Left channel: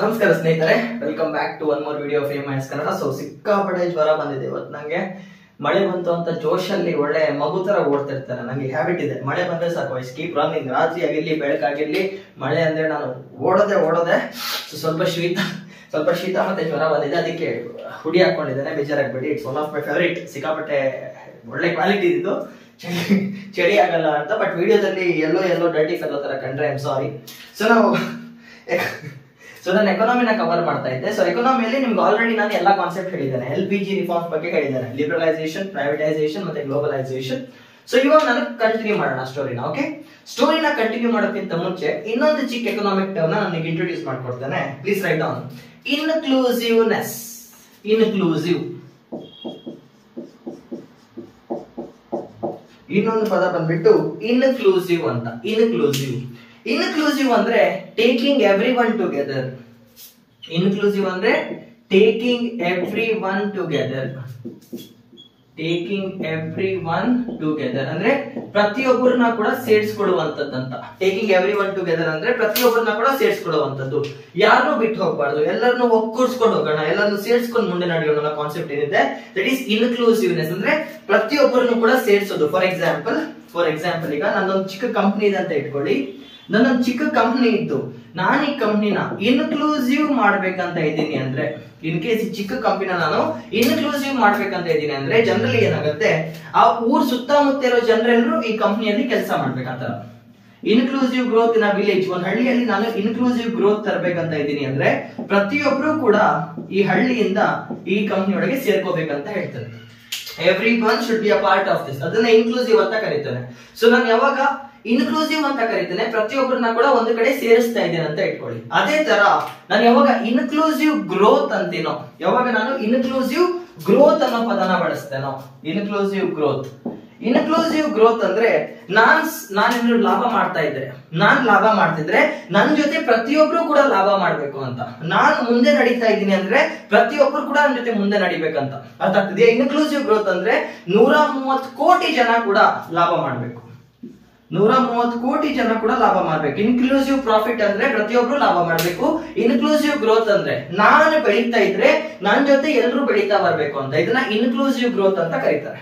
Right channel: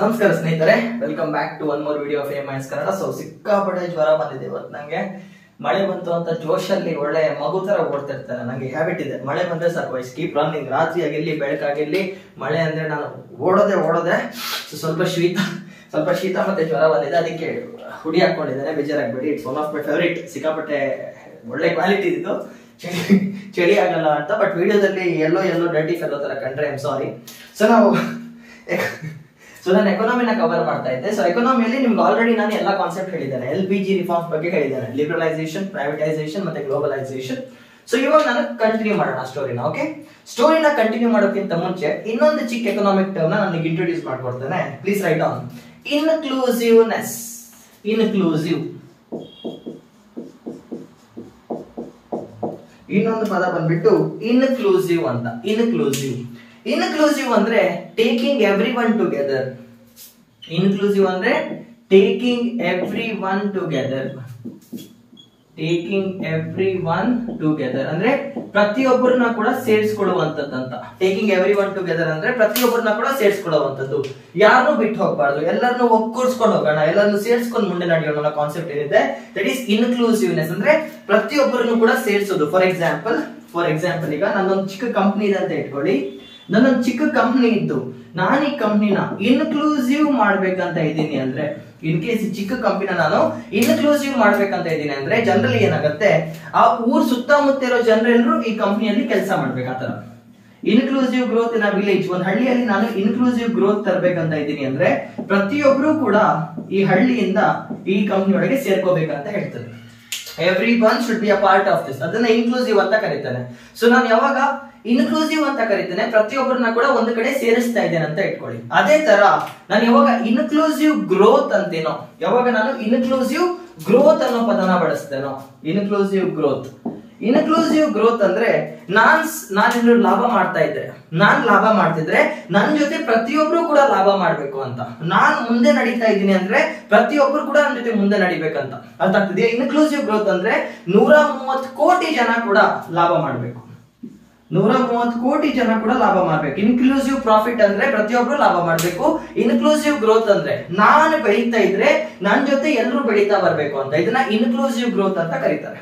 ನಮಸ್ಕಾರ ಸ್ನೇಹಿತರೆ, welcome back to one more video of AMIS Kannada. So ಸಿಕ್ಕಾಪಟ್ಟೆ ಜ್ವರ ಬಂದಿದೆ ಇವತ್ತು ನಂಗೆ. ಮಳೆ ಬಂತು ಅಂತ ಜೋಶಲ್ಲಿ ಒಳ್ಳೆ ಮಗು ತರ ಓಡ್ತಿರ್ತಾರೆ. ನಂಗೆ ಹ್ಯಾಬಿಟ್ ಇದೆ, ಮಳೆ ಬಂದ್ರೆ ಸಾಕು ಐ ಕೀಪ್ ರನ್ನಿಂಗ್. ರಾತ್ರಿ ಆಗಿರ್ಲಿ ಬೆಳಕಾಗಿರ್ಲಿ ಮಳೆ ಅಂದ್ರೆ ನಾನು ಓಡೋದೆ. ಸ್ವಲ್ಪ ಶೀತ ಮತ್ತೆ ಜ್ವರ ಬಂದಿದೆ, ಅದಕ್ಕೆ ಹುಡಿ ಹಾಕೊಂಡಿದ್ದೇನೆ. ಬೇಜಾರಾಗ್ಬೇಡಿ, it's one of my favourite. ಸಿಕ್ಕಾಪಟ್ಟೆ ಒಳ್ಳೆ ಕ್ವಾಲಿಟಿ ಇದು, ಚಳಿ ಆಗಲ್ಲ ಅಂತ. ಬಟ್ ವಿಡಿಯೋದಲ್ಲಿ ಎಲ್ಲೋ ಡರ್ಟಿ ಫೆಲೋ ತರ ಕಂಡ್ರೆ ಐ ಆಮ್ ಸಾರಿ. ಸೊ ನಾನು ಎಕಾನಮಿನ ಕವರ್ ಮಾಡ್ತಾ ಇದ್ದೆ. ಸೊ ಎಕಾನಮಿಯಲ್ಲಿ ನಿಮ್ಗೆ ಆಲ್ರೆಡಿ ನಾನು ಎಲ್ಲಾ ಕಾನ್ಸೆಪ್ಟ್ ಹೇಳಿದ್ದೇನೆ. LPG ರಿಫಾರ್ಮ್ಸ್ ಬಗ್ಗೆ ಹೇಳಿದ್ದೇನೆ, ಲಿಬರಲೈಸೇಷನ್, ಪ್ರೈವೇಟೈಸೇಷನ್ ಮತ್ತೆ ಗ್ಲೋಬಲೈಸೇಷನ್. ಸೊ ಇವಾಗ ನಾನು ಕಂಟಿನ್ಯೂ ಮಾಡೋಣ ಸ್ಟೋರಿನ. ಓಕೆ, ಸ್ಟೋರಿನ ಕಂಟಿನ್ಯೂ ಮಾಡೋಕ್ಕಿಂತ ಮುಂಚೆ ಇನ್ನೊಂದು ಚಿಕ್ಕ ಎಕನಾಮಿಕ್ ಟರ್ಮ್ ನಾನು ಇಂಟ್ರೊಡ್ಯೂಸ್ ಮಾಡ್ಕೊಡ್ತೇನೆ. Please write down. Inclusiveness. Inclusive, ಇನ್ನೊಂದು ಪದ ಬಂದ್ಬಿಟ್ಟು ಇನ್ಕ್ಲೂಸಿವ್ ಅಂತ. ಇನ್ಕ್ಲೂಸಿವ್ ಅಂದ್ರೆ taking everyone together. Inclusive ಅಂದ್ರೆ ಟೇಕಿಂಗ್ ಎವ್ರಿ ಒನ್ ಟುಗೆದರ್. ಅಂದ್ರೆ ಪ್ರತಿಯೊಬ್ಬರನ್ನ ಕೂಡ ಸೇರಿಸ್ಕೊಡುವಂತದ್ದಂತ. ಟೇಕಿಂಗ್ ಎವ್ರಿ ಒನ್ ಟುಗೆದರ್ ಅಂದ್ರೆ ಪ್ರತಿಯೊಬ್ಬರನ್ನ ಕೂಡ ಸೇರಿಸ್ಕೊಡುವಂತದ್ದು. ಯಾರನ್ನೂ ಬಿಟ್ಟು ಹೋಗ್ಬಾರ್ದು, ಎಲ್ಲರನ್ನು ಒಕ್ಕೂಡ್ಸ್ಕೊಂಡು ಹೋಗೋಣ, ಎಲ್ಲರನ್ನು ಸೇರಿಸ್ಕೊಂಡು ಮುಂದೆ ನಡೆಯೋಣ ಅನ್ನೋ ಕಾನ್ಸೆಪ್ಟ್ ಏನಿದೆ, ದಟ್ ಈಸ್ ಇನ್ಕ್ಲೂಸಿವ್ನೆಸ್. ಅಂದ್ರೆ ಪ್ರತಿಯೊಬ್ಬರನ್ನು ಕೂಡ ಸೇರಿಸೋದು. ಫಾರ್ ಎಕ್ಸಾಂಪಲ್ ಈಗ ನನ್ನೊಂದು ಚಿಕ್ಕ ಕಂಪ್ನಿ ಇದೆ ಅಂತ ಇಟ್ಕೊಳ್ಳಿ. ನನ್ನೊಂದು ಚಿಕ್ಕ ಕಂಪ್ನಿ ಇದ್ದು ನಾನು ಈ ಕಂಪ್ನಿನ ಇನ್ಕ್ಲೂಸಿವ್ ಮಾಡ್ಬೇಕಂತ ಇದ್ದೀನಿ ಅಂದ್ರೆ, ಇನ್ ಕೇಸ್ ಈ ಚಿಕ್ಕ ಕಂಪ್ನಿನ ನಾನು ಇನ್ಕ್ಲೂಸಿವ್ ಮಾಡ್ಬೇಕಂತ ಇದ್ದೀನಿ ಅಂದ್ರೆ ಜನರಲಿ ಏನಾಗುತ್ತೆ, ಆ ಊರ್ ಸುತ್ತಮುತ್ತ ಇರೋ ಜನರೆಲ್ಲರೂ ಈ ಕಂಪ್ನಿಯಲ್ಲಿ ಕೆಲಸ ಮಾಡ್ಬೇಕು. ಆತರ ಇನ್ಕ್ಲೂಸಿವ್ ಗ್ರೋತ್ ಇನ್ ವಿಲೇಜ್. ಒಂದ್ ಹಳ್ಳಿಯಲ್ಲಿ ನಾನು ಇನ್ಕ್ಲೂಸಿವ್ ಗ್ರೋತ್ ತರಬೇಕಂತ ಇದ್ದೀನಿ ಅಂದ್ರೆ ಪ್ರತಿಯೊಬ್ರು ಕೂಡ ಈ ಹಳ್ಳಿಯಿಂದ ಈ ಕಂಪ್ನಿ ಒಳಗೆ ಸೇರ್ಕೋಬೇಕಂತ ಹೇಳ್ತಾರೆ. Every one should be a part of this. ಅದನ್ನ ಇನ್ಕ್ಲೂಸಿವ್ ಅಂತ ಕರೀತಾನೆ. ಸೊ ನಾನು ಯಾವಾಗ ಇನ್ಕ್ಲೂಸಿವ್ ಅಂತ ಕರೀತೇನೆ, ಪ್ರತಿಯೊಬ್ಬರನ್ನ ಕೂಡ ಒಂದು ಕಡೆ ಸೇರಿಸ್ತಾ ಇದ್ದೇನೆ ಅಂತ ಇಟ್ಕೊಳ್ಳಿ. ಅದೇ ತರ ನಾನು ಯಾವಾಗ ಇನ್ಕ್ಲೂಸಿವ್ ಗ್ರೋತ್ ಅಂತೀನೋ, ಯಾವಾಗ ನಾನು ಇನ್ಕ್ಲೂಸಿವ್ ಗ್ರೋತ್ ಅನ್ನೋ ಪದನ ಬಳಸ್ತೇನೋ, ಇನ್ಕ್ಲೂಸಿವ್ ಗ್ರೋತ್ ಅಂದ್ರೆ ನಾನು ಲಾಭ ಮಾಡ್ತಾ ಇದ್ರೆ, ನನ್ ಜೊತೆ ಪ್ರತಿಯೊಬ್ರು ಕೂಡ ಲಾಭ ಮಾಡ್ಬೇಕು ಅಂತ. ನಾನ್ ಮುಂದೆ ನಡೀತಾ ಇದ್ದೀನಿ ಅಂದ್ರೆ ಪ್ರತಿಯೊಬ್ರು ಕೂಡ ನನ್ನ ಜೊತೆ ಮುಂದೆ ನಡಿಬೇಕಂತ. ಅರ್ಥ ಆಗ್ತಿದೆಯಾ? ಇನ್ಕ್ಲೂಸಿವ್ ಗ್ರೋತ್ ಅಂದ್ರೆ 130 ಕೋಟಿ ಜನ ಕೂಡ ಲಾಭ ಮಾಡ್ಬೇಕು. 130 ಕೋಟಿ ಜನ ಕೂಡ ಲಾಭ ಮಾಡ್ಬೇಕು. ಇನ್ಕ್ಲೂಸಿವ್ ಪ್ರಾಫಿಟ್ ಅಂದ್ರೆ ಪ್ರತಿಯೊಬ್ರು ಲಾಭ ಮಾಡ್ಬೇಕು. ಇನ್ಕ್ಲೂಸಿವ್ ಗ್ರೋತ್ ಅಂದ್ರೆ ನಾನು ಬೆಳೀತಾ ಇದ್ರೆ ನನ್ ಜೊತೆ ಎಲ್ಲರೂ ಬೆಳೀತಾ ಬರ್ಬೇಕು ಅಂತ. ಇದನ್ನ ಇನ್ಕ್ಲೂಸಿವ್ ಗ್ರೋತ್ ಅಂತ ಕರೀತಾರೆ.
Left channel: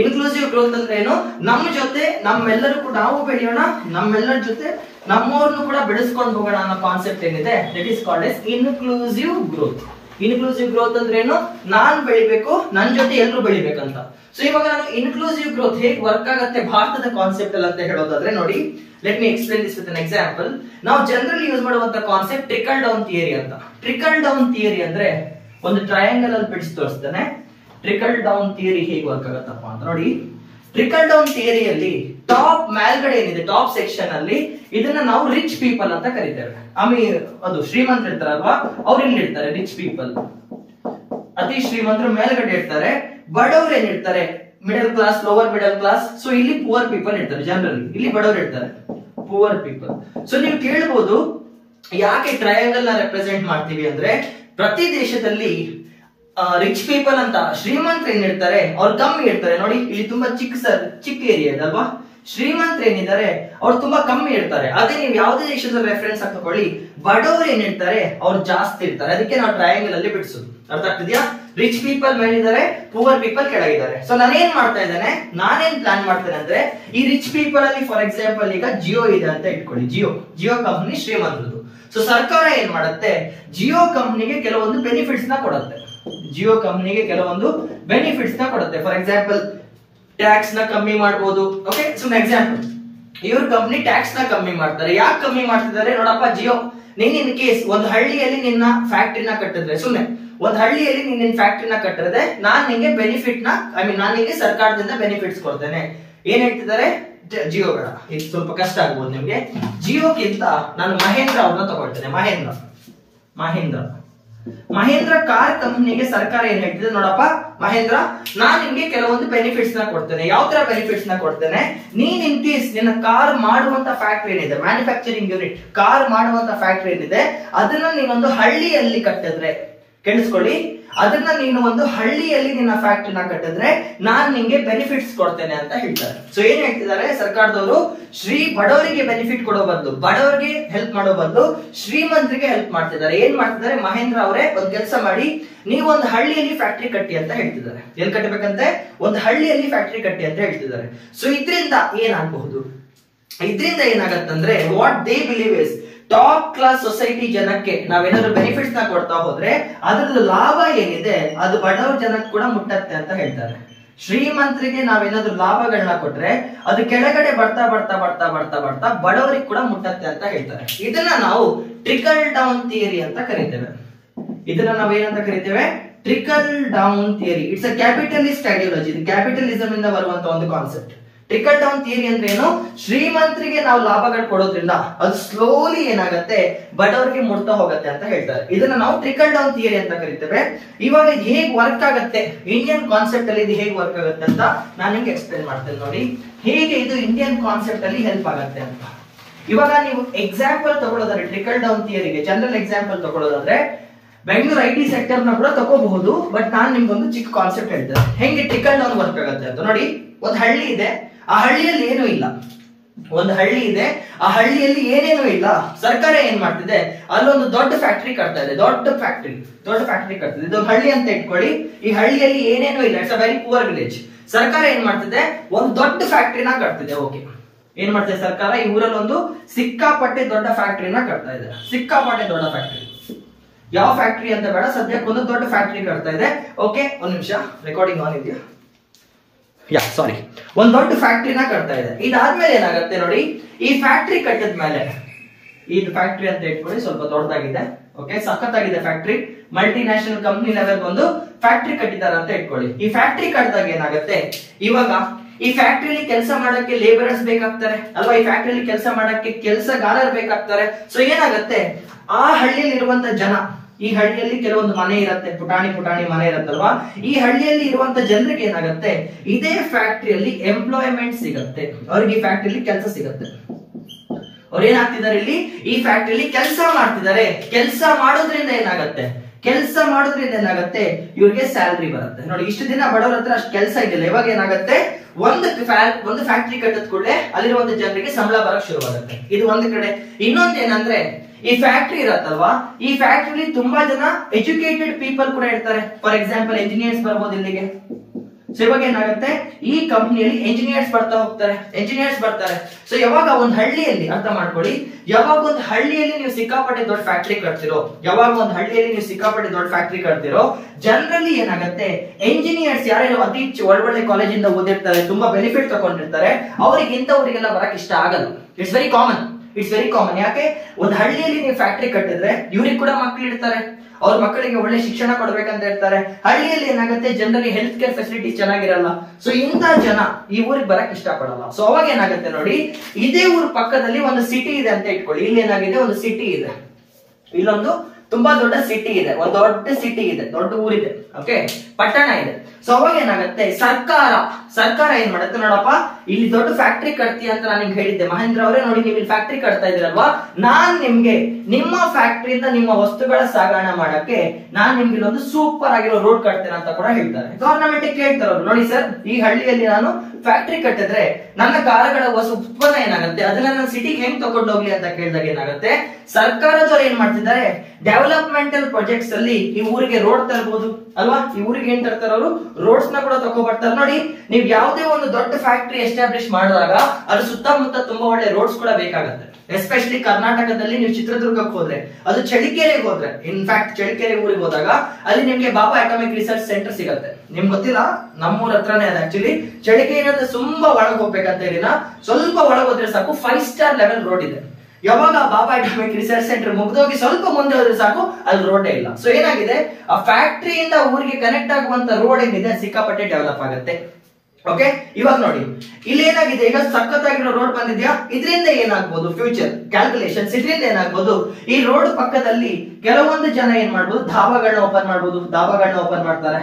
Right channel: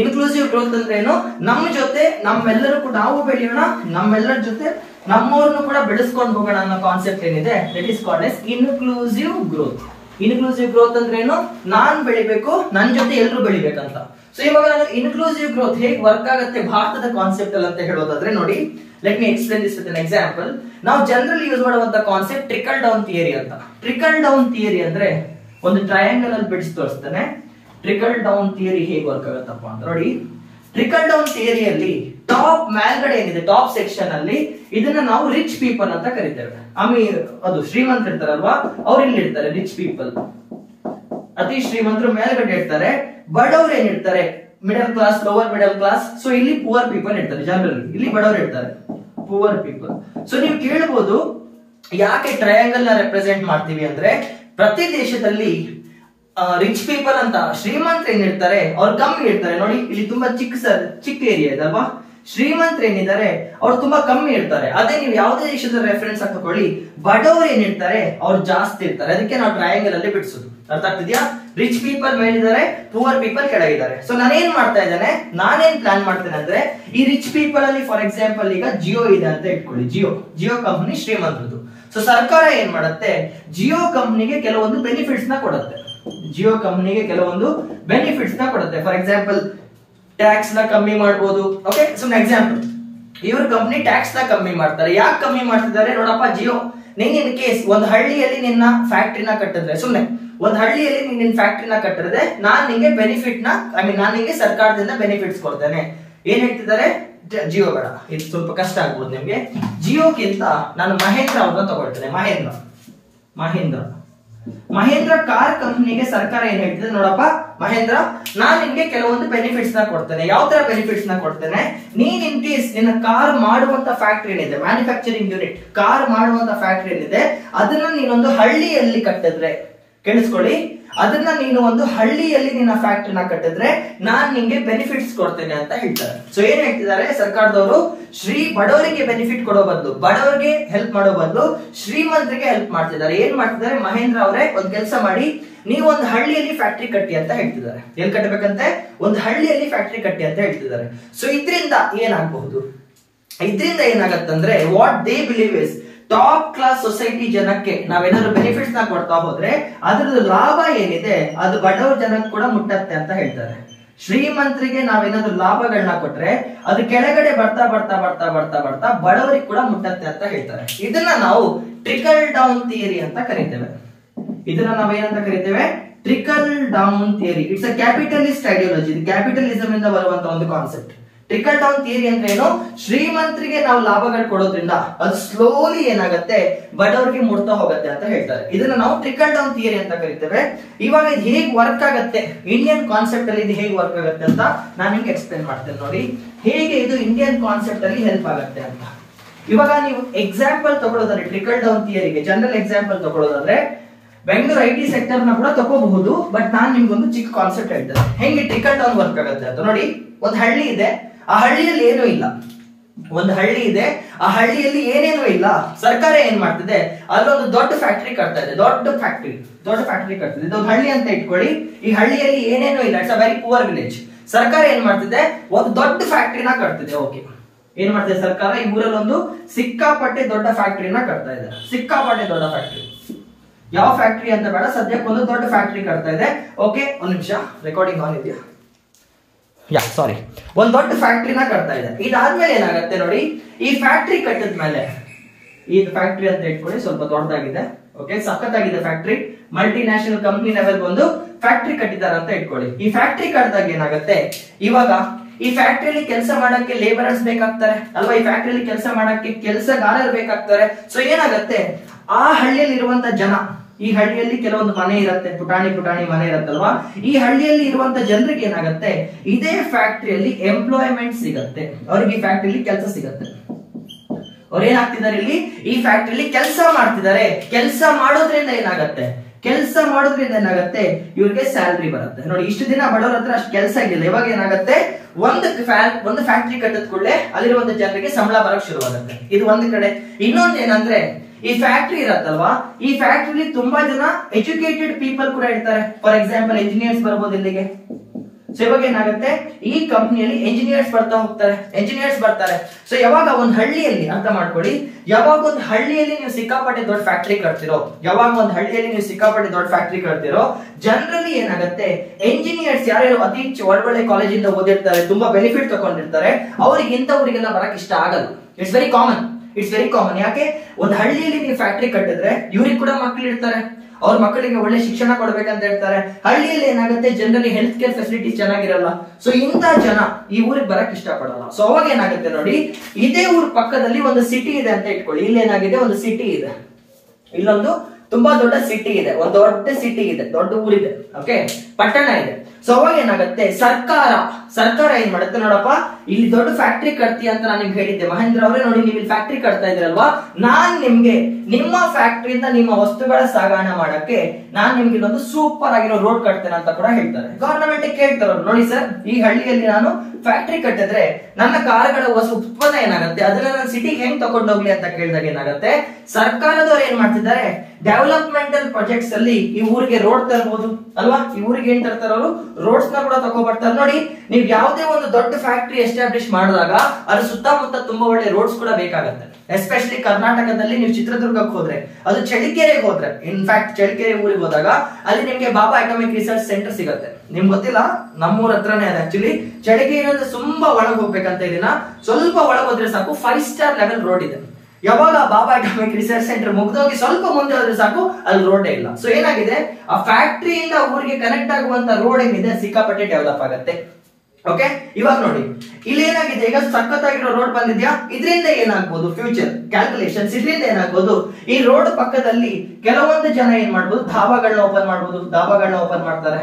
ಇನ್ಕ್ಲೂಸಿವ್ ಗ್ರೋತ್ ಅಂದ್ರೆ ಏನು? ನಮ್ಮ ಜೊತೆ ನಮ್ಮೆಲ್ಲರೂ ಕೂಡ ನಾವು ಬೆಳೆಯೋಣ, ನಮ್ಮೆಲ್ಲರ ಜೊತೆ ನಮ್ಮವ್ರನ್ನು ಕೂಡ ಬೆಳೆಸ್ಕೊಂಡು ಹೋಗೋಣ ಅನ್ನೋ ಕಾನ್ಸೆಪ್ಟ್ ಏನಿದೆ, that is called as inclusive growth. Inclusive growth ಅಂದ್ರೆ ಏನು? ನಾನ್ ಬೆಳಿಬೇಕು, ನನ್ ಜೊತೆ ಎಲ್ಲರೂ ಬೆಳಿಬೇಕಂತ. ಸೊ ಇವಾಗ ನಾನು ಇನ್ಕ್ಲೂಸಿವ್ ಗ್ರೋತ್ ಹೇಗೆ ವರ್ಕ್ ಆಗುತ್ತೆ ಭಾರತದ ಕಾನ್ಸೆಪ್ಟ್ ಅಲ್ಲಿ ಅಂತ ಹೇಳೋದಾದ್ರೆ ನೋಡಿ, let me explain this with an example. ನಾವು ಜನರಲಿ ಯೂಸ್ ಮಾಡುವಂತ ಕಾನ್ಸೆಪ್ಟ್ ಟ್ರಿಕಲ್ ಡೌನ್ ಥಿಯರಿ ಅಂತ. ಟ್ರಿಕಲ್ ಡೌನ್ ಥಿಯರಿ ಅಂದ್ರೆ ಒಂದು ಟ್ರಯಾಂಗಲ್ ಅಲ್ಲಿ ಬಿಡಿಸಿ ತೋರಿಸ್ತೇನೆ. ಟ್ರಿಕಲ್ ಡೌನ್ ಥಿಯರಿ ಹೇಗೆ ವರ್ಕ್ ಆಗುತ್ತಪ್ಪ ಅಂತ ನೋಡಿ. ಟ್ರಿಕಲ್ ಡೌನ್ ಥಿಯರಿಯಲ್ಲಿ ಟಾಪ್ ಮೇಲ್ಗಡೆ ಏನಿದೆ, ಟಾಪ್ ಸೆಕ್ಷನ್ ಅಲ್ಲಿ ಇದನ್ನ ನಾವು ರಿಚ್ ಪೀಪಲ್ ಅಂತ ಕರಿತೇವೆ. ಅದು ಶ್ರೀಮಂತ ಇರ್ತಾರಲ್ವಾ, ಅವ್ರು ಇಲ್ಲಿ ಇರ್ತಾರೆ ರಿಚ್ ಪೀಪಲ್. ಅತಿ ಶ್ರೀಮಂತರು ಮೇಲ್ಗಡೆ ಇರ್ತಾರೆ, ಬಡವರು ಏನಿರ್ತಾರೆ middle class, lower middle class. So ಇಲ್ಲಿ ಪುವರ್ ಪೀಪಲ್ ಇರ್ತಾರೆ. ಜನರಲಿ ಇಲ್ಲಿ ಬಡವರು ಇರ್ತಾರೆ, ಪುವರ್ ಪೀಪಲ್. ಸೊ ನೀವು ಕೇಳಬಹುದು ಯಾಕೆ ಟ್ರಯಾಂಗಲ್ ನ ರೆಪ್ರೆಸೆಂಟ್ ಮಾಡ್ತೀವಿ ಅಂದ್ರೆ, ಪ್ರತಿ ದೇಶದಲ್ಲಿ ರಿಚ್ ಪೀಪಲ್ ಅಂತ ಶ್ರೀಮಂತರು ಏನಿರ್ತಾರೆ ಅವ್ರು ಕಮ್ಮಿ ಇರ್ತಾರೆ. ನೋಡಿ ಇಲ್ಲಿ ತುಂಬಾ ಚಿಕ್ಕ ಏರಿಯಾ ಇದಲ್ವಾ. ಶ್ರೀಮಂತರು ಏನಿದ್ದಾರೆ ಅವ್ರು ತುಂಬಾ ಕಮ್ಮಿ ಇರ್ತಾರೆ. ಅದೇ ನೀವು ಯಾವುದೇ ದೇಶದ ರೆಫರೆನ್ಸ್ ಹಾಕೊಳ್ಳಿ, ಬಡವರು ಏನಿರ್ತಾರೆ ಅವ್ರು ಜಾಸ್ತಿ ಇರ್ತಾರೆ. ಅದಕ್ಕೆ ನಾವು ಟ್ರಯಾಂಗಲ್ ಅಲ್ಲಿ ಬಿಡಿಸೋದು. ಅರ್ಥ ಆಗ್ತಿದ್ಯಾ? ರಿಚ್ ಪೀಪಲ್ ಮೇಲಿದ್ದಾರೆ, ಪುವರ್ ಪೀಪಲ್ ಕೆಳಗಿದ್ದಾರೆ. ಸೊ ನಾನೇನ್ ಪ್ಲಾನ್ ಮಾಡ್ತೇನೆ ಅಂದ್ರೆ, ಈ ರಿಚ್ ಪೀಪಲ್ ಅಲ್ಲಿ ಫಾರ್ ಎಕ್ಸಾಂಪಲ್ ಈಗ ಜಿಯೋ ಇದೆ ಅಂತ ಇಟ್ಕೊಳ್ಳಿ. ಜಿಯೋ ಕಂಪನಿ ಶ್ರೀಮಂತರದು. ಸೊ ಸರ್ಕಾರ ಏನ್ ಮಾಡುತ್ತೆ, ಜಿಯೋ ಕಂಪನಿಗೆ ಕೆಲವೊಂದು ಬೆನಿಫಿಟ್ಸ್ ನ ಕೊಡುತ್ತೆ. ಫಾರ್ ಎಕ್ಸಾಂಪಲ್ ಟ್ಯಾಕ್ಸ್ ನ ಕಮ್ಮಿ ಮಾಡಬಹುದು. ಓಕೆ, ಸುಮ್ಮನೆ ಎಕ್ಸಾಂಪಲ್, ಇವ್ರ ಕಂಪನಿ ಟ್ಯಾಕ್ಸ್ ನ ಕಮ್ಮಿ ಮಾಡ್ತಾರೆ. ಯಾಕೆ ಕಮ್ಮಿ ಮಾಡ್ತಿದ್ದಾರೆ ನೋಡಪ್ಪ, ಜಿಯೋ ನೀನ್ ಇನ್ ಕೇಸ್ ಒಂದು ಹಳ್ಳಿಯಲ್ಲಿ ನಿನ್ನ ಫ್ಯಾಕ್ಟ್ರಿನ ಕಟ್ಟಿದ್ರೆ, ಸುಮ್ಮನೆ ಒಂದು ಹಳ್ಳಿಯಲ್ಲಿ ನಿನ್ನ ಫ್ಯಾಕ್ಟ್ರಿನ ಕಟ್ಟಿದ್ರೆ ನಾನ್ ನಿಂಗೆ ಬೆನಿಫಿಟ್ ನಾನ್ ನಿಂಗೆ ಸರ್ಕಾರದಿಂದ ಬೆನಿಫಿಟ್ಸ್ ಕೊಡ್ತೇನೆ. ಏನ್ ಹೇಳ್ತಿದ್ದಾರೆ, ಜಿಯೋ ಬೇಡ, ಇದು ಸ್ವಲ್ಪ ಕಷ್ಟ ಆಗ್ಬೋದು ನಿಮ್ಗೆ. ಜಿಯೋಕ್ಕಿಂತ ನಾನು ಮಹೇಂದ್ರ ಅವ್ರನ್ನ ತಗೊಳ್ತೇನೆ. ಮಹೇಂದ್ರ ಕಾರ್ ಕಂಪನಿಗೆ ಸರ್ಕಾರ ಏನ್ ಹೇಳ್ತಿದೆ, ನೋಡಪ್ಪ ಮಹೇಂದ್ರ, ನಾನ್ ನಿಮ್ಗೆ ಕೆಲವೊಂದು ಬೆನಿಫಿಟ್ಸ್ ನ ಕೊಡ್ತೇನೆ. ಯಾವ ತರ ಬೆನಿಫಿಟ್ಸ್ ನ ಕೊಡ್ತೇನೆ, ನೀನ್ ಇನ್ ಕೇಸ್ ನಿನ್ನ ಕಾರ್ ಮಾಡುವಂತ ಫ್ಯಾಕ್ಟರಿ ಏನಿದೆ, ಮ್ಯಾನುಫ್ಯಾಕ್ಚರಿಂಗ್ ಯೂನಿಟ್, ಕಾರ್ ಮಾಡುವಂತ ಫ್ಯಾಕ್ಟರಿ ಏನಿದೆ, ಅದನ್ನ ನೀನೊಂದು ಹಳ್ಳಿಯಲ್ಲಿ ಕಟ್ಟಿದ್ರೆ, ಕೇಳಿಸ್ಕೊಳ್ಳಿ, ಅದನ್ನ ನೀನು ಒಂದು ಹಳ್ಳಿಯಲ್ಲಿ ನಿನ್ನ ಫ್ಯಾಕ್ಟ್ರಿನ ಕಟ್ಟಿದ್ರೆ ನಾನ್ ನಿಂಗೆ ಬೆನಿಫಿಟ್ಸ್ ಕೊಡ್ತೇನೆ ಅಂತ ಹೇಳ್ತಾರೆ. ಸೊ ಏನ್ ಹೇಳ್ತಿದ್ದಾರೆ ಸರ್ಕಾರದವರು, ಬಡವರಿಗೆ ಬೆನಿಫಿಟ್ ಕೊಡೋ ಬದಲು, ಬಡವರಿಗೆ ಹೆಲ್ಪ್ ಮಾಡೋ ಬದಲು ಶ್ರೀಮಂತರಿಗೆ ಹೆಲ್ಪ್ ಮಾಡ್ತಿದ್ದಾರೆ. ಏನ್ ಮಾಡ್ತಿದ್ದಾರೆ, ಮಹೇಂದ್ರ ಅವರೇ ಒಂದ್ ಕೆಲಸ ಮಾಡಿ, ನೀವು ಒಂದು ಹಳ್ಳಿಯಲ್ಲಿ ಫ್ಯಾಕ್ಟ್ರಿ ಕಟ್ಟಿ ಅಂತ ಹೇಳ್ತಿದ್ದಾರೆ. ಎಲ್ಲಿ ಕಟ್ಟಬೇಕಂತೆ, ಒಂದು ಹಳ್ಳಿಯಲ್ಲಿ ಫ್ಯಾಕ್ಟ್ರಿ ಕಟ್ಟಿ ಅಂತ ಹೇಳ್ತಿದ್ದಾರೆ. ಸೊ ಇದರಿಂದ ಏನಾಗಬಹುದು, ಇದರಿಂದ ಏನಾಗತ್ತಂದ್ರೆ what they believe is top class society ಜನಕ್ಕೆ ನಾವೇನಾದ್ರೂ ಬೆನಿಫಿಟ್ಸ್ ನ ಕೊಡ್ತಾ ಹೋದ್ರೆ ಅದ್ರದ್ದು ಲಾಭ ಏನಿದೆ ಅದು ಬಡವರ ಜನಕ್ಕೆ ಕೂಡ ಮುಟ್ಟತ್ತೆ ಅಂತ ಹೇಳ್ತಾರೆ. ಶ್ರೀಮಂತರಿಗೆ ನಾವೇನಾದ್ರೂ ಲಾಭಗಳನ್ನ ಕೊಟ್ರೆ ಅದು ಕೆಳಗಡೆ ಬರ್ತಾ ಬರ್ತಾ ಬರ್ತಾ ಬರ್ತಾ ಬರ್ತಾ ಬಡವರಿಗೆ ಕೂಡ ಮುಟ್ಟತ್ತೆ ಅಂತ ಹೇಳ್ತಾರೆ. ಇದನ್ನ ನಾವು ಟ್ರಿಕಲ್ ಡೌನ್ ಥಿಯರಿ ಅಂತ ಕರಿತೇವೆ. ಇದನ್ನ ನಾವು ಏನಂತ ಕರಿತೇವೆ, trickle down theory. It's a capitalist ideology. ಇದು ಕ್ಯಾಪಿಟಲಿಸಂ ಇಂದ ಬರುವಂತ ಒಂದು ಕಾನ್ಸೆಪ್ಟ್. ಟ್ರಿಕಲ್ ಡೌನ್ ಥಿಯರಿ ಅಂದ್ರೆ ಏನು, ಶ್ರೀಮಂತರಿಗೆ ನಾವು ಲಾಭಗಳು ಕೊಡೋದ್ರಿಂದ ಅದು ಸ್ಲೋಲಿ ಏನಾಗುತ್ತೆ, ಬಡವರಿಗೆ ಮುಟ್ತಾ ಹೋಗುತ್ತೆ ಅಂತ ಹೇಳ್ತಾರೆ. ಇದನ್ನ ನಾವು ಟ್ರಿಕಲ್ ಡೌನ್ ಥಿಯರಿ ಅಂತ ಕರಿತೇವೆ. ಇವಾಗ ಇದು ಹೇಗೆ ವರ್ಕ್ ಆಗುತ್ತೆ, ಇಂಡಿಯನ್ ಕಾನ್ಸೆಪ್ಟ್ ಅಲ್ಲಿ ಇದು ಹೇಗೆ ವರ್ಕ್ ಆಗುತ್ತೆ ಅಂತ ನಾನು ನಿಮ್ಗೆ ಎಕ್ಸ್ಪ್ಲೇನ್ ಮಾಡ್ತೇನೆ. ನೋಡಿ ಹೇಗೆ ಇದು ಇಂಡಿಯನ್ ಕಾನ್ಸೆಪ್ಟ್ ಅಲ್ಲಿ ಹೆಲ್ಪ್ ಆಗುತ್ತೆ ಅಂತ. ಇವಾಗ ನೀವು ಎಕ್ಸಾಂಪಲ್ ತಗೊಳ್ಳೋದಾದ್ರೆ ಟ್ರಿಕಲ್ ಡೌನ್ ಥಿಯರಿಗೆ ಜನರಲ್ ಎಕ್ಸಾಂಪಲ್ ತಗೊಳ್ಳೋದಾದ್ರೆ ಬೆಂಗಳೂರು ಐಟಿ ಸೆಕ್ಟರ್ ನ ಕೂಡ ತಗೋಬಹುದು. ಬಟ್ ನಾನು ನಿಮ್ಗೊಂದು ಚಿಕ್ಕ ಕಾನ್ಸೆಪ್ಟ್ ಹೇಳ್ತೇನೆ ಹೆಂಗೆ ಟ್ರಿಕಲ್ ಡೌನ್ ವರ್ಕ್ ಆಗುತ್ತೆ ಅಂತ. ನೋಡಿ ಒಂದು ಹಳ್ಳಿ ಇದೆ, ಆ ಹಳ್ಳಿಯಲ್ಲಿ ಏನೂ ಇಲ್ಲ. ಒಂದು ಹಳ್ಳಿ ಇದೆ, ಆ ಹಳ್ಳಿಯಲ್ಲಿ ಏನೇನೂ ಇಲ್ಲ. ಸರ್ಕಾರ ಏನ್ ಮಾಡ್ತಿದೆ, ಅಲ್ಲೊಂದು ದೊಡ್ಡ ಫ್ಯಾಕ್ಟ್ರಿ ಕಟ್ತಾ ಇದೆ. ದೊಡ್ಡ ಫ್ಯಾಕ್ಟ್ರಿ ಕಟ್ತಿದೆ. ಇದೊಂದು ಹಳ್ಳಿ ಅಂತ ಇಟ್ಕೊಳ್ಳಿ. ಈ ಹಳ್ಳಿಯಲ್ಲಿ ಏನೇನೂ ಇಲ್ಲ, it's a very poor village. ಸರ್ಕಾರ ಏನ್ ಮಾಡ್ತಿದೆ, ಒಂದು ದೊಡ್ಡ ಫ್ಯಾಕ್ಟ್ರಿನ ಕಟ್ತಿದೆ. ಓಕೆ, ಏನ್ ಮಾಡ್ತಿದೆ ಸರ್ಕಾರ, ಈ ಊರಲ್ಲಿ ಒಂದು ಸಿಕ್ಕಾಪಟ್ಟೆ ದೊಡ್ಡ ಫ್ಯಾಕ್ಟ್ರಿನ ಕಟ್ತಾ ಇದೆ. ಸಿಕ್ಕಾಪಟ್ಟೆ ದೊಡ್ಡ ಫ್ಯಾಕ್ಟ್ರಿ, ಯಾವ ಫ್ಯಾಕ್ಟ್ರಿ ಅಂತ ಬೇಡ, ಸದ್ಯಕ್ಕೆ ಒಂದು ದೊಡ್ಡ ಫ್ಯಾಕ್ಟ್ರಿ ಕಟ್ತಾ ಇದೆ. ಓಕೆ, ಒಂದ್ ನಿಮಿಷ, ರೆಕಾರ್ಡಿಂಗ್ ಆನ್ ಇದೆಯಾ? ಸಾರಿ, ಒಂದ್ ದೊಡ್ಡ ಫ್ಯಾಕ್ಟ್ರಿನ ಕಟ್ತಾ ಇದೆ. ಇದಾದ್ಮೇಲೆ ಏನಾಗುತ್ತೆ ನೋಡಿ, ಈ ಫ್ಯಾಕ್ಟ್ರಿ ಕಟ್ಟಿದ ಮೇಲೆ, ಈ ಫ್ಯಾಕ್ಟ್ರಿ ಅಂತ ಇಟ್ಕೊಳ್ಳಿ, ಸ್ವಲ್ಪ ದೊಡ್ಡದಾಗಿದೆ. ಓಕೆ, ಸಖತ್ತಾಗಿದೆ factory. Multi national company level ಒಂದು ಫ್ಯಾಕ್ಟ್ರಿ ಕಟ್ಟಿದ್ದಾರೆ ಅಂತ ಇಟ್ಕೊಳ್ಳಿ. ಈ ಫ್ಯಾಕ್ಟ್ರಿ ಕಟ್ಟಿದಾಗ ಏನಾಗುತ್ತೆ, ಇವಾಗ ಈ ಫ್ಯಾಕ್ಟ್ರಿಯಲ್ಲಿ ಕೆಲಸ ಮಾಡಕ್ಕೆ ಲೇಬರರ್ಸ್ ಬೇಕಾಗ್ತಾರೆ ಅಲ್ವಾ, ಈ ಫ್ಯಾಕ್ಟ್ರಿಯಲ್ಲಿ ಕೆಲಸ ಮಾಡಕ್ಕೆ ಕೆಲಸಗಾರರು ಬೇಕಾಗ್ತಾರೆ. ಸೊ ಏನಾಗುತ್ತೆ, ಆ ಹಳ್ಳಿಯಲ್ಲಿ ಇರುವಂತ ಜನ, ಈ ಹಳ್ಳಿಯಲ್ಲಿ ಕೆಲವೊಂದು ಮನೆ ಇರುತ್ತೆ, ಪುಟಾಣಿ ಮನೆ ಇರುತ್ತಲ್ವಾ, ಈ ಹಳ್ಳಿಯಲ್ಲಿ ಇರುವಂತ ಜನರಿಗೆ ಏನಾಗುತ್ತೆ, ಇದೇ ಫ್ಯಾಕ್ಟ್ರಿಯಲ್ಲಿ ಎಂಪ್ಲಾಯ್ಮೆಂಟ್ ಸಿಗತ್ತೆ. ಅವ್ರಿಗೆ ಈ ಫ್ಯಾಕ್ಟ್ರಿಯಲ್ಲಿ ಕೆಲಸ ಸಿಗತ್ತೆ. ಅವ್ರು ಏನಾಗ್ತಿದ್ದಾರೆ, ಇಲ್ಲಿ ಈ ಫ್ಯಾಕ್ಟ್ರಿಯಲ್ಲಿ ಕೆಲಸ ಮಾಡ್ತಿದ್ದಾರೆ. ಕೆಲಸ ಮಾಡೋದ್ರಿಂದ ಏನಾಗುತ್ತೆ, ಇವ್ರಿಗೆ ಸ್ಯಾಲರಿ ಬರುತ್ತೆ. ನೋಡಿ, ಇಷ್ಟು ದಿನ ಬಡವರ ಹತ್ರ ಅಷ್ಟು ಕೆಲಸ ಇದ್ದಿಲ್ಲ. ಇವಾಗ ಏನಾಗುತ್ತೆ, ಒಂದು ಫ್ಯಾಕ್ಟ್ರಿ ಕಟ್ಟದ ಕೂಡಲೇ ಅಲ್ಲಿರುವಂತ ಜನರಿಗೆ ಸಂಬಳ ಬರಕ್ ಶುರುವಾಗುತ್ತೆ. ಇದು ಒಂದು ಕಡೆ. ಇನ್ನೊಂದು ಏನಂದ್ರೆ, ಈ ಫ್ಯಾಕ್ಟ್ರಿ ಇರತ್ತಲ್ವಾ, ಈ ಫ್ಯಾಕ್ಟ್ರಿಲಿ ತುಂಬಾ ಜನ ಎಜುಕೇಟೆಡ್ ಪೀಪಲ್ ಕೂಡ ಇರ್ತಾರೆ. ಫಾರ್ ಎಕ್ಸಾಂಪಲ್ ಎಂಜಿನಿಯರ್ಸ್ ಬರ್ಬೋದು ಇಲ್ಲಿಗೆ. ಸೊ ಇವಾಗ ಏನಾಗುತ್ತೆ, ಈ ಕಂಪನಿಯಲ್ಲಿ ಎಂಜಿನಿಯರ್ಸ್ ಬರ್ತಾರೆ. ಸೊ ಯಾವಾಗ ಒಂದು ಹಳ್ಳಿಯಲ್ಲಿ, ಅರ್ಥ ಮಾಡ್ಕೊಳ್ಳಿ, ಯಾವಾಗ ಒಂದು ಹಳ್ಳಿಯಲ್ಲಿ ನೀವು ಸಿಕ್ಕಾಪಟ್ಟೆ ದೊಡ್ಡ ಫ್ಯಾಕ್ಟ್ರಿ ಕಟ್ತಿರೋ, ಜನರಲಿ ಏನಾಗುತ್ತೆ, ಎಂಜಿನಿಯರ್ಸ್ ಯಾರ್ಯಾರು ಅತಿ ಒಳ್ಳೆ ಕಾಲೇಜಿಂದ ಓದಿರ್ತಾರೆ, ತುಂಬಾ ಬೆನಿಫಿಟ್ ತಗೊಂಡಿರ್ತಾರೆ, ಅವರಿಗೆ ಇಂಥವ್ರಿಗೆಲ್ಲ ಬರಕ್ ಇಷ್ಟ ಆಗಲ್ಲ. It's very common. ಯಾಕೆ, ಒಂದು ಹಳ್ಳಿಯಲ್ಲಿ ನೀವು ಫ್ಯಾಕ್ಟ್ರಿ ಕಟ್ಟಿದ್ರೆ ಇವ್ರಿಗೆ ಕೂಡ ಮಕ್ಕಳು ಇರ್ತಾರೆ, ಅವ್ರ ಮಕ್ಕಳಿಗೆ ಒಳ್ಳೆ ಶಿಕ್ಷಣ ಕೊಡ್ಬೇಕಂತ ಹೇಳ್ತಾರೆ. ಹಳ್ಳಿಯಲ್ಲಿ ಏನಾಗುತ್ತೆ, ಜನರಿಗೆ ಹೆಲ್ತ್ ಕೇರ್ ಫೆಸಿಲಿಟಿ ಚೆನ್ನಾಗಿರಲ್ಲ. ಸೊ ಇಂಥ ಜನ ಈ ಊರಿಗೆ ಬರಕ್ ಇಷ್ಟಪಡಲ್ಲ. ಸೊ ಅವಾಗ ಏನಾಗುತ್ತೆ ನೋಡಿ, ಇದೇ ಊರ್ ಪಕ್ಕದಲ್ಲಿ ಒಂದು ಸಿಟಿ ಇದೆ ಅಂತ ಇಟ್ಕೊಳ್ಳಿ. ಇಲ್ಲಿ ಏನಾಗಿದೆ, ಒಂದು ಸಿಟಿ ಇದೆ, ಇಲ್ಲೊಂದು ತುಂಬಾ ದೊಡ್ಡ ಸಿಟಿ ಇದೆ, ಒಂದು ದೊಡ್ಡ ಸಿಟಿ ಇದೆ, ದೊಡ್ಡ ಊರಿದೆ. ಓಕೆ, ಪಟ್ಟಣ ಇದೆ. ಸೊ ಅವಾಗ ಏನಾಗುತ್ತೆ, ಸರ್ಕಾರ ಏನ್ ಮಾಡುತ್ತೆ, ನೋಡಪ್ಪ ಇಲ್ಲಿ ದೊಡ್ಡ ಫ್ಯಾಕ್ಟ್ರಿ ಕಟ್ತಿ ಅಂತ ನಾನು ನಿಮ್ಗೆ ಹೇಳಿದ್ದೆ, ಮಹೇಂದ್ರ ಅವರೇ ನೋಡಿ ನೀವು ಇಲ್ಲಿ ಫ್ಯಾಕ್ಟ್ರಿ ಕಟ್ತಾ ಇದ್ದೀರಲ್ವಾ, ನಾನ್ ನಿಮ್ಗೆ ನಿಮ್ಮ ಫ್ಯಾಕ್ಟ್ರಿಯಿಂದ ನಿಮ್ಮ ವಸ್ತುಗಳ ಸಾಗಣೆ ಮಾಡಕ್ಕೆ ನಾನ್ ನಿಮ್ಗೆ ಇಲ್ಲೊಂದು ಸೂಪರ್ ಆಗಿರೋ ರೋಡ್ ಕಟ್ತೇನೆ ಅಂತ ಕೂಡ ಹೇಳ್ತಾರೆ. ಗವರ್ನಮೆಂಟ್ ಕೇಳ್ತಾರೆ ಅವ್ರು, ನೋಡಿ ಸರ್, ಈ ಹಳ್ಳಿಯಲ್ಲಿ ನಾನು ಫ್ಯಾಕ್ಟ್ರಿ ಕಟ್ಟಿದ್ರೆ ನನ್ನ ಕಾರುಗಳ ಉತ್ಪನ್ನ ಏನಾಗುತ್ತೆ, ಅದನ್ನ ನಾನು ಸಿಟಿಗೆ ಹೆಂಗ್ ತಗೊಂಡೋಗ್ಲಿ ಅಂತ ಕೇಳಿದಾಗ ಏನಾಗುತ್ತೆ, ಸರ್ಕಾರದವ್ರು ಏನ್ ಮಾಡ್ತಿದ್ದಾರೆ, ಡೆವಲಪ್ಮೆಂಟಲ್ ಪ್ರಾಜೆಕ್ಟ್ಸ್ ಅಲ್ಲಿ ಈ ಊರಿಗೆ ರೋಡ್ ತರಬಹುದು ಅಲ್ವಾ, ಈ ಊರಿಗೆ ಏನ್ ತರ್ತಾರೆ ಅವರು, ರೋಡ್ಸ್ ನ ಕೂಡ ತಗೊಂಡ್ಬರ್ತಾರೆ. ನೋಡಿ, ನೀವು ಯಾವುದೇ ಒಂದು ದೊಡ್ಡ ಫ್ಯಾಕ್ಟ್ರಿ ಎಸ್ಟಾಬ್ಲಿಷ್ ಮಾಡಿದಾಗ ಅದ್ರ ಸುತ್ತಮುತ್ತ ತುಂಬಾ ಒಳ್ಳೆ ರೋಡ್ಸ್ ಕೂಡ ಬೇಕಾಗುತ್ತೆ. ಎಸ್ಪೆಷಲಿ ಕರ್ನಾಟಕದಲ್ಲಿ ನೀವು ಚಿತ್ರದುರ್ಗಕ್ಕೆ ಹೋದ್ರೆ, ಅದು ಚಳಿಕೆರೆಗೆ ಹೋದ್ರೆ, ಇನ್ಫ್ಯಾಕ್ಟ್ ಚಳಿಕೆರೆ ಊರಿಗೆ ಹೋದಾಗ ಅಲ್ಲಿ ನಿಮ್ಗೆ ಬಾಬಾ ಅಟಾಮಿಕ್ ರಿಸರ್ಚ್ ಸೆಂಟರ್ ಸಿಗುತ್ತೆ. ನಿಮ್ಗೆ ಗೊತ್ತಿಲ್ಲ, ನಮ್ಮೂರ ಹತ್ರನೇ ಅದು ಆಕ್ಚುಲಿ. ಚಳಿಕೆರೆ ತುಂಬಾ ಒಳಗೆ ಹೋಗ್ಬೇಕಂತ ಇಲ್ಲ, ಸ್ವಲ್ಪ ಒಳಗೆ ಹೋದ್ರೆ ಸಾಕು 5 ಸ್ಟಾರ್ ಲೆವೆಲ್ ರೋಡ್ ಇದೆ. ಯಾವಾಗ ಬಾಬಾ ಅಟಾಮಿಕ್ ರಿಸರ್ಚ್ ಸೆಂಟರ್ ಮುಗ್ದೋಗಿ ಸ್ವಲ್ಪ ಮುಂದೆ ಹೋದ್ರೆ ಸಾಕು ಅಲ್ಲಿ ರೋಡ್ ಇಲ್ಲ. ಸೊ ಏನಾಗಿದೆ, ಆ ಫ್ಯಾಕ್ಟ್ರಿಯಿಂದ ಊರಿಗೆ ಕನೆಕ್ಟ್ ಆಗುವಂತ ರೋಡ್ ಏನಿದೆ ಸಿಕ್ಕಾಪಟ್ಟೆ ಡೆವಲಪ್ ಆಗುತ್ತೆ. ಓಕೆ, ಇವಾಗ ನೋಡಿ, ಇಲ್ಲಿ ಏನಾಗಿದೆ, ಈಗ ಸಖತ್ತಾಗಿರೋ ರೋಡ್ ಬಂದಿದ್ಯಾ, ಇದರಿಂದ ಏನಾಗ್ಬೋದು, ಫ್ಯೂಚರ್ ಕ್ಯಾಲ್ಕುಲೇಷನ್ಸ್, ಇದರಿಂದ ಏನಾಗ್ಬೋದು, ಈ ರೋಡ್ ಪಕ್ಕದಲ್ಲಿ ಕೆಲವೊಂದು ಜನ ಏನ್ ಮಾಡ್ಬೋದು, ಧಾಬಾಗಳನ್ನ ಓಪನ್ ಮಾಡ್ತಾರೆ.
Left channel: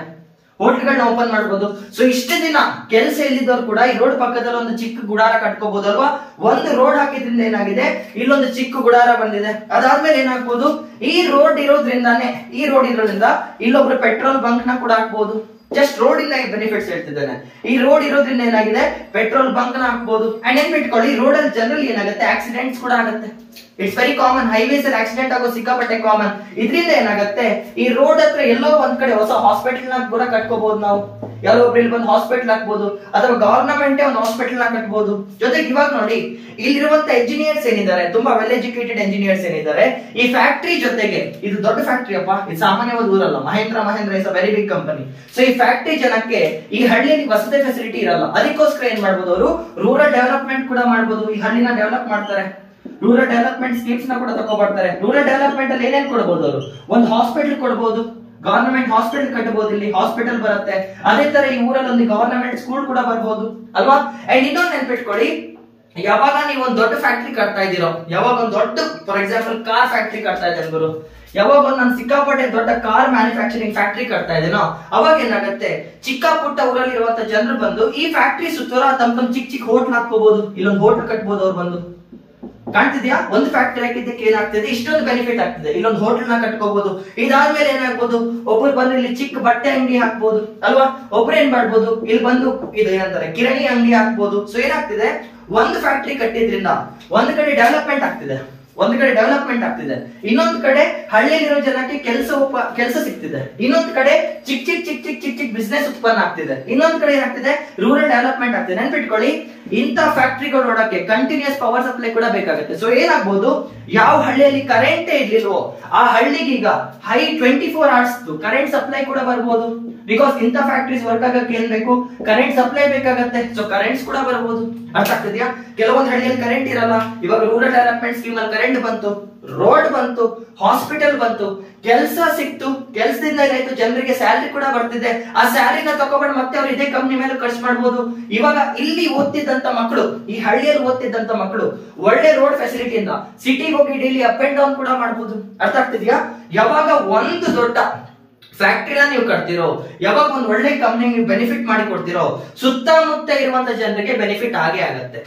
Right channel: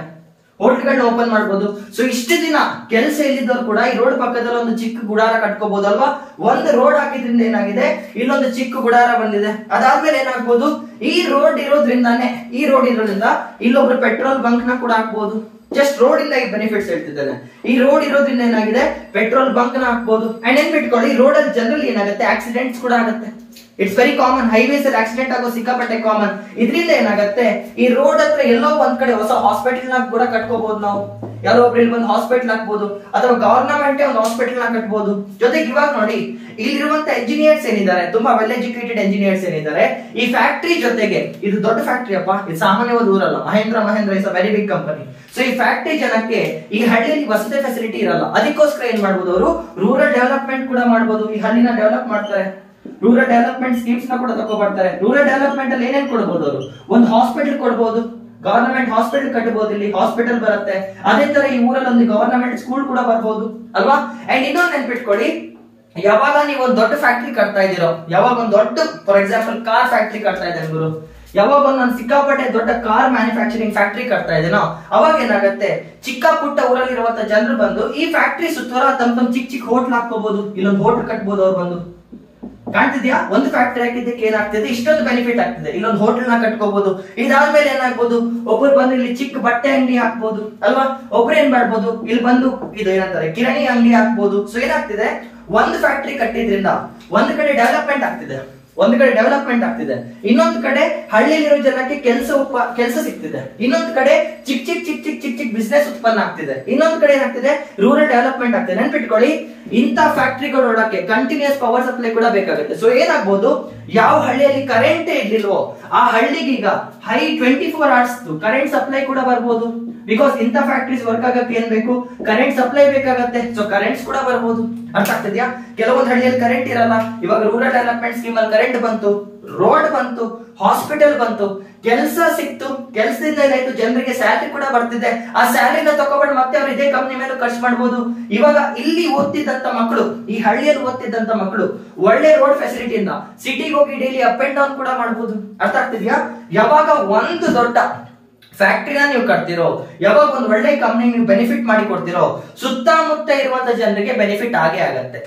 ಹೋಟೆಲ್ಗಳನ್ನ ಓಪನ್ ಮಾಡಬಹುದು. ಸೊ ಇಷ್ಟು ದಿನ ಕೆಲಸ ಇಲ್ಲಿದ್ದವ್ರು ಕೂಡ ಈ ರೋಡ್ ಪಕ್ಕದಲ್ಲಿ ಒಂದು ಚಿಕ್ಕ ಗುಡಾರ ಕಟ್ಕೋಬಹುದು ಅಲ್ವಾ. ಒಂದು ರೋಡ್ ಹಾಕಿದ್ರಿಂದ ಏನಾಗಿದೆ, ಇಲ್ಲೊಂದು ಚಿಕ್ಕ ಗುಡಾರ ಬಂದಿದೆ. ಅದಾದ್ಮೇಲೆ ಏನಾಗ್ಬೋದು, ಈ ರೋಡ್ ಇರೋದ್ರಿಂದ ಇಲ್ಲೊಬ್ರು ಪೆಟ್ರೋಲ್ ಬಂಕ್ ನ ಕೂಡ ಹಾಕ್ಬಹುದು. ಜಸ್ಟ್ ರೋಡ್ ಇಂದ ಬೆನಿಫಿಟ್ಸ್ ಹೇಳ್ತಿದ್ದೇನೆ. ಈ ರೋಡ್ ಇರೋದ್ರಿಂದ ಏನಾಗಿದೆ, ಪೆಟ್ರೋಲ್ ಬಂಕ್ ನ ಹಾಕ್ಬಹುದು. ಅಂಡ್ ನೆನ್ಪಿಟ್ಕೊಳ್ಳಿ, ರೋಡ್ ಅಲ್ಲಿ ಜನರಲ್ ಏನಾಗುತ್ತೆ, ಆಕ್ಸಿಡೆಂಟ್ಸ್ ಕೂಡ ಆಗುತ್ತೆ. It's very common. ಹೈವೇಸ್ ಅಲ್ಲಿ ಆಕ್ಸಿಡೆಂಟ್ ಆಗೋ ಸಿಕ್ಕಾಪಟ್ಟೆ ಕಾಮನ್. ಇದರಿಂದ ಏನಾಗುತ್ತೆ, ಈ ರೋಡ್ ಹತ್ರ ಎಲ್ಲೋ ಒಂದ್ ಕಡೆ ಹೊಸ ಹಾಸ್ಪಿಟಲ್ ನ ಕೂಡ ಕಟ್ಕೋಬಹುದು ನಾವು. ಯಾರೋ ಒಬ್ರು ಇಲ್ಲಿ ಬಂದು ಹಾಸ್ಪಿಟಲ್ ಹಾಕ್ಬಹುದು, ಅಥವಾ ಗವರ್ನಮೆಂಟ್ ಒಂದು ಹಾಸ್ಪಿಟಲ್ ನ ಕಟ್ಬಹುದು. ಜೊತೆಗೆ ಇವಾಗ ನೋಡಿ, ಇಲ್ಲಿರುವಂತ ಎಂಜಿನಿಯರ್ಸ್ ಏನಿದ್ದಾರೆ, ತುಂಬಾ ವೆಲ್ ಎಜುಕೇಟೆಡ್ ಎಂಜಿನಿಯರ್ಸ್ ಏನಿದ್ದಾರೆ, ಈ ಫ್ಯಾಕ್ಟರಿ ಜೊತೆಗೆ, ಇದು ದೊಡ್ಡ ಫ್ಯಾಕ್ಟರಿ ಅಪ್ಪ, ಇದು ಸಾಮಾನ್ಯವಾದ ಊರಲ್ಲ. Mahindra is a very big company. So ಈ ಫ್ಯಾಕ್ಟರಿ ಜನಕ್ಕೆ ಈ ಹಳ್ಳಿಯಲ್ಲಿ ವಸತಿ ಫೆಸಿಲಿಟಿ ಇರಲ್ಲ. ಅದಕ್ಕೋಸ್ಕರ ಏನ್ ಮಾಡ್ಬೋದು, ಅವರು ರೂರಲ್ ಡೆವಲಪ್ಮೆಂಟ್ ಕೂಡ ಮಾಡ್ಬೋದು. ಈ ಹಳ್ಳಿನ ಡೆವಲಪ್ ಮಾಡ್ತಾರೆ. ರೂರಲ್ ಡೆವಲಪ್ಮೆಂಟ್ ಸ್ಕೀಮ್ಸ್ ನ ಕೂಡ ತಗೋಬರ್ತಾರೆ. ರೂರಲ್ ಡೆವಲಪ್ಮೆಂಟ್ ಅಲ್ಲಿ ಏನೇನ್ ಕೊಡಬಹುದು, ಅವರು ಒಂದು ಹಾಸ್ಪಿಟಲ್ ಕೊಡಬಹುದು, ಗವರ್ನಮೆಂಟ್ ಹಾಸ್ಪಿಟಲ್ ಕಟ್ಟಬಹುದು. ಇಲ್ಲಿ ಹಾಸ್ಪಿಟಲ್ ಬರುತ್ತೆ. ಅದೇ ತರ ಈ ಊರಲ್ಲಿ ಒಂದು ಗವರ್ನಮೆಂಟ್ ಸ್ಕೂಲ್ ಕೂಡ ಬರ್ಬೋದು ಅಲ್ವಾ. ಅಂಡ್ ಇನ್ನೊಂದು ನೆನ್ಪಿಟ್ಕೊಳ್ಳಿ, ಯಾವಾಗ ನೀವು ಒಂದು ದೊಡ್ಡ ಫ್ಯಾಕ್ಟರಿ ಕಟ್ತಾ ಇದ್ದೀರೋ, ಯಾವಾಗ ಒಂದು ದೊಡ್ಡ, ಫಾರ್ ಎಕ್ಸಾಂಪಲ್ ಕಾರ್ ಫ್ಯಾಕ್ಟರಿ ಕಟ್ತಾ ಇದ್ದೇನೆ ಗುರು, ಯಾವಾಗ ಒಂದು ನಾನು ಸಿಕ್ಕಾಪಟ್ಟೆ ದೊಡ್ಡ ಕಾರ್ ಮ್ಯಾನುಫ್ಯಾಕ್ಚರಿಂಗ್ ಫ್ಯಾಕ್ಟರಿ ಕಟ್ತಾ ಇದ್ದೀನೋ, ಅವಾಗ ಏನಾಗುತ್ತೆ, ಚಿಕ್ಕ ಪುಟ್ಟ ಊರಲ್ಲಿರುವಂತ ಜನರು ಬಂದು ಈ ಫ್ಯಾಕ್ಟರಿ ಸುತ್ತವರ ತಮ್ಮ ಚಿಕ್ಕ ಹೋಟ್ಲ್ ಹಾಕೋಬಹುದು. ಇಲ್ಲೊಂದು ಹೋಟ್ಲ್ ಕಟ್ಬೋದು. ಅವ್ರು ಬಂದು, ಕಾಣ್ತಿದ್ಯಾ, ಒಂದು ಫ್ಯಾಕ್ಟರಿ ಹಾಕಿದ್ದಕ್ಕೆ ಏನಾಗ್ತಿದೆ, ಇಷ್ಟೊಂದು ಬೆನಿಫಿಟ್ ಆಗ್ತಿದೆ. ಇಲ್ಲೊಂದು ಹೋಟೆಲ್ ನ ಕಟ್ಕೋಬಹುದು. ಇದಾದ್ಮೇಲೆ ಏನಾಗ್ಬೋದು, ಒಬ್ರು ಬಂದು ಇಲ್ಲಿ ಚಿಕ್ಕ ಬಟ್ಟೆ ಅಂಗಡಿ ಹಾಕ್ಬೋದು ಅಲ್ವಾ. ಒಬ್ರು ಏನ್ ಮಾಡ್ಬೋದು, ಇಲ್ಲಿ ಬಂದು ಇದು ಏನಂತಾರೆ ಕಿರಾಣಿ ಅಂಗಡಿ ಹಾಕ್ಬೋದು. ಸೊ ಏನಾಗ್ತಿದೆ, ಒಂದು ಫ್ಯಾಕ್ಟರಿ ಕಟ್ಟಿದ್ರಿಂದ ಒಂದ್ ಕಡೆ ಡೆವಲಪ್ಮೆಂಟ್ ಆಗ್ತಿದೆ, ಇನ್ನೊಂದು ಕಡೆ ಹಳ್ಳಿಯಲ್ಲಿರೋ ಜನಕ್ಕೆ ಕೆಲಸ ಸಿಗ್ತಿದೆ, ಇನ್ನೊಂದು ಕಡೆ ಚಿಕ್ಕ ಬಿಸ್ನೆಸ್ ಉತ್ಪನ್ನ ಆಗ್ತಿದೆ, ಇನ್ನೊಂದು ಕಡೆ ಏನಾಗ್ತಿದೆ, ರೂರಲ್ ಡೆವಲಪ್ಮೆಂಟ್ ಆಗ್ತಿದೆ. ನೆನ್ಪಿಟ್ಕೊಳ್ಳಿ, ಇಂಥ ಫ್ಯಾಕ್ಟರಿಗಳು ನೋಡಕ್ಕೆ ಕಂಟಿನ್ಯೂಸ್ ಪವರ್ ಸಪ್ಲೈ ಕೂಡ ಬೇಕಾಗುತ್ತೆ. ಸೊ ಏನಾಗ್ಬೋದು, ಯಾವ ಹಳ್ಳಿಯಲ್ಲಿ ಕರೆಂಟ್ ಇರ್ಲಿಲ್ವೋ ಆ ಹಳ್ಳಿಗೆ ಈಗ ಹೈ 24 hours ಕರೆಂಟ್ ಸಪ್ಲೈ ಕೂಡ ಬರ್ಬೋದು. ಬಿಕಾಸ್ ಇಂಥ ಫ್ಯಾಕ್ಟರೀಸ್ ವರ್ಕ್ ಆಗಕ್ಕೆ ಏನ್ ಬೇಕು, ಕರೆಂಟ್ ಸಪ್ಲೈ ಬೇಕಾಗತ್ತೆ. ಸೊ ಕರೆಂಟ್ಸ್ ಕೂಡ ಬರ್ಬೋದು. ಅರ್ಥ ಆಗ್ತಿದ್ಯಾ. ಕೆಲವೊಂದು ಹಳ್ಳಿಯಲ್ಲಿ ಕರೆಂಟ್ ಇರಲ್ಲ. ಇವಾಗ ರೂರಲ್ ಡೆವಲಪ್ಮೆಂಟ್ ಸ್ಕೀಮ್ ಅಲ್ಲಿ ಕರೆಂಟ್ ಬಂತು, ರೋಡ್ ಬಂತು, ಹಾಸ್ಪಿಟಲ್ ಬಂತು, ಕೆಲಸ ಸಿಕ್ತು. ಕೆಲಸದಿಂದ ಏನಾಯ್ತು, ಜನರಿಗೆ ಸ್ಯಾಲರಿ ಕೂಡ ಬರ್ತಿದೆ. ಆ ಸ್ಯಾಲರಿನ ತಗೊಂಡು ಮತ್ತೆ ಅವ್ರು ಇದೇ ಕಂಪ್ನಿ ಮೇಲೆ ಖರ್ಚು ಮಾಡಬಹುದು. ಇವಾಗ ಇಲ್ಲಿ ಓದ್ತಿದ್ದಂತ ಮಕ್ಕಳು, ಈ ಹಳ್ಳಿಯಲ್ಲಿ ಓದ್ತಿದ್ದಂತ ಮಕ್ಕಳು ಒಳ್ಳೆ ರೋಡ್ ಫೆಸಿಲಿಟಿಯಿಂದ ಸಿಟಿಗೆ ಹೋಗಿ ಡೈಲಿ ಅಪ್ ಅಂಡ್ ಡೌನ್ ಕೂಡ ಮಾಡಬಹುದು. ಅರ್ಥ ಆಗ್ತಿದ್ಯಾ. ಯಾವಾಗ ಒಂದು ದೊಡ್ಡ ಫ್ಯಾಕ್ಟರಿನ ನೀವು ಕಟ್ತಿರೋ, ಯಾವಾಗ ಒಂದು ಒಳ್ಳೆ ಕಂಪ್ನಿ ನೀವು ಬೆನಿಫಿಟ್ ಮಾಡಿ ಕೊಡ್ತಿರೋ, ಸುತ್ತಮುತ್ತ ಇರುವಂತ ಜನರಿಗೆ ಬೆನಿಫಿಟ್ ಆಗೇ ಆಗತ್ತೆ.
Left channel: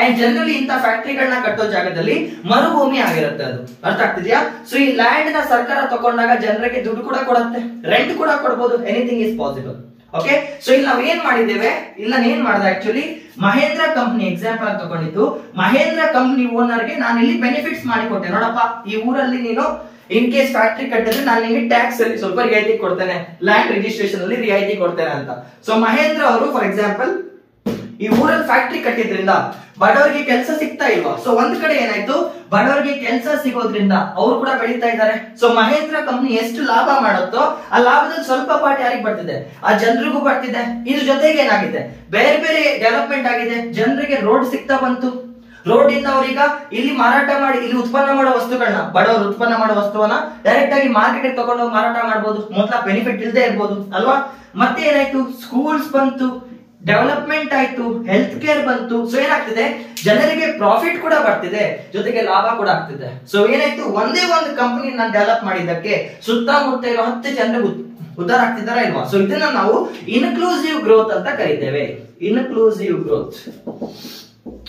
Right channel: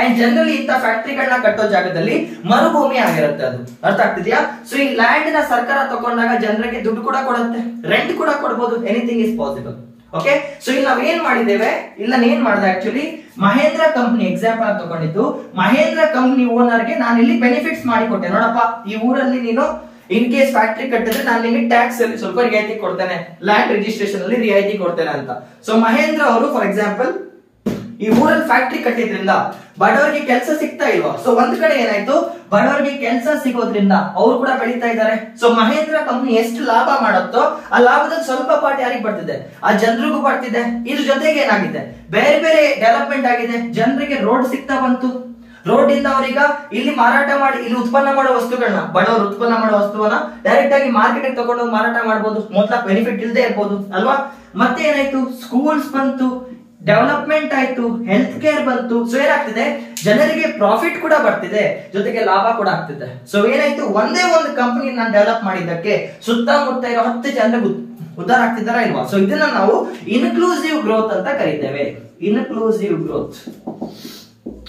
ಅಂಡ್ ಜನರಲಿ ಇಂಥ ಫ್ಯಾಕ್ಟರಿಗಳನ್ನ ಕಟ್ಟೋ ಜಾಗದಲ್ಲಿ ಮರುಭೂಮಿ ಆಗಿರುತ್ತೆ ಅದು. ಅರ್ಥ ಆಗ್ತಿದ್ಯಾ. ಸೊ ಈ ಲ್ಯಾಂಡ್ ನ ಸರ್ಕಾರ ತಗೊಂಡಾಗ ಜನರಿಗೆ ದುಡ್ಡು ಕೂಡ ಕೊಡುತ್ತೆ, ರೆಂಟ್ ಕೂಡ ಕೊಡಬಹುದು. Anything is possible. Okay. So ಇಲ್ಲಿ ನಾವ್ ಏನ್ ಮಾಡಿದ್ದೇವೆ, ಏನ್ ಮಾಡಿದೆ ಆಕ್ಚುಲಿ, ಮಹೇಂದ್ರ ಕಂಪ್ನಿ ಎಕ್ಸಾಂಪಲ್ ತಗೊಂಡಿದ್ದು. ಮಹೇಂದ್ರ ಕಂಪ್ನಿ ಓನರ್ಗೆ ನಾನು ಇಲ್ಲಿ ಬೆನಿಫಿಟ್ಸ್ ಮಾಡಿ ಕೊಟ್ಟೆ. ನೋಡಪ್ಪ, ಈ ಊರಲ್ಲಿ ನೀನು ಇನ್ ಕೇಸ್ ಫ್ಯಾಕ್ಟರಿ ಕಟ್ಟಿದ್ರೆ ನಾನು ನಿಮಗೆ ಟ್ಯಾಕ್ಸ್ ಅಲ್ಲಿ ಸ್ವಲ್ಪ ರಿಯಾಯಿತಿ ಕೊಡ್ತೇನೆ, ಲ್ಯಾಂಡ್ ರಿಜಿಸ್ಟ್ರೇಷನ್ ಅಲ್ಲಿ ರಿಯಾಯಿತಿ ಕೊಡ್ತೇನೆ ಅಂತ. ಸೊ ಮಹೇಂದ್ರ ಅವರು ಫಾರ್ ಎಕ್ಸಾಂಪಲ್ ಈ ಊರಲ್ಲಿ ಫ್ಯಾಕ್ಟರಿ ಕಟ್ಟಿದ್ರಿಂದ ಬಡವರಿಗೆ ಕೆಲಸ ಸಿಗ್ತಾ ಇಲ್ವಾ. ಸೊ ಒಂದ್ ಕಡೆ ಏನಾಯ್ತು, ಬಡವರಿಗೆ ಕೆಲಸ ಸಿಗೋದ್ರಿಂದ ಅವರು ಕೂಡ ಬೆಳೀತಾ ಇದ್ದಾರೆ. ಸೊ ಮಹೇಂದ್ರ ಕಂಪ್ನಿ ಎಷ್ಟು ಲಾಭ ಮಾಡುತ್ತೋ ಆ ಲಾಭದಲ್ಲಿ ಸ್ವಲ್ಪ ಪಾರ್ಟ್ ಯಾರಿಗೆ ಬರ್ತಿದೆ, ಆ ಜನರಿಗೂ ಬರ್ತಿದೆ. ಇದ್ರ ಜೊತೆಗೆ ಏನಾಗಿದೆ, ಬೇರೆ ಬೇರೆ ಡೆವಲಪ್ಮೆಂಟ್ ಆಗಿದೆ. ಜನರಿಗೆ ರೋಡ್ ಸಿಗ್ತಾ ಬಂತು. ರೋಡ್ ಇಂದ ಅವರೀಗ ಇಲ್ಲಿ ಮಾರಾಟ ಮಾಡಿ, ಇಲ್ಲಿ ಉತ್ಪನ್ನ ಮಾಡೋ ವಸ್ತುಗಳನ್ನ, ಬಡವರು ಉತ್ಪನ್ನ ಮಾಡೋ ವಸ್ತುವನ್ನ ಡೈರೆಕ್ಟ್ ಆಗಿ ಮಾರ್ಕೆಟ್ ತಗೊಂಡೋಗಿ ಮಾರಾಟ ಮಾಡಬಹುದು. ಮೊದಲ ಬೆನಿಫಿಟ್ ಇಲ್ಲದೆ ಇರ್ಬೋದು ಅಲ್ವಾ. ಮತ್ತೆ ಏನಾಯ್ತು, ಸ್ಕೂಲ್ಸ್ ಬಂತು, ಡೆವಲಪ್ಮೆಂಟ್ ಆಯ್ತು, ಹೆಲ್ತ್ ಕೇರ್ ಬಂತು. ಸೊ ಏನಾಗ್ತಿದೆ, ಜನರಿಗೆ ಪ್ರಾಫಿಟ್ ಕೂಡ ಬರ್ತಿದೆ, ಜೊತೆಗೆ ಲಾಭ ಕೂಡ ಆಗ್ತಿದೆ. ಸೊ ಏನಾಯ್ತು, ಒಂದೇ ಒಂದು ಕಂಪನಿ ನಾನು ಡೆವಲಪ್ ಮಾಡಿದ್ದಕ್ಕೆ ಸುತ್ತಮುತ್ತ ಇರೋ 10 ಜನರಿಗೆ ಉದ್ಧಾರ ಆಗ್ತಿದಾರ ಇಲ್ವಾ. ಸೊ ಇದನ್ನ ನಾವು ಇನ್ಕ್ಲೂಸಿವ್ ಗ್ರೋತ್ ಅಂತ ಕರೀತೇವೆ. ಇನ್ಕ್ಲೂಸಿವ್ ಗ್ರೋತ್,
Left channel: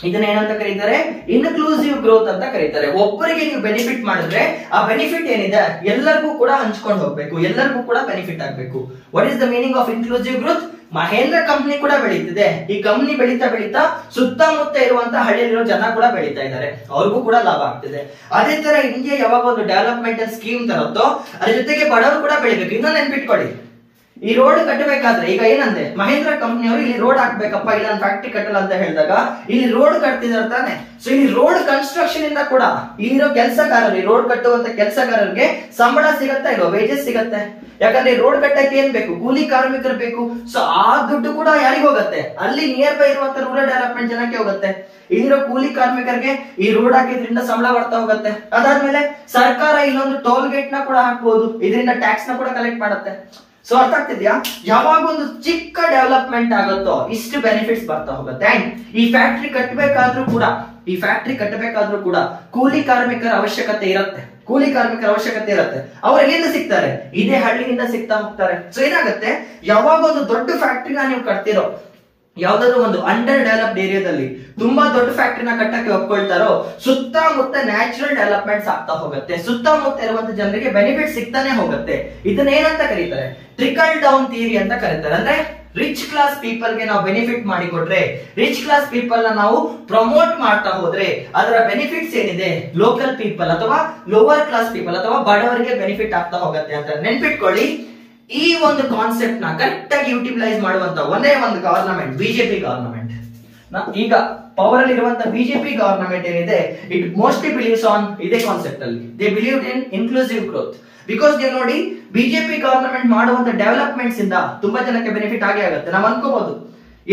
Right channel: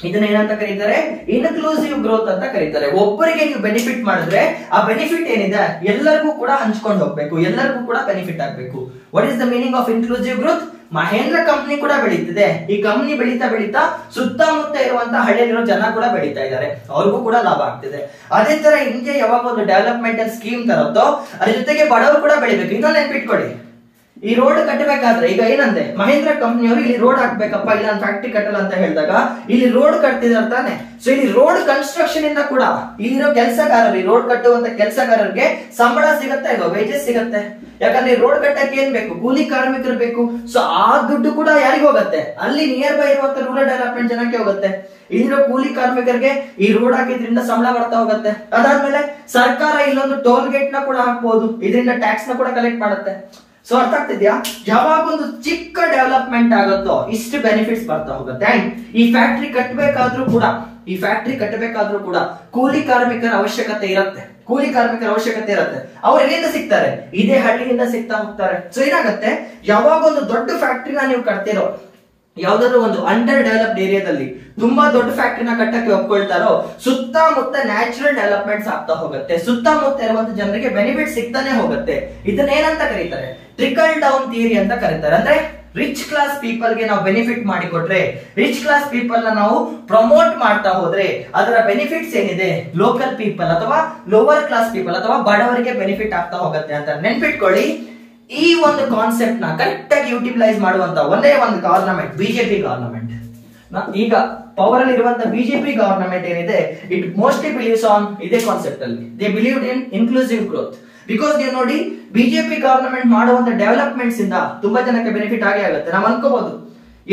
ಇದನ್ನ ಏನಂತ ಕರೀತಾರೆ, ಇನ್ಕ್ಲೂಸಿವ್ ಗ್ರೋತ್ ಅಂತ ಕರೀತಾರೆ. ಒಬ್ಬರಿಗೆ ನೀವು ಬೆನಿಫಿಟ್ ಮಾಡಿದ್ರೆ ಆ ಬೆನಿಫಿಟ್ ಏನಿದೆ ಎಲ್ಲರಿಗೂ ಕೂಡ ಹಂಚ್ಕೊಂಡು ಹೋಗ್ಬೇಕು, ಎಲ್ಲರಿಗೂ ಕೂಡ ಬೆನಿಫಿಟ್ ಆಗ್ಬೇಕು. What is the meaning of inclusive growth? Mahindra company ಕೂಡ ಬೆಳೀತಿದೆ. ಈ ಕಂಪ್ನಿ ಬೆಳೀತಾ ಸುತ್ತಮುತ್ತ ಇರುವಂತ ಹಳ್ಳಿಯಲ್ಲಿರೋ ಜನ ಕೂಡ ಬೆಳೀತಾ ಇದ್ದಾರೆ, ಅವ್ರಿಗೂ ಕೂಡ ಲಾಭ ಆಗ್ತಿದೆ. ಅದೇ ತರ ಇಂಡಿಯಾ ಯಾವಾಗ ಒಂದು ಡೆವಲಪ್ಮೆಂಟ್ ಸ್ಕೀಮ್ ತರುತ್ತೋ ಅದ್ರ ಜೊತೆಗೆ ಬಡವರು ಕೂಡ ಬೆಳಿಬೇಕು. ಇನ್ನೊಂದು ನೆನ್ಪಿಟ್ಕೊಳ್ಳಿ, ಈ ರೋಡ್ ಕಟ್ಟಬೇಕಾದ್ರೆ ಈಗ ಏನಂದೆ, ಮಹೇಂದ್ರ ಕಂಪ್ನಿಯವರು ಇಲ್ಲಿ ರೋಡ್ ಹಾಕ್ಬೇಕಪ್ಪ, ಇಲ್ಲ ಫ್ಯಾಕ್ಟರಿ ಕಟ್ಟಲ್ಲ ಅಂತ ಹೇಳಿದಾಗ ಇಲ್ಲಿ ರೋಡ್ ಕಟ್ತಿದಾರೆ ತಾನೆ. ಸೊ ಈ ರೋಡ್ ಕನ್ಸ್ಟ್ರಕ್ಷನ್ ಇಂದ ಕೂಡ ಇಲ್ಲಿರೋ ಕೆಲಸಗಾರರು, ರೋಡ್ ಕಟ್ಟುವಂತ ಕೆಲಸಗಾರರಿಗೆ ಸಂಬಳ ಸಿಗತ್ತಾ ಇಲ್ವೋ, ವೇಜಸ್ ಸಿಗತ್ತೆ. ಯಾಕಂದ್ರೆ ರೋಡ್ ಕಟ್ಟಕ್ಕೆ ಏನ್ ಬೇಕು, ಕೂಲಿ ಕಾರ್ಮಿಕರು ಬೇಕು. ಸೊ ಆ ದುಡ್ಡು ಕೂಡ ಯಾರಿಗೆ ಹೋಗುತ್ತೆ, ಅಲ್ಲಿ ನಿಯರ್ ಬೈ ಇರುವಂತ ರೂರಲ್ ಡೆವಲಪ್ಮೆಂಟ್ ಜನಕ್ಕೆ ಹೋಗುತ್ತೆ. ಇಲ್ಲಿರೋ ಕೂಲಿ ಕಾರ್ಮಿಕರಿಗೆ ಈ ರೋಡ್ ಹಾಕಿದ್ರಿಂದ ಸಂಬಳ ಬರ್ತಾ ಹೋಗುತ್ತೆ. ಅದಾದ್ಮೇಲೆ ಸರ್ಕಾರ ಇಲ್ಲೊಂದು ಟೋಲ್ ಗೇಟ್ ನ ಕೂಡ ಹಾಕ್ಬಹುದು, ಇದರಿಂದ ಟ್ಯಾಕ್ಸ್ ನ ಕೂಡ ಕಲೆಕ್ಟ್ ಮಾಡುತ್ತೆ. ಸೊ ಅರ್ಥ ಆಗ್ತಿದ್ಯಾ, ಯಾವಾಗ ಒಂದು ಚಿಕ್ಕ ಡೆವಲಪ್ಮೆಂಟ್ ಆಗುತ್ತೋ ಇಷ್ಟು ಬೆನಿಫಿಟ್ಸ್ ಬರ್ತಾ ಹೋಗುತ್ತೆ. ಅಂಡ್ ಈ ಫ್ಯಾಕ್ಟರಿ ಕಟ್ಟಬೇಕಾದ್ರೂ ಕೂಡ ಕೂಲಿ ಕಾರ್ಮಿಕರ ಅವಶ್ಯಕತೆ ಇರುತ್ತೆ. ಕೂಲಿ ಕಾರ್ಮಿಕರ ಅವಶ್ಯಕತೆ ಇರುತ್ತೆ. ಅವ್ರು ಎಲ್ಲಿಂದ ಸಿಗ್ತಾರೆ? ಇದೇ ಹಳ್ಳಿಯಿಂದ ಸಿಗ್ತಾ ಹೋಗ್ತಾರೆ. ಸೊ ಏನಾಗುತ್ತೆ, ಯಾವಾಗ ಒಂದು ದೊಡ್ಡ ಫ್ಯಾಕ್ಟ್ರಿನ ನೀವು ಕಟ್ತಿರೋ, ಯಾವ್ದಾದ್ರು ಒಂದು ಅಂಡರ್ ಡೆವಲಪ್ಡ್ ಏರಿಯಾದಲ್ಲಿ ತುಂಬಾ ದೊಡ್ಡ ಫ್ಯಾಕ್ಟ್ರಿನ ಕಟ್ಟಕ್ಕೆ ಒಪ್ಕೊಳ್ತಾರೋ, ಸುತ್ತಮುತ್ತ ನ್ಯಾಚುರಲ್ ಡೆವಲಪ್ಮೆಂಟ್ಸ್ ಆಗ್ತಾ ಹೋಗುತ್ತೆ, ಸುತ್ತಮುತ್ತ ಇರುವಂತ ಜನರಿಗೆ ಬೆನಿಫಿಟ್ ಸಿಗ್ತಾನೆ ಹೋಗುತ್ತೆ. ಇದನ್ನ ಏನಂತ ಕರೀತಾರೆ? ಟ್ರಿಕಲ್ ಡೌನ್ ಥಿಯರಿ ಅಂತ ಕರೀತಾರೆ. ಅಂದ್ರೆ ರಿಚ್ ಕ್ಲಾಸ್ ಪೀಪಲ್ ಗೆ ನಾವು ಬೆನಿಫಿಟ್ ಮಾಡಿ ಕೊಟ್ರೆ, ರಿಚ್ ಕ್ಲಾಸ್ ಪೀಪಲ್ ನ ನಾವು ಪ್ರಮೋಟ್ ಮಾಡ್ತಾ ಹೋದ್ರೆ ಅದರ ಬೆನಿಫಿಟ್ಸ್ ಏನಿದೆ ಲೋಕಲ್ ಪೀಪಲ್ ಅಥವಾ ಲೋವರ್ ಕ್ಲಾಸ್ ಪೀಪಲ್ ಅಥವಾ ಬಡವರಿಗೆ ಬೆನಿಫಿಟ್ ಆಗ್ತಾ ಹೋಗುತ್ತೆ ಅಂತ ನೆನ್ಪಿಟ್ಕೊಳ್ಳಿ. ಈ ಒಂದು ಕಾನ್ಸೆಪ್ಟ್ ನ ಕರೆಕ್ಟ್ ಆಗಿ ಯುಟಿಲೈಸ್ ಮಾಡುವಂತ ಒಂದೇ ಒಂದು ಗವರ್ನಮೆಂಟ್, ಬಿಜೆಪಿ ಗವರ್ನಮೆಂಟ್. ಈಗ ಪವರ್ ಅಲ್ಲಿ ಇರುವಂತ ಬಿಜೆಪಿ ಗವರ್ನಮೆಂಟ್ ಏನಿದೆ, ಇಟ್ ಮೋಸ್ಟ್ಲಿ ಬಿಲೀವ್ಸ್ ಆನ್ ಇದೇ ಕಾನ್ಸೆಪ್ಟ್ ಅಲ್ಲಿ. They believed in inclusive growth. Because ನೀವು ನೋಡಿ, ಬಿಜೆಪಿ ಗವರ್ನಮೆಂಟ್ ಮಾಡುವಂತ ಡೆವಲಪ್ಮೆಂಟ್ಸ್ ಇಂದ ತುಂಬಾ ಜನಕ್ಕೆ ಬೆನಿಫಿಟ್ ಆಗೇ ಆಗುತ್ತೆ. ನಾವು ಅನ್ಕೋಬಹುದು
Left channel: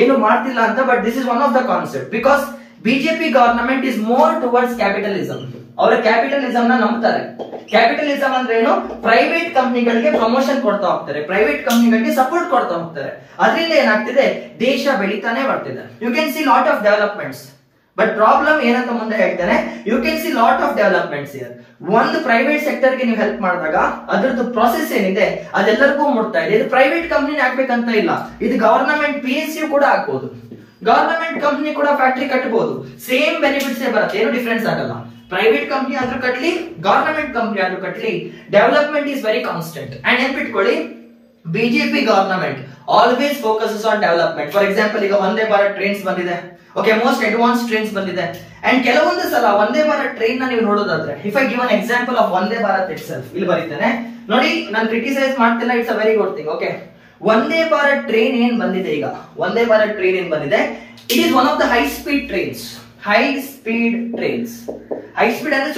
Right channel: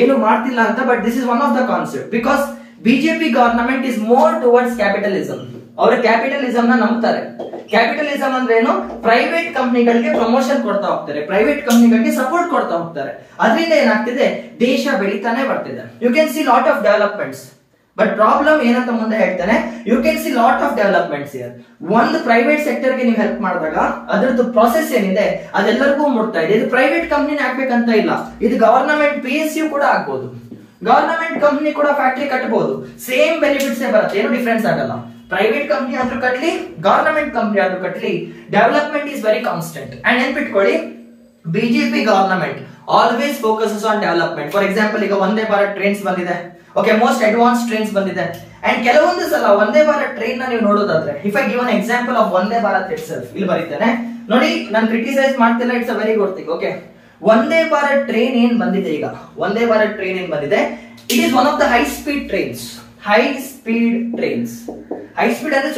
ಏನು ಮಾಡ್ತಿಲ್ಲ ಅಂತ, but this is one of the concept. Because BJP government is more towards capitalism. ಅವರ ಕ್ಯಾಪಿಟಲಿಸಂ ನ ನಂಬ್ತಾರೆ. ಕ್ಯಾಪಿಟಲಿಸಂ ಅಂದ್ರೆ ಏನು? ಪ್ರೈವೇಟ್ ಕಂಪನಿಗಳಿಗೆ ಪ್ರಮೋಷನ್ ಕೊಡ್ತಾ ಹೋಗ್ತಾರೆ, ಪ್ರೈವೇಟ್ ಕಂಪನಿಗಳಿಗೆ ಸಪೋರ್ಟ್ ಕೊಡ್ತಾ ಹೋಗ್ತಾರೆ. ಅದರಿಂದ ಏನಾಗ್ತಿದೆ, ದೇಶ ಬೆಳೀತಾನೆ ಬರ್ತಿದೆ. You can see lot of developments. But problem ಏನಂತ ಮುಂದೆ ಹೇಳ್ತಾನೆ, you can see lot of developments here. ಒಂದು ಪ್ರೈವೇಟ್ ಸೆಕ್ಟರ್ ಗೆ ನೀವು ಹೆಲ್ಪ್ ಮಾಡಿದಾಗ ಅದರದ್ದು ಪ್ರೊಸೆಸ್ ಏನಿದೆ ಅದೆಲ್ಲರಿಗೂ ಮುಟ್ತಾ ಇದೆ. ಇದು ಪ್ರೈವೇಟ್ ಕಂಪನಿ ಆಗ್ಬೇಕಂತ ಇಲ್ಲ, ಇದು ಗವರ್ನಮೆಂಟ್ PSU ಕೂಡ ಆಗ್ಬಹುದು, ಗವರ್ನಮೆಂಟ್ ಕಂಪನಿ ಕೂಡ ಫ್ಯಾಕ್ಟರಿ ಕಟ್ಟಬಹುದು, ಸೇಮ್ ಬೆನಿಫಿಟ್ಸ್ ಬರುತ್ತೆ, ಏನು ಡಿಫರೆನ್ಸ್ ಆಗಲ್ಲ. ಪ್ರೈವೇಟ್ ಕಂಪನಿ ಆದ್ರೂ ಕಟ್ಲಿ, ಗವರ್ನಮೆಂಟ್ ಕಂಪನಿ ಆದ್ರೂ ಕಟ್ಲಿ, development is very constant. And ನೆನ್ಪಿಟ್ಕೊಳ್ಳಿ, BJP government always focuses on development. For example, ಈಗ ವಂದೇ ಭಾರತ್ ಟ್ರೈನ್ಸ್ ಬಂದಿದೆ, ಓಕೆ, ಮೋಸ್ಟ್ ಅಡ್ವಾನ್ಸ್ ಟ್ರೈನ್ಸ್ ಬಂದಿದೆ. ಅಂಡ್ ಕೆಲವೊಂದು ಸಲ ವಂದೇ ಭಾರತ್ ಟ್ರೈನ್ ನ ನೀವು ನೋಡೋದಾದ್ರೆ, if I give an example of Vande Bharat it self, ಇಲ್ಲಿ ಬರೀತೇನೆ ನೋಡಿ, ನಾನು ಕ್ರಿಟಿಸೈಸ್ ಮಾಡ್ತಿಲ್ಲ, it's a very good thing. Okay, Vande Bharat train ಏನ್ ಬಂದಿದೆ, ಈಗ ವಂದೇ ಭಾರತ್ ಟ್ರೈನ್ ಏನ್ ಬಂದಿದೆ, it is one of the high speed trains. High speed trains, high speed ಅಂದ್ರೆ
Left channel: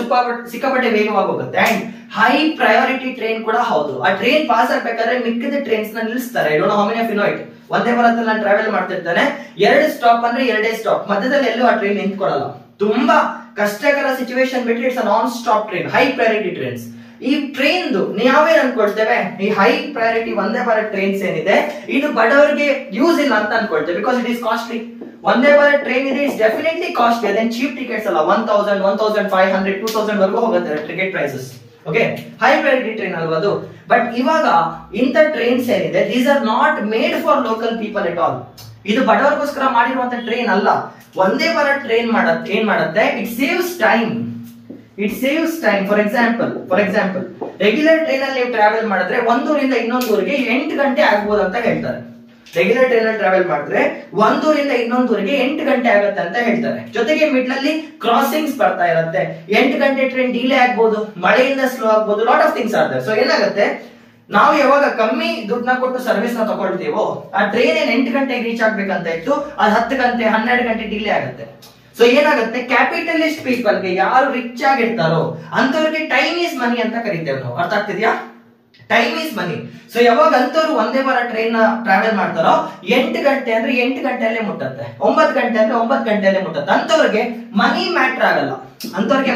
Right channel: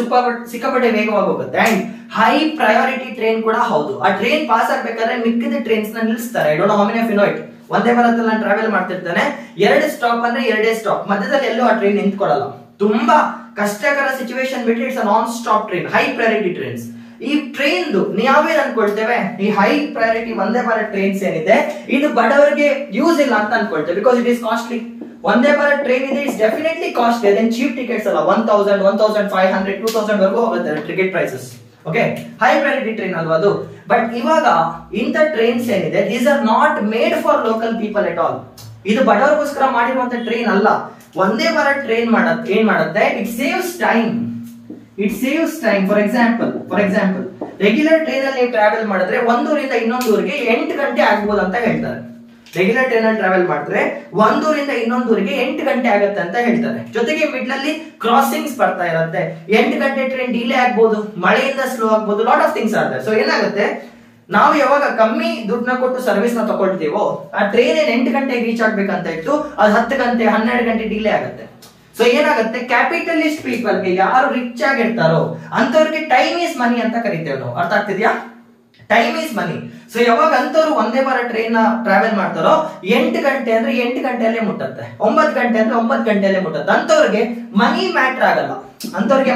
ಸಿಕ್ಕಾಪಟ್ಟೆ ವೇಗವಾಗಿ ಹೋಗುತ್ತೆ. ಅಂಡ್ ಹೈ ಪ್ರಯಾರಿಟಿ ಟ್ರೈನ್ ಕೂಡ ಹೌದು. ಆ ಟ್ರೈನ್ ಪಾಸ್ ಆಗ್ಬೇಕಾದ್ರೆ ಮಿಕ್ಕಿದ ಟ್ರೈನ್ಸ್ ನ ನಿಲ್ಲಿಸ್ತಾರೆ. I don't know how many of you know it. Vande Bharat ಅಲ್ಲಿ ನಾನು ಟ್ರಾವೆಲ್ ಮಾಡ್ತಿರ್ತಾನೆ, 2 ಸ್ಟಾಪ್ ಅಂದ್ರೆ 2 ಸ್ಟಾಪ್, ಮಧ್ಯದಲ್ಲಿ ಎಲ್ಲೂ ಆ ಟ್ರೈನ್ ನಿಂತ್ಕೊಳ್ಳಲ್ಲ. ತುಂಬಾ ಕಷ್ಟಕರ ಸಿಚುವೇಶನ್ ಬಿಟ್ಟು it's a non stop train, high priority trains. ಈ ಟ್ರೈನ್ ನಾವೇನ್ ಅನ್ಕೊಳ್ತೇವೆ, ಈ high priority Vande Bharat trains ಏನಿದೆ ಇದು ಬಡವರಿಗೆ ಯೂಸ್ ಇಲ್ಲ ಅಂತ ಅನ್ಕೊಳ್ತೇವೆ, because it is costly. Vande Bharat train ಇದೆ, ಇಟ್ಸ್ ಡೆಫಿನೆಟ್ಲಿ ಕಾಸ್ಟ್ಲಿ. ಅದೇನ್ ಚೀಪ್ ಟಿಕೆಟ್ಸ್ ಅಲ್ಲ, 1000, 1500, 2000 ವರೆಗೂ ಹೋಗುತ್ತೆ ticket prices. Okay, high priority train ಅಲ್ವಾ ಅದು. ಬಟ್ ಇವಾಗ ಇಂಥ ಟ್ರೈನ್ಸ್ ಏನಿದೆ, these are not made for local people at all. ಇದು ಬಡವರಿಗೋಸ್ಕರ ಮಾಡಿರುವಂತ ಟ್ರೈನ್ ಅಲ್ಲ. ವಂದೇ ಭಾರತ್ ಟ್ರೈನ್ ಏನ್ ಮಾಡುತ್ತೆ, it saves time. It saves time. For example regular train ಅಲ್ಲಿ ನೀವು ಟ್ರಾವೆಲ್ ಮಾಡಿದ್ರೆ 1 ಊರಿಂದ ಇನ್ನೊಂದು ಊರಿಗೆ 8 ಗಂಟೆ ಆಗ್ಬೋದು ಅಂತ ಹೇಳ್ತಾರೆ. ರೆಗ್ಯುಲರ್ ಟ್ರೈನ್ ಅಲ್ಲಿ ಟ್ರಾವೆಲ್ ಮಾಡಿದ್ರೆ 1 ಊರಿಂದ ಇನ್ನೊಂದು ಊರಿಗೆ 8 ಗಂಟೆ ಆಗುತ್ತೆ ಅಂತ ಹೇಳ್ತಾರೆ. ಜೊತೆಗೆ ಮಿಡ್ಲ್ ಅಲ್ಲಿ ಕ್ರಾಸಿಂಗ್ಸ್ ಬರ್ತಾ ಇರುತ್ತೆ, 8 ಗಂಟೆ ಟ್ರೈನ್ ಡಿಲೇ ಆಗ್ಬೋದು, ಮಳೆಯಿಂದ ಸ್ಲೋ ಆಗ್ಬೋದು, ಲಾಟ್ ಆಫ್ ಥಿಂಗ್ಸ್ ಆಗುತ್ತೆ. ಸೊ ಏನಾಗುತ್ತೆ, ನಾವು ಯಾವಾಗ ಕಮ್ಮಿ ದುಡ್ಡನ್ನ ಕೊಟ್ಟು ಸರ್ವಿಸ್ ನ ತಗೊಳ್ತೀವೋ, ಆ ಟ್ರೈನ್ 8 ಗಂಟೆಗೆ ರೀಚ್ ಆಗ್ಬೇಕಂತ ಇತ್ತು, ಅದು 10 ಗಂಟೆ 12 ಗಂಟೆ ಡಿಲೇ ಆಗುತ್ತೆ. ಸೊ ಏನಾಗುತ್ತೆ, ಕ್ಯಾಪಿಟಲಿಸ್ಟ್ ಪೀಪಲ್ ಗೆ, ಯಾರು ರಿಚ್ ಆಗಿರ್ತಾರೋ ಅಂತವ್ರಿಗೆ ಟೈಮ್ ಈಸ್ ಮನಿ ಅಂತ ಕರಿತೇವೆ ನಾವು. ಅರ್ಥ ಆಗ್ತಿದ್ಯಾ? Time is money. ಸೊ ಯಾವಾಗ ಅಂತವ್ರು ವಂದೇ ಭಾರತ್ ಟ್ರೈನ್ ನ ಟ್ರಾವೆಲ್ ಮಾಡ್ತಾರೋ 8 ಗಂಟೆ ಅಂದ್ರೆ 8 ಗಂಟೆಯಲ್ಲೇ ಮುಟ್ಟತ್ತೆ, 9 ಗಂಟೆ ಅಂದ್ರೆ 9 ಗಂಟೆಯಲ್ಲೇ ಮುಟ್ಟತ್ತೆ. ಅಂತವ್ರಿಗೆ ಮನಿ ಮ್ಯಾಟರ್ ಆಗಲ್ಲ, ಅಂತವ್ರಿಗೆ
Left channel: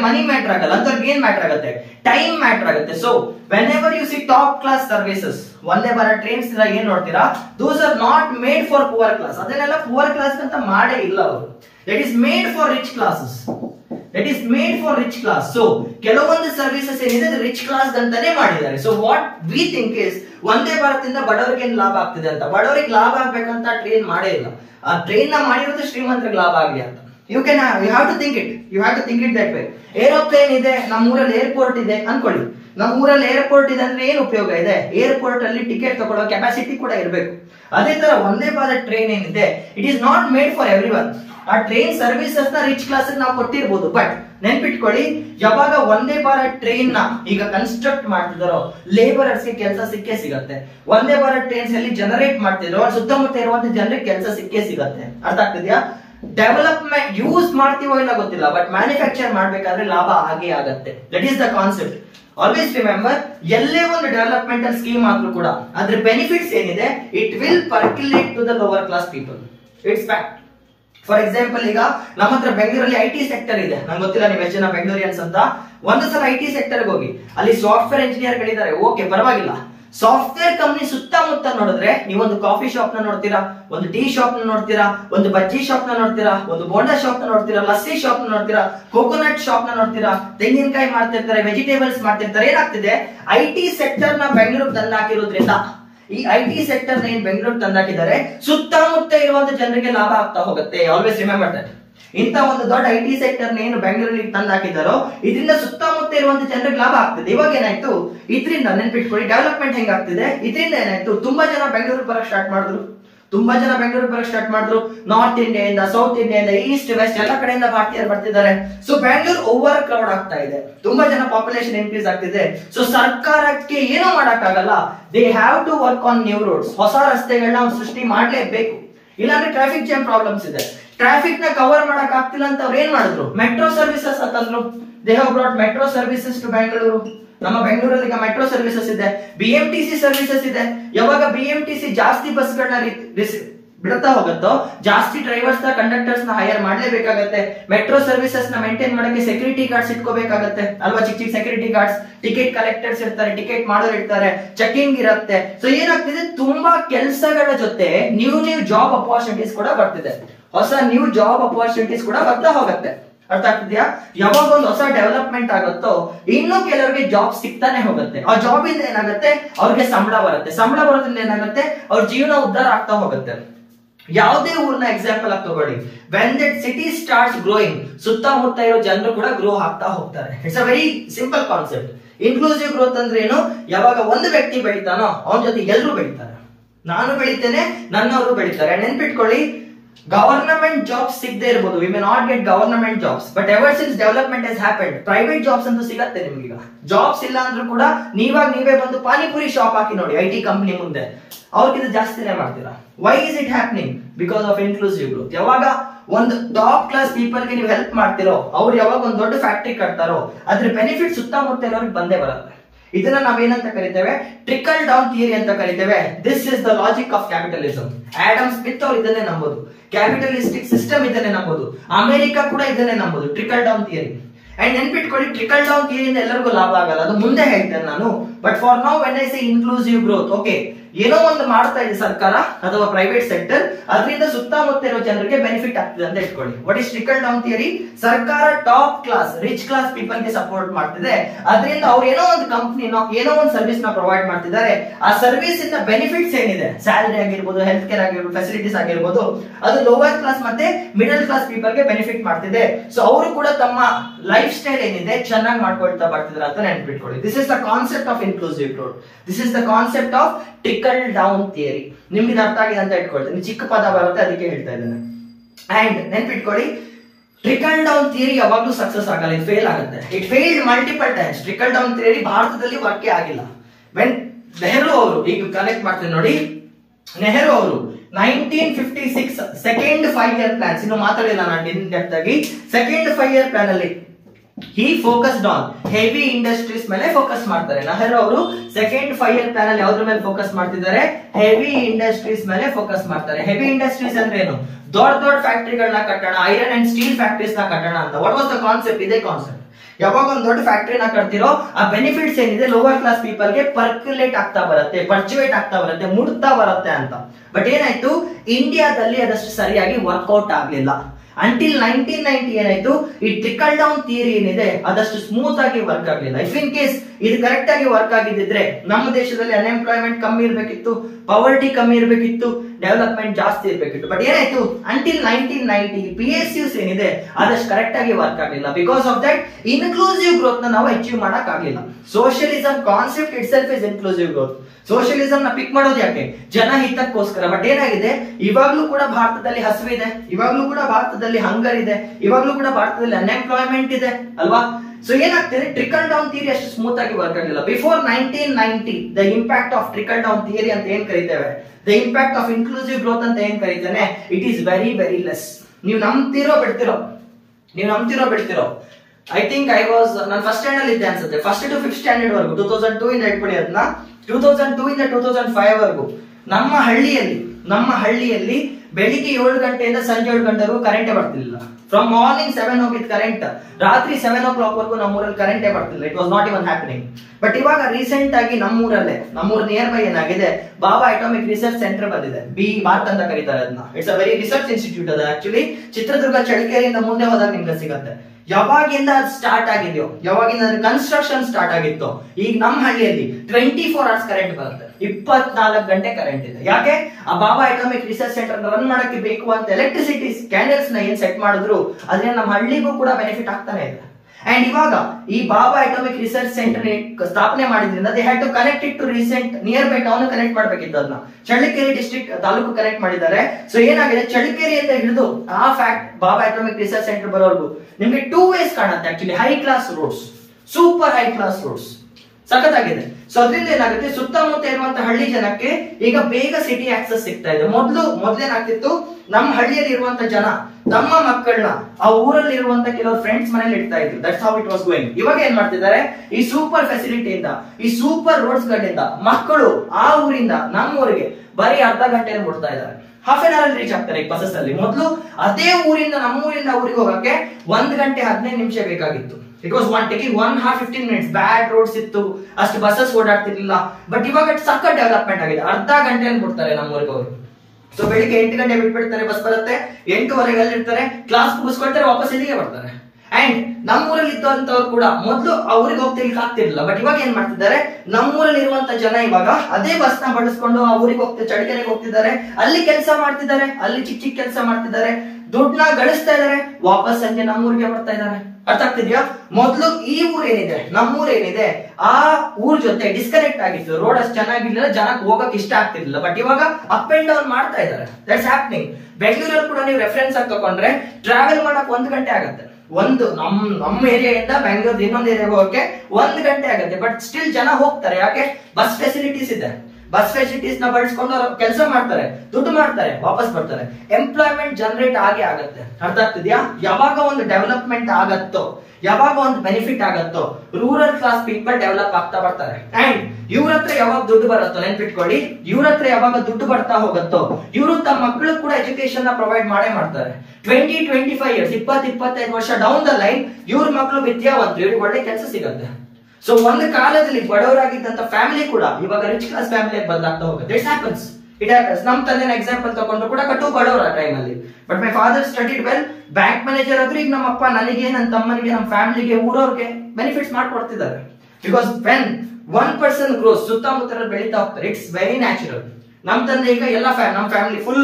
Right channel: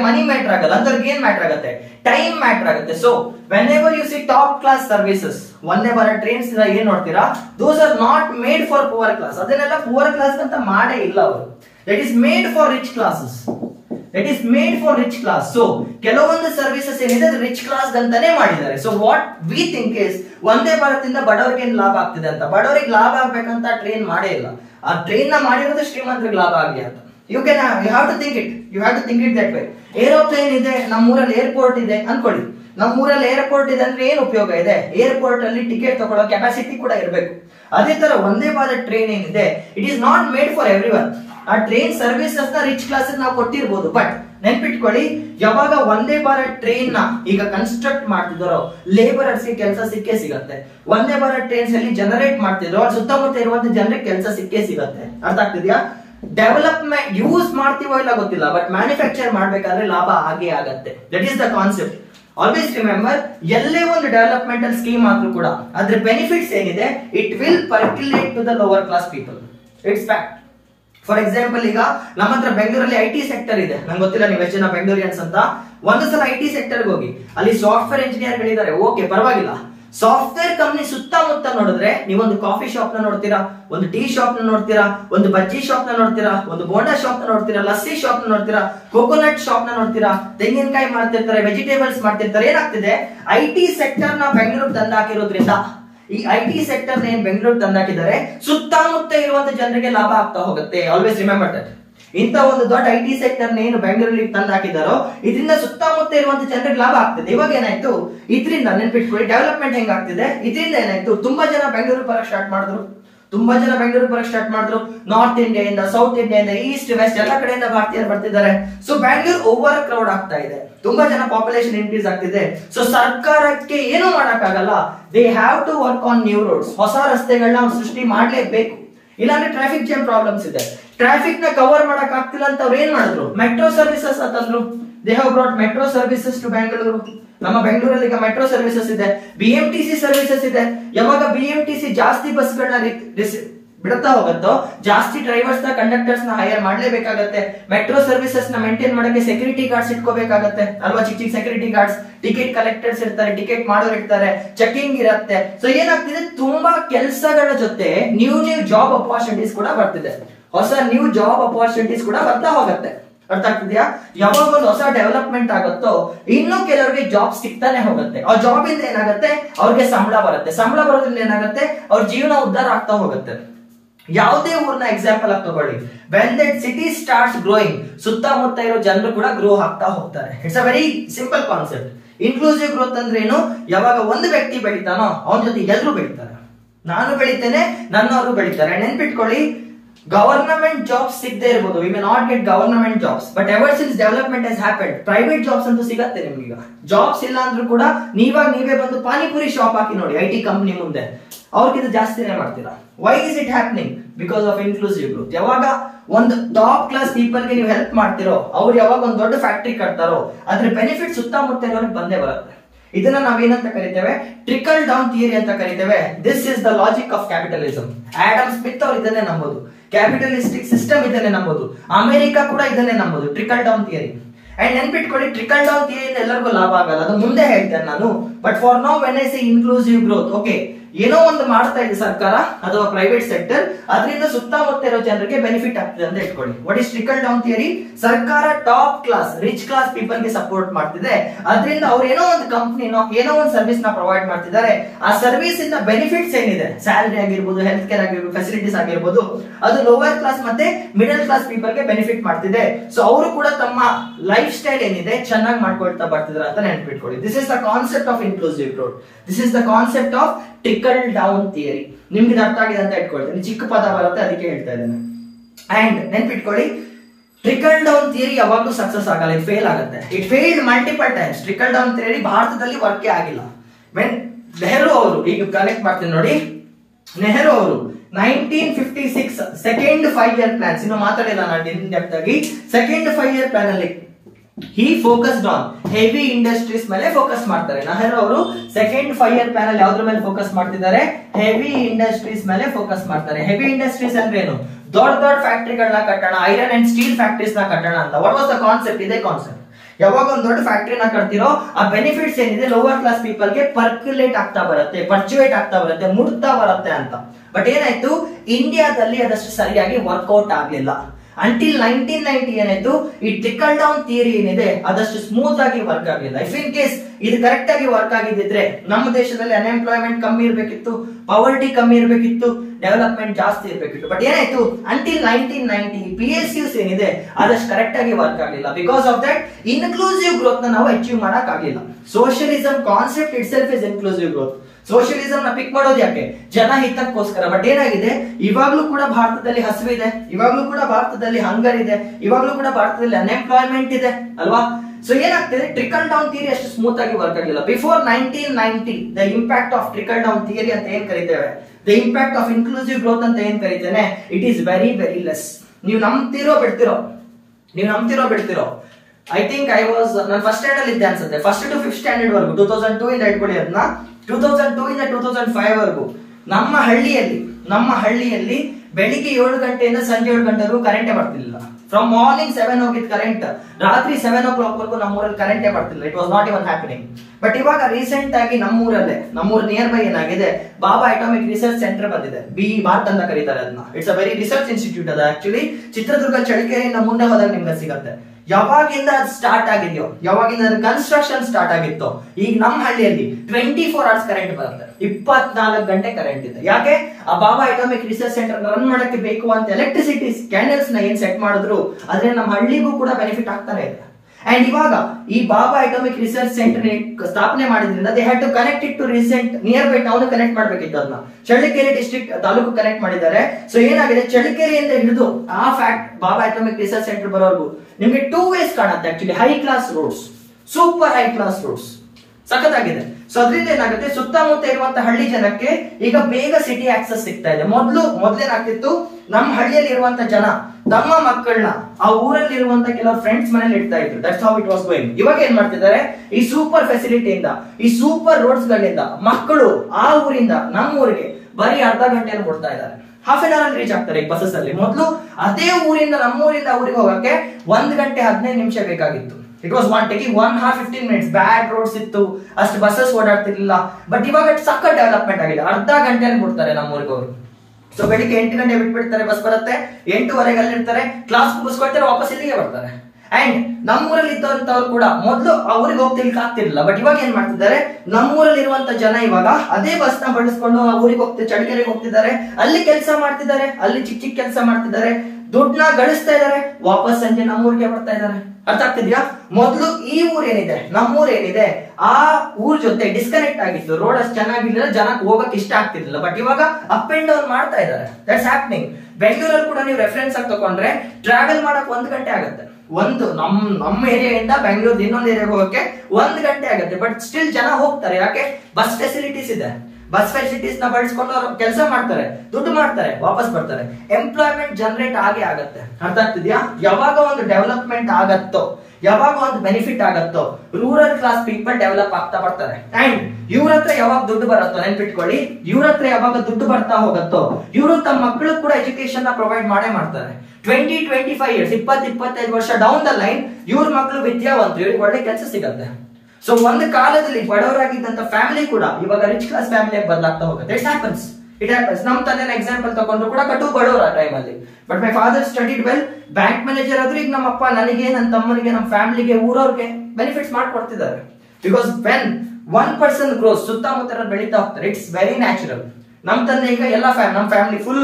ಏನ್ ಮ್ಯಾಟರ್ ಆಗುತ್ತೆ, ಟೈಮ್ ಮ್ಯಾಟರ್ ಆಗುತ್ತೆ. So when ever U C top class services, Vande Bharat trains ಏನ್ ನೋಡ್ತೀರಾ, those are not made for poor class. ಅದನ್ನೆಲ್ಲ ಪುವರ್ ಕ್ಲಾಸ್ ಅಂತ ಮಾಡೇ ಇಲ್ಲ ಅವರು. That is made for rich classes. So ಕೆಲವೊಂದು ಸರ್ವಿಸಸ್ ಏನಿದೆ ರಿಚ್ ಕ್ಲಾಸ್ ಅಂತಾನೆ ಮಾಡಿದ್ದಾರೆ. So what we think is, Vande Bharat ಇಂದ ಬಡವರಿಗೆ ಏನ್ ಲಾಭ ಆಗ್ತಿದೆ ಅಂತ. ಬಡವರಿಗೆ ಲಾಭ ಆಗ್ಬೇಕಂತ ಟ್ರೈನ್ ಮಾಡೇ ಇಲ್ಲ, ಆ ಟ್ರೈನ್ ನ ಮಾಡಿರೋದು ಶ್ರೀಮಂತರಿಗೆ ಲಾಭ ಆಗ್ಲಿ ಅಂತ. You have to think it that way. Aeroplane ಇದೆ, ನಮ್ಮೂರಲ್ಲಿ ಏರ್ಪೋರ್ಟ್ ಇದೆ ಅನ್ಕೊಳ್ಳಿ. ನಮ್ಮೂರಲ್ಲಿ ಏರ್ಪೋರ್ಟ್ ಇದೆ ಅಂದ್ರೆ ಏನ್ ಉಪಯೋಗ ಇದೆ, ಏರ್ಪೋರ್ಟ್ ಅಲ್ಲಿ ಟಿಕೆಟ್ ತಗೊಳ್ಳೋ ಕೆಪಾಸಿಟಿ ಕೂಡ ಇರಬೇಕು. ಅದೇ ತರ ವಂದೇ ಭಾರತ್ ಟ್ರೈನ್ ಏನಿದೆ, it is not made for everyone. ಆ ಟ್ರೈನ್ ಸರ್ವಿಸಸ್ ನ ರಿಚ್ ಕ್ಲಾಸ್ ನಾವು ಕೊಟ್ಟಿರ್ಬೋದು, ಬಟ್ ನೆನ್ಪಿಟ್ಕೊಳ್ಳಿ, ಯಾವಾಗ ವಂದೇ ಭಾರತ್ ಟ್ರೈನ್ ನ ಈಗ ಕನ್ಸ್ಟ್ರಕ್ಟ್ ಮಾಡ್ತಿದಾರೋ ಲೇಬರರ್ಸ್ ಗೆ ಕೆಲಸ ಸಿಕ್ಕೇ ಸಿಗತ್ತೆ. ವಂದೇ ಭಾರತ್ ಟ್ರೈನ್ಸ್ ಅಲ್ಲಿ ಜನರೇಟ್ ಮಾಡ್ತಿದ್ರು, ಸುತ್ತಮುತ್ತ ಇರುವಂತ ಜನರಿಗೆ ಕೆಲಸ ಸಿಕ್ಕೇ ಸಿಗತ್ತೆ. ಅರ್ಥ ಆಗ್ತಿದ್ಯಾ? ಡೆವಲಪ್ಮೆಂಟ್ ಯೂಸ್ ಮಾಡ್ತೀವೋ ಇಲ್ಲ ಗೊತ್ತಿಲ್ಲ, ಬಟ್ ಮ್ಯಾನುಫ್ಯಾಕ್ಚರ್ ಮಾಡ್ಬೇಕಾದ್ರೆ ಲಾಭ ಆಗೇ ಆಗತ್ತೆ. That is the concept. Always remember, ಎಲ್ಲೇ ಒಂದು ಡೆವಲಪ್ಮೆಂಟಲ್ ಸ್ಕೀಮ್ ಆದ್ರೂ ಕೂಡ ಅದ್ರ ಬೆನಿಫಿಟ್ಸ್ ಏನಿದೆ, it will percolate to the lower class people. It's fact. For example, ಈಗ ನಮ್ಮ ಹತ್ರ ಬೆಂಗಳೂರಲ್ಲಿ IT ಸೆಕ್ಟರ್ ಇದೆ. ನಂಗೆ ಗೊತ್ತಿಲ್ಲ ನೀವು ಎಷ್ಟು ಜನ ಬೆಂಗಳೂರಿಯನ್ಸ್ ಅಂತ. ಒಂದು ಸಲ IT ಸೆಕ್ಟರ್ ಹೋಗಿ, ಅಲ್ಲಿ ಸಾಫ್ಟ್ವೇರ್ ಇಂಜಿನಿಯರ್ ಗಳಿದ್ದಾರೆ, ಓಕೆ ಪರವಾಗಿಲ್ಲ. ಸಾಫ್ಟ್ವೇರ್ ಕಂಪನಿ ಸುತ್ತಮುತ್ತ ನೋಡಿದ್ರೆ ನೀವೊಂದು ಕಾಫಿ ಶಾಪ್ ನ ನೋಡ್ತೀರಾ, ಒಂದು ಟೀ ಶಾಪ್ ನ ನೋಡ್ತೀರಾ, ಒಂದು ಬಜ್ಜಿ ಶಾಪ್ ನ ನೋಡ್ತೀರಾ, ಒಂದು ಬೋಂಡಾ ಶಾಪ್ ನ ನೋಡ್ತೀರಾ, ಲಸ್ಸಿ ಶಾಪ್ ನ ನೋಡ್ತೀರಾ, ಕೋಕೋನಟ್ ಶಾಪ್ ನ ನೋಡ್ತೀರಾ, ತೆಂಗಿನಕಾಯಿ ಮಾಡ್ತಿರ್ತಾರೆ, ವೆಜಿಟೇಬಲ್ಸ್ ಮಾಡ್ತಿರ್ತಾರೆ. ಏನಾಗ್ತಿದೆ, ಐಟಿ ಸೆಕ್ಟರ್ ನ ಬೆಂಗಳೂರು ತಂದಾಕಿರೋದ್ರಿಂದ, ಈ ಐಟಿ ಸೆಕ್ಟರ್ ಏನ್ ಬೆಂಗಳೂರು ತಂದಾಕಿದ್ದಾರೆ, ಸುತ್ತಮುತ್ತ ಇರುವಂತ ಜನರಿಗೆ ಲಾಭ ಆಗ್ತಾ ಹೋಗುತ್ತೆ. Always remember that. ಇಂತ ಒಂದು ದೊಡ್ಡ ಐಟಿ ಸೆಕ್ಟರ್ ಏನು ಬೆಂಗಳೂರಿಗೆ ತಂದು ಹಾಕಿದಾರೋ ಇದರಿಂದ ಸುತ್ತಮುತ್ತ ಇರುವಂತ ಜನರಿಗೆ ಲಾಭ ಆಗ್ತದೆ. ಇವಾಗ ಏನಾಯ್ತು, ಇದರಿಂದ ನೆನ್ಪಿಟ್ಕೊಳ್ಳಿ ಡೆವಲಪ್ಮೆಂಟ್ ಹೆಂಗಾಗ್ತಿದೆ, ಇದರಿಂದ ಏನಾಯ್ತು, ತುಂಬಾ ಜನ ಬೆಂಗಳೂರು ಬರಕ್ ಸ್ಟಾರ್ಟ್ ಮಾಡಿದ್ರು. ನಾರ್ತ್ ಇಂಡಿಯಾದಿಂದ, ಸೌತ್ ಇಂಡಿಯಾದಿಂದ, ಈಸ್ಟ್ ವೆಸ್ಟ್ ಎಲ್ಲ ಕಡೆಯಿಂದ ಭಾರತೀಯರು ಬರ್ತಿದ್ದಾರೆ. ಸೊ ಬೆಂಗಳೂರು ಓವರ್ ಕ್ರೌಡ್ ಆಗ್ತಾ ಇದೆ, ತುಂಬಾ ಜನ ಪಾಪ್ಯುಲೇಷನ್ ಇನ್ಕ್ರೀಸ್ ಆಗ್ತಿದೆ. ಸೊ ಸರ್ಕಾರಕ್ಕೆ ಏನೂ ಮಾಡಕ್ಕಾಗಲ್ಲ, they have to work on new roads. ಹೊಸ ರಸ್ತೆಗಳನ್ನ ಸೃಷ್ಟಿ ಮಾಡ್ಲೇಬೇಕು, ಇಲ್ಲಾಂದ್ರೆ ಟ್ರಾಫಿಕ್ ಜಾಮ್ ಪ್ರಾಬ್ಲಮ್ಸ್ ಇದೆ. ಟ್ರಾಫಿಕ್ ನ ಕವರ್ ಮಾಡಕ್ ಆಗ್ತಿಲ್ಲ ಅಂತ ಅವ್ರು ಏನ್ ಮಾಡಿದ್ರು, ಮೆಟ್ರೋ ಸರ್ವಿಸಸ್ ಅಂತಂದ್ರು. They have brought metro services to Bengaluru. ನಮ್ಮ ಬೆಂಗಳೂರಲ್ಲಿ ಈಗ ಮೆಟ್ರೋ ಸರ್ವಿಸಸ್ ಇದೆ, ಬಿಎಂಟಿಸಿ ಸರ್ವಿಸಸ್ ಇದೆ. ಯಾವಾಗ ಬಿಎಂಟಿಸಿ ಜಾಸ್ತಿ ಬಸ್ ಗಳನ್ನ ಬಿಡ್ತಾ ಹೋಗುತ್ತೋ ಜಾಸ್ತಿ ಡ್ರೈವರ್ಸ್ ನ ಕಂಡಕ್ಟರ್ಸ್ ನ ಹೈರ್ ಮಾಡ್ಲೇಬೇಕಾಗತ್ತೆ. ಮೆಟ್ರೋ ಸರ್ವಿಸಸ್ ನ ಮೇಂಟೈನ್ ಮಾಡಕ್ಕೆ ಸೆಕ್ಯೂರಿಟಿ ಗಾರ್ಡ್ಸ್ ಇಟ್ಕೋಬೇಕಾಗತ್ತೆ ಅಲ್ವಾ, ಚಿಕ್ಕ ಚಿಕ್ಕ ಸೆಕ್ಯೂರಿಟಿ ಗಾರ್ಡ್ಸ್, ಟಿಕೆಟ್ ಕಲೆಕ್ಟರ್ಸ್ ಇರ್ತಾರೆ, ಟಿಕೆಟ್ ಮಾಡೋರು ಇರ್ತಾರೆ, ಚೆಕಿಂಗ್ ಇರುತ್ತೆ. ಸೊ ಏನಾಗ್ತಿದೆ, ತುಂಬಾ ಕೆಲಸಗಳ ಜೊತೆ ನ್ಯೂ ಜಾಬ್ ಅಪಾರ್ಚುನಿಟೀಸ್ ಕೂಡ ಬರ್ತಿದೆ, ಹೊಸ ನ್ಯೂ ಜಾಬ್ ಅಪಾರ್ಚುನಿಟೀಸ್ ಕೂಡ ಬರ್ತಾ ಹೋಗುತ್ತೆ. ಅರ್ಥ ಆಗ್ತಿದ್ಯಾ? ಯಾವಾಗ ಒಂದು ಹೊಸ ಡೆವಲಪ್ಮೆಂಟ್ ಆಗುತ್ತೋ ಇನ್ನು ಕೆಲವರಿಗೆ ಜಾಬ್ ಸಿಗ್ತಾನೆ ಹೋಗುತ್ತೆ. ಆ ಜಾಬ್ ಇಂದ ಏನಾಗುತ್ತೆ, ಅವ್ರಿಗೆ ಸಂಬಳ ಬರುತ್ತೆ. ಸಂಬಳ ಬರೋದ್ರಿಂದ ಏನಾಗುತ್ತೆ, ಅವ್ರ ಜೀವನ ಉದ್ಧಾರ ಆಗ್ತಾ ಹೋಗುತ್ತೆ. ಯಾವುದೇ ಊರ್ನ ಎಕ್ಸಾಂಪಲ್ ಆಗಿ ತಗೊಳ್ಳಿ, when that city starts growing, ಸುತ್ತಮುತ್ತ ಇರೋ ಜನರು ಕೂಡ ಗ್ರೋ ಆಗ್ತಾ ಹೋಗ್ತಾರೆ. It's a very simple concept. Inclusive growth ಅಂದ್ರೆ ಏನು, ಯಾವಾಗ ಒಂದು ವ್ಯಕ್ತಿ ಬೆಳಿತಾನೋ ಅವನ ಜೊತೆ ಎಲ್ಲರೂ ಬೆಳಿತಾರೆ. ನಾನು ಬೆಳಿತೇನೆ, ನನ್ನವರು ಬೆಳಿತಾರೆ. ನೆನ್ಪಿಟ್ಕೊಳ್ಳಿ, ಗವರ್ನಮೆಂಟ್ ಜಾಬ್ಸ್ ಸಿಗದೆ ಇರಬಹುದು, we may not get government jobs, but ever since development has happened, private jobs ಅಂತೂ ಸಿಗತ್ತೆ ನಿಮ್ಗೀಗ. ಜಾಬ್ಸ್ ಇಲ್ಲ ಅಂದ್ರೂ ಕೂಡ ನೀವೇ ಬಂದು ಪಾನಿಪುರಿ ಶಾಪ್ ಹಾಕಿ ನೋಡಿ ಐಟಿ ಕಂಪನಿ ಮುಂದೆ, ಅವ್ರಿಗಿಂತ ಜಾಸ್ತಿನೇ ಮಾಡ್ತೀರಾ. Why is it happening? Because of inclusive growth. ಯಾವಾಗ ಒಂದು ಟಾಪ್ ಕ್ಲಾಸ್ ಪೀಪಲ್ ಗೆ ನೀವು ಹೆಲ್ಪ್ ಮಾಡ್ತಿರೋ, ಅವ್ರು ಯಾವಾಗ ಒಂದು ದೊಡ್ಡ ಫ್ಯಾಕ್ಟರಿ ಕಟ್ತಾರೋ ಅದ್ರ ಬೆನಿಫಿಟ್ ಸುತ್ತಮುತ್ತ ಇರೋರಿಗೆ ಬಂದೇ ಬರುತ್ತೆ. ಇದನ್ನ ನಾವೇನಂತ ಕರಿತೇವೆ, ಟ್ರಿಕಲ್ ಡೌನ್ ಥಿಯರಿ ಅಂತ ಕರಿತೇವೆ. This is the logic of capitalism. Adam Smith ಅವರು ಇದನ್ನೇ ನಂಬೋದು, ಕ್ಯಾಪಿಟಲಿಸ್ಟಿಕ್ ಸಿಸ್ಟಮ್ ಇದನ್ನೇ ನಂಬೋದು, ಅಮೆರಿಕ ಕೂಡ ಇದನ್ನೇ ನಂಬೋದು, ಟ್ರಿಕಲ್ ಡೌನ್ ಥಿಯರಿ. ಅಂಡ್ ನೆನ್ಪಿಟ್ಕೊಳ್ಳಿ, ಟ್ರಿಕಲ್ ಡೌನ್ ಥಿಯರಿಯಿಂದ ಎಲ್ಲರಿಗೂ ಲಾಭ ಆಗಲ್ಲ, ಅದು ಮುಂದೆ ಹೇಳ್ತೇನೆ ನಾನು. But for now when I say inclusive growth, okay, ಏನೋ ಒಂದು ಮಾಡ್ತಾ ಇದೆ ಸರ್ಕಾರ ಅಥವಾ ಪ್ರೈವೇಟ್ ಸೆಕ್ಟರ್, ಅದರಿಂದ ಸುತ್ತಮುತ್ತ ಇರೋ ಜನರಿಗೆ ಬೆನಿಫಿಟ್ ಆಗ್ತಿದೆ ಅಂತ ಇಟ್ಕೊಳ್ಳಿ. What is trickle down theory? ಸರ್ಕಾರ top class rich class people ಗೆ ಸಪೋರ್ಟ್ ಮಾಡ್ತಿದೆ, ಅದರಿಂದ ಅವ್ರು ಏನೋ ಒಂದು ಕಂಪ್ನಿನೋ ಏನೋ ಒಂದು ಸರ್ವಿಸ್ ನ ಪ್ರೊವೈಡ್ ಮಾಡ್ತಿದ್ದಾರೆ. ಆ ಸರ್ವಿಸ್ ಇಂದ ಬೆನಿಫಿಟ್ಸ್ ಏನಿದೆ, ಸ್ಯಾಲರಿ ಆಗಿರ್ಬೋದು, ಹೆಲ್ತ್ ಕೇರ್ ಆಗಿರ್ಬೋದು, ಫೆಸಿಲಿಟೀಸ್ ಆಗಿರ್ಬೋದು, ಅದು ಲೋವರ್ ಕ್ಲಾಸ್ ಮತ್ತೆ ಮಿಡಲ್ ಕ್ಲಾಸ್ ಪೀಪಲ್ ಗೆ ಬೆನಿಫಿಟ್ ಮಾಡ್ತಿದೆ. ಸೊ ಅವರು ಕೂಡ ತಮ್ಮ ಲೈಫ್ ಸ್ಟೈಲ್ ಏನಿದೆ ಚೆನ್ನಾಗಿ ಮಾಡ್ಕೊಳ್ತಾ ಬರ್ತಿದ್ದಾರೆ ಅಂತ ನೆನ್ಪಿಟ್ಕೊಳ್ಳಿ. This is the concept of inclusive growth. This is the concept of trickle down theory. ನಿಮ್ಗೆ ಅರ್ಥ ಆಗಿದೆ ಅಂತ ಇಟ್ಕೊಳ್ತೀನಿ, ಚಿಕ್ಕ ಪದ ಬರುತ್ತೆ ಅದಕ್ಕೆ ಹೇಳ್ತಾ ಇದ್ದೇನೆ. ಅಂಡ್ ನೆನ್ಪಿಟ್ಕೊಳ್ಳಿ, ಟ್ರಿಕಲ್ ಡೌನ್ ಥಿಯರಿ ಯಾವಾಗ್ಲೂ ಸಕ್ಸಸ್ ಆಗಲ್ಲ, ಇದು ಫೇಲ್ ಆಗುತ್ತೆ. It failed multiple times. Trickle down theory ಭಾರತದಲ್ಲಿ ವರ್ಕ್ ಆಗಿಲ್ಲ. ವೆನ್ ನೆಹರು ಅವರು, ಈಗ ಕನೆಕ್ಟ್ ಮಾಡ್ತೀನಿ ನೋಡಿ, ನೆಹರು ಅವರು 1956 ಸೆಕೆಂಡ್ 5 year ಪ್ಲಾನ್ಸ್, ಇನ್ನು ಮಾತಾಡಿಲ್ಲ ನಾನು ಇನ್ ಡೆಪ್ತ್ ಆಗಿ, ಸೆಕೆಂಡ್ 5 year ಪ್ಲಾನ್ ಅಲ್ಲಿ he focused on heavy industries ಮೇಲೆ ಫೋಕಸ್ ಮಾಡ್ತಾರೆ. ನೆಹರು ಅವರು ಸೆಕೆಂಡ್ 5 year ಪ್ಲಾನ್ ಅಲ್ಲಿ ಯಾವ್ದ್ರ ಮೇಲೆ ಫೋಕಸ್ ಮಾಡ್ತಿದ್ದಾರೆ, ಹೆವಿ ಇಂಡಸ್ಟ್ರೀಸ್ ಮೇಲೆ ಫೋಕಸ್ ಮಾಡ್ತಾರೆ. ಹೆವಿ ಇಂಡಸ್ಟ್ರೀಸ್ ಅಂದ್ರೆ ಏನು, ದೊಡ್ಡ ದೊಡ್ಡ ಫ್ಯಾಕ್ಟರಿಗಳನ್ನ ಕಟ್ಟೋಣ, ಐರನ್ ಅಂಡ್ ಸ್ಟೀಲ್ ಫ್ಯಾಕ್ಟರೀಸ್ ನ ಕಟ್ಟೋಣ ಅಂತ. What was the concept? ಇದೇ ಕಾನ್ಸೆಪ್ಟ್. ಯಾವಾಗ ಒಂದು ದೊಡ್ಡ ಫ್ಯಾಕ್ಟರಿನ ಕಟ್ತಿರೋ ಆ ಬೆನಿಫಿಟ್ಸ್ ಏನಿದೆ ಲೋವರ್ ಕ್ಲಾಸ್ ಪೀಪಲ್ ಗೆ ಪರ್ಕ್ಯುಲೇಟ್ ಆಗ್ತಾ ಬರುತ್ತೆ, ಪರ್ಚುವೇಟ್ ಆಗ್ತಾ ಬರುತ್ತೆ, ಮುಡ್ತಾ ಬರುತ್ತೆ ಅಂತ. ಬಟ್ ಏನಾಯ್ತು, ಇಂಡಿಯಾದಲ್ಲಿ ಅದಷ್ಟು ಸರಿಯಾಗಿ ವರ್ಕೌಟ್ ಆಗ್ಲಿಲ್ಲ. ಅಂಟಿಲ್ 1990 ಏನಾಯ್ತು, ಈ ಟ್ರಿಕಲ್ ಡೌನ್ ಥಿಯರಿ ಏನಿದೆ ಅದಷ್ಟು ಸ್ಮೂತ್ ಆಗಿ ವರ್ಕ್ ಆಗಲಿಲ್ಲ. ಇಫ್ ಇನ್ ಕೇಸ್ ಇದು ಕರೆಕ್ಟ್ ಆಗಿ ವರ್ಕ್ ಆಗಿದ್ರೆ ನಮ್ಮ ದೇಶದಲ್ಲಿ ಅನ್ಎಂಪ್ಲಾಯ್ಮೆಂಟ್ ಕಮ್ಮಿ ಇರಬೇಕಿತ್ತು, ಪಾವರ್ಟಿ ಕಮ್ಮಿ ಇರಬೇಕಿತ್ತು, ಡೆವಲಪ್ಮೆಂಟ್ ಜಾಸ್ತಿ ಇರಬೇಕಿತ್ತು. ಬಟ್ ಏನಾಯ್ತು, ಅಂಟಿಲ್ 1990 PSUs ಏನಿದೆ ಅದಷ್ಟು ಕರೆಕ್ಟ್ ಆಗಿ ವರ್ಕ್ ಆಗಲಿಲ್ಲ. Because of that inclusive growth ನ ನಾವು ಅಚೀವ್ ಮಾಡಕ್ ಆಗಿಲ್ಲ. Socialism concept it self is inclusive growth. Socialism ನ ಪಿಕ್ ಮಾಡೋದು ಯಾಕೆ, ಜನಹಿತಕ್ಕೋಸ್ಕರ. ಬಟ್ ಏನಾಗಿದೆ, ಇವಾಗ್ಲೂ ಕೂಡ ಭಾರತದಲ್ಲಿ ಹಸಿವಿದೆ, ಇವಾಗ್ಲೂ ಕೂಡ ಭಾರತದಲ್ಲಿ ಹಂಗರ್ ಇದೆ, ಇವಾಗ್ಲೂ ಕೂಡ ಭಾರತದಲ್ಲಿ ಅನ್ಎಂಪ್ಲಾಯ್ಮೆಂಟ್ ಇದೆ ಅಲ್ವಾ. ಸೊ ಏನಾಗ್ತಿದೆ, ಟ್ರಿಕಲ್ ಡೌನ್ ಥಿಯರಿ ಅಷ್ಟು ಸ್ಮೂತ್ ಆಗಿ ವರ್ಕ್ ಆಗಿಲ್ಲ. Before 1990 the impact of trickle down theory ಅಂತ ಏನ್ ಕರೀತೇವೆ, the impact of inclusive growth ಅಂತ ಏನ್ ಕರೀತೇನೆ, it is very very less. ನೀವು ನಂಬ್ತಿರೋ ಬಿಡ್ತಿರೋ. ಐ ಥಿಂಕ್ ನಾನು ಫಸ್ಟ್ ಸ್ಟ್ಯಾಂಡರ್ಡ್ ಅಲ್ಲಿ ಇದ್ದೆ ಅನ್ಸುತ್ತೆ, ಫಸ್ಟ್ ಟು 5th ಸ್ಟ್ಯಾಂಡರ್ಡ್ ವರ್ಗು, 2002 ಇಂದ ಇಟ್ಕೊಳ್ಳಿ ಅದನ್ನ, 2002 ಇಂದ 2005 ವರೆಗೂ ನಮ್ಮ ಹಳ್ಳಿಯಲ್ಲಿ ಬೆಳಿಗ್ಗೆ 7 ಗಂಟೆಯಿಂದ ಸಂಜೆ 7 ಗಂಟೆವರೆಗೂ ಕರೆಂಟೇ ಬರ್ತಿರ್ಲಿಲ್ಲ. ಫ್ರಮ್ ಮಾರ್ನಿಂಗ್ 7 ಹೋಗಿದ್ ಕರೆಂಟ್ ರಾತ್ರಿ 7 o'clock ವರೆಗೂ ನಮ್ಮೂರಲ್ಲಿ ಕರೆಂಟೇ ಬರ್ತಿಲ್ಲ. It was not even happening. But ಇವಾಗ ರೀಸೆಂಟ್ ಆಗಿ ನಮ್ಮೂರ್ ನಿಯರ್ ಬೈ ಏನಾಗಿದೆ, ಬಾಬಾ ಅಟಾಮಿಕ್ ರಿಸರ್ಚ್ ಸೆಂಟರ್ ಬಂದಿದೆ. BART ಅಂತ ಕರೀತಾರೆ ಅದನ್ನ. It's a very research institute. ಅದು ಆಕ್ಚುಲಿ ಚಿತ್ರದುರ್ಗ ಚಳ್ಳಕೆರೆಯಿಂದ ಮುಂದೆ ಹೋದಾಗ ನಿಮ್ಗೆ ಸಿಗುತ್ತೆ. ಯಾವಾಗಿಂದ ಅದು ಸ್ಟಾರ್ಟ್ ಆಗಿದೆಯೋ, ಯಾವಾಗಿಂದ ಕನ್ಸ್ಟ್ರಕ್ಷನ್ ಸ್ಟಾರ್ಟ್ ಆಗಿತ್ತು, ಈಗ ನಮ್ಮ ಹಳ್ಳಿಯಲ್ಲಿ 24 hours ಕರೆಂಟ್ ಬರುತ್ತೆ. 24 ಗಂಟೆ ಕರೆಂಟ್ ಇದೆ. ಯಾಕೆ? ಆ ಬಾಬಾ ಅಟಾಮಿಕ್ ರಿಸರ್ಚ್ ಸೆಂಟರ್ ರನ್ ಮಾಡಕ್ಕೆ ಬೇಕು ಅಂತ ಎಲೆಕ್ಟ್ರಿಸಿಟಿ ಕ್ಯಾಂಡಲ್ಸ್ ನ ಏನ್ ಸೆಟ್ ಮಾಡಿದ್ರು, ಆದ್ರೆ ನಮ್ಮ ಹಳ್ಳಿಗೂ ಕೂಡ ಬೆನಿಫಿಟ್ ಆಗ್ತಾನೆ ಇದೆ. ಅಂಡ್ ಇವಾಗ ಈ ಬಾಬಾ ಅಟಾಮಿಕ್ ರಿಸರ್ಚ್ ಸೆಂಟರ್ ಸ್ಥಾಪನೆ ಮಾಡಿದ್ರಿಂದ they had to connect it to recent nearby town connect ಮಾಡ್ಬೇಕಿತ್ತು. ಅದನ್ನ ಚಳ್ಳಕೆರೆ ಡಿಸ್ಟ್ರಿಕ್ಟ್ ತಾಲೂಕು ಕನೆಕ್ಟ್ ಮಾಡಿದ್ದಾರೆ. ಸೊ ಏನಾಗಿದೆ, ಚಳ್ಳಕೆರೆಯಿಂದ ಹಿಡಿದು ಆ fact Bhabha atomic research centre ಬರೋವರೆಗೂ ನಿಮ್ಗೆ 2 ways ಕಾಣುತ್ತೆ. Actually high class roads, super high class roads ಸಖತ್ತಾಗಿದೆ. ಸೊ ಅದರಿಂದ ಏನಾಗುತ್ತೆ, ಸುತ್ತಮುತ್ತ ಇರುವಂತ ಹಳ್ಳಿ ಜನಕ್ಕೆ ಈಗ ಬೇಗ ಸಿಟಿ ಆಕ್ಸೆಸ್ ಸಿಗ್ತಾ ಇದೆ. ಮೊದ್ಲೇನಾಗ್ತಿತ್ತು, ನಮ್ಮ ಹಳ್ಳಿಯಲ್ಲಿ ಇರುವಂತ ಜನ ತಮ್ಮ ಮಕ್ಕಳನ್ನ ಆ ಊರಲ್ಲಿ ಇರುವಂತ ಕೆಲವು ಫ್ರೆಂಡ್ಸ್ ಮನೇಲಿ ಇಡ್ತಾ ಇದ್ರು. That's how it was going. ಇವಾಗ ಏನ್ ಮಾಡ್ತಿದ್ದಾರೆ, ಈ ಸೂಪರ್ ಫೆಸಿಲಿಟಿಯಿಂದ, ಈ ಸೂಪರ್ ರೋಡ್ಸ್ ಗಳಿಂದ ಮಕ್ಕಳು ಆ ಊರಿಂದ ನಮ್ಮ ಊರಿಗೆ ಬರೀ ಅರ್ಧ ಗಂಟೆಯಲ್ಲಿ ಬಿಡ್ತಾ ಇದ್ದಾರೆ. ಹಾಫ್ ಅನ್ ಅವರ್ ರೀಚ್ ಆಗ್ತಾರೆ ಈ ಬಸ್ಸಸ್ ಅಲ್ಲಿ. ಮೊದಲು ಅದೇ ಊರಿಂದ ನಮ್ಮೂರಿಂದ ಊರಿಗೆ ಹೋಗಕ್ಕೆ 1 ಗಂಟೆ 15 ನಿಮಿಷ ಬೇಕಾಗಿತ್ತು. It was taking 1 hour 15 minutes. Bad roads ಇತ್ತು, ಅಷ್ಟು ಬಸ್ಸಸ್ ಓಡಾಡ್ತಿರ್ಲಿಲ್ಲ. ಬಟ್ ಇವಾಗ ಸಕ್ಕ ಡೆವಲಪ್ಮೆಂಟ್ ಆಗಿದೆ. ಅರ್ಧ ಗಂಟೆಯಲ್ಲಿ ಬಿಡ್ತಾರೆ ನಮ್ಮೂರಿಗೆ ಅವರು. ಸೊ ಬೆಳಿಗ್ಗೆ 8 ಗಂಟೆ ಬಿಟ್ಬಿಡ್ತಾರೆ, ಬಸ್ ಬರುತ್ತೆ. 8:15 ಅಲ್ಲಿ ಇರ್ತಾರೆ, ಕ್ಲಾಸ್ ಮುಗಿಸ್ಕೊಳ್ತಾರೆ, ವಾಪಸ್ ಇಲ್ಲಿಗೆ ಬರ್ತಾರೆ. ಅಂಡ್ ನಮ್ಮೂರಲ್ಲಿ ಇದ್ದವ್ರು ಕೂಡ ಮೊದಲು ಅವ್ರಿಗೆ ಹೋಗ್ತಿರ್ಲಿಕ್ಕೆ ಆಗ್ತಿರ್ಲಿಲ್ಲ. ಬಟ್ ಇವಾಗ ಏನ್ ಮಾಡ್ತಿದ್ದಾರೆ, ನಮ್ಮೂರಲ್ಲಿ ಇರುವಂತ ಜನ ಇವಾಗ ಅದೇ ಬಸ್ ನ ಬಳಸ್ಕೊಂಡು ಆ ಊರಿಗೆ ಚಳ್ಳಕೆರೆಗೆ ಹೋಗ್ತಿದ್ದಾರೆ, ಅಲ್ಲಿ ಕೆಲಸ ಮಾಡ್ತಿದ್ದಾರೆ, ಅಲ್ಲಿ ಚಿಕ್ಕ ಚಿಕ್ಕ ಕೆಲಸ ಮಾಡ್ತಿದ್ದಾರೆ, ದುಡ್ಡನ್ನ ಗಳಿಸ್ತಾ ಇದಾರೆ, ವಾಪಸ್ ಸಂಜೆ ನಮ್ಮೂರಿಗೆ ಬರ್ತಾ ಇದಾರೆ. ಅರ್ಥ ಆಗ್ತಿದ್ಯಾ? ಮೊದಲು ಈ ಊರೇನಿದೆ, ನಮ್ಮೂರ್ ಏನಿದೆ, ಆ ಊರ್ ಜೊತೆ ಡಿಸ್ಕನೆಕ್ಟ್ ಆಗಿತ್ತು. ರೋಡ್ ಅಷ್ಟು ಚೆನ್ನಾಗಿರ್ಲಿಲ್ಲ, ಜನಕ್ಕೆ ಹೋಗಕ್ ಇಷ್ಟ ಆಗ್ತಿರ್ಲಿಲ್ಲ. ಬಟ್ ಇವಾಗ ಅಪ್ ಅಂಡ್ ಡೌನ್ ಮಾಡ್ತಾ ಇದ್ದಾರೆ. That's happening. ಬೆಂಗಳೂರಲ್ಲಿ ಕೂಡ ನೀವು ರೆಫರೆನ್ಸ್ ಆಗಿ ತಗೊಂಡ್ರೆ ಟ್ರಾವೆಲ್ ಮಾಡಕ್ 1 ಗಂಟೆ ಆಗುತ್ತೆ. ನಮ್ಮ ಏರಿಯಾದಿಂದ ಬೆಂಗಳೂರು ಇನ್ನೊಂದು ಏರಿಯಾಗೆ ಹೋಗಕ್ಕೆ 1 ಗಂಟೆ ಆಗುತ್ತೆ. ಬಟ್ ಸ್ಟಿಲ್ ಜನ ಹೋಗ್ತಾರೆ. ಯಾಕೆ? ಬಸ್ ಫೆಸಿಲಿಟೀಸ್ ಇದೆ. ಬಸ್ ಫೆಸಿಲಿಟೀಸ್ ನ ಬಳಸ್ಕೊಂಡು ಅವ್ರು ಕೆಲಸ ಮಾಡ್ತಾರೆ, ದುಡ್ಡು ಮಾಡ್ತಾರೆ, ವಾಪಸ್ ಬರ್ತಾರೆ. ಎಂಪ್ಲಾಯ್ಮೆಂಟ್ ಜನರೇಟ್ ಆಗೇ ಆಗತ್ತೆ. ಅರ್ಥ ಆಗ್ತಿದ್ಯಾ? ಯಾವಾಗ ಒಂದು ಡೆವಲಪ್ಮೆಂಟ್ ಆಗತ್ತೋ, ಯಾವಾಗ ಒಂದು ಬೆನಿಫಿಟ್ ಆಗತ್ತೋ, ರೂರಲ್ ಕ್ಲಾಸ್ ಪೀಪಲ್ ಡೆವಲಪ್ ಆಗ್ತಾ ಬರ್ತಾರೆ. ಅಂಡ್ ಇವ್ರ ಹತ್ರ ಯಾವಾಗ ದುಡ್ಡು ಬರುತ್ತೋ, ನೆನ್ಪಿಟ್ಕೊಳ್ಳಿ, ಇವ್ರ ಹತ್ರ ಯಾವಾಗ ದುಡ್ಡು ಬರ್ತಾ ಹೋಗುತ್ತೋ, ಇವರು ತಮ್ಮ ಮಕ್ಕಳು ಕೂಡ ಎಜುಕೇಶನ್ ನ ಪ್ರೊವೈಡ್ ಮಾಡೇ ಮಾಡ್ತಾರೆ. 20-25 years, 20-25 ವರ್ಷ ಡೌನ್ ದ ಲೈನ್ ಇವ್ರ ಮಕ್ಕಳು ವಿದ್ಯಾವಂತರು, ಇವ್ರಿಗೆ ಒಳ್ಳೆ ಕೆಲಸ ಸಿಗತ್ತೆ. ಸೊ ಒಂದು ಕಾಲದಲ್ಲಿ ಬಡವರಾಗಿದ್ದಂತ ಫ್ಯಾಮಿಲಿ ಕೂಡ ಇವಾಗ ರಿಚ್ ಕ್ಲಾಸ್ ಫ್ಯಾಮಿಲಿ ಬದಲಾಗ್ತಾ ಹೋಗುತ್ತೆ. It happens. ನಮ್ ತಂದೆನ ಎಕ್ಸಾಂಪಲ್ ತಗೊಂಡ್ರು ಕೂಡ ಕಟು ಬಡವರ ಟೈಮ್ ಅಲ್ಲಿ. But my father studied well, bank manager ಆದ್ರೆ ಈಗ ನಮ್ಮಪ್ಪ ನನಗೆ, ನನ್ನ ತಮ್ಮನಿಗೆ, ನಮ್ಮ ಫ್ಯಾಮಿಲಿಗೆ, ಊರವ್ರಿಗೆ ಬೆನಿಫಿಟ್ಸ್ ಮಾಡ್ಕೊಡ್ತಿದ್ದಾರೆ. ಬಿಕಾಸ್ ವೆನ್ 1 person ಗ್ರೋಸ್, ಸುತ್ತಮುತ್ತ ಬೆಳೀತಾ ಹೋಗ್ತಾರೆ. It's very natural. ನಮ್ ತಂದೆ ಈಗ ಎಲ್ಲ ನಮ್ಮ ಫ್ಯಾಮಿಲಿ ಫುಲ್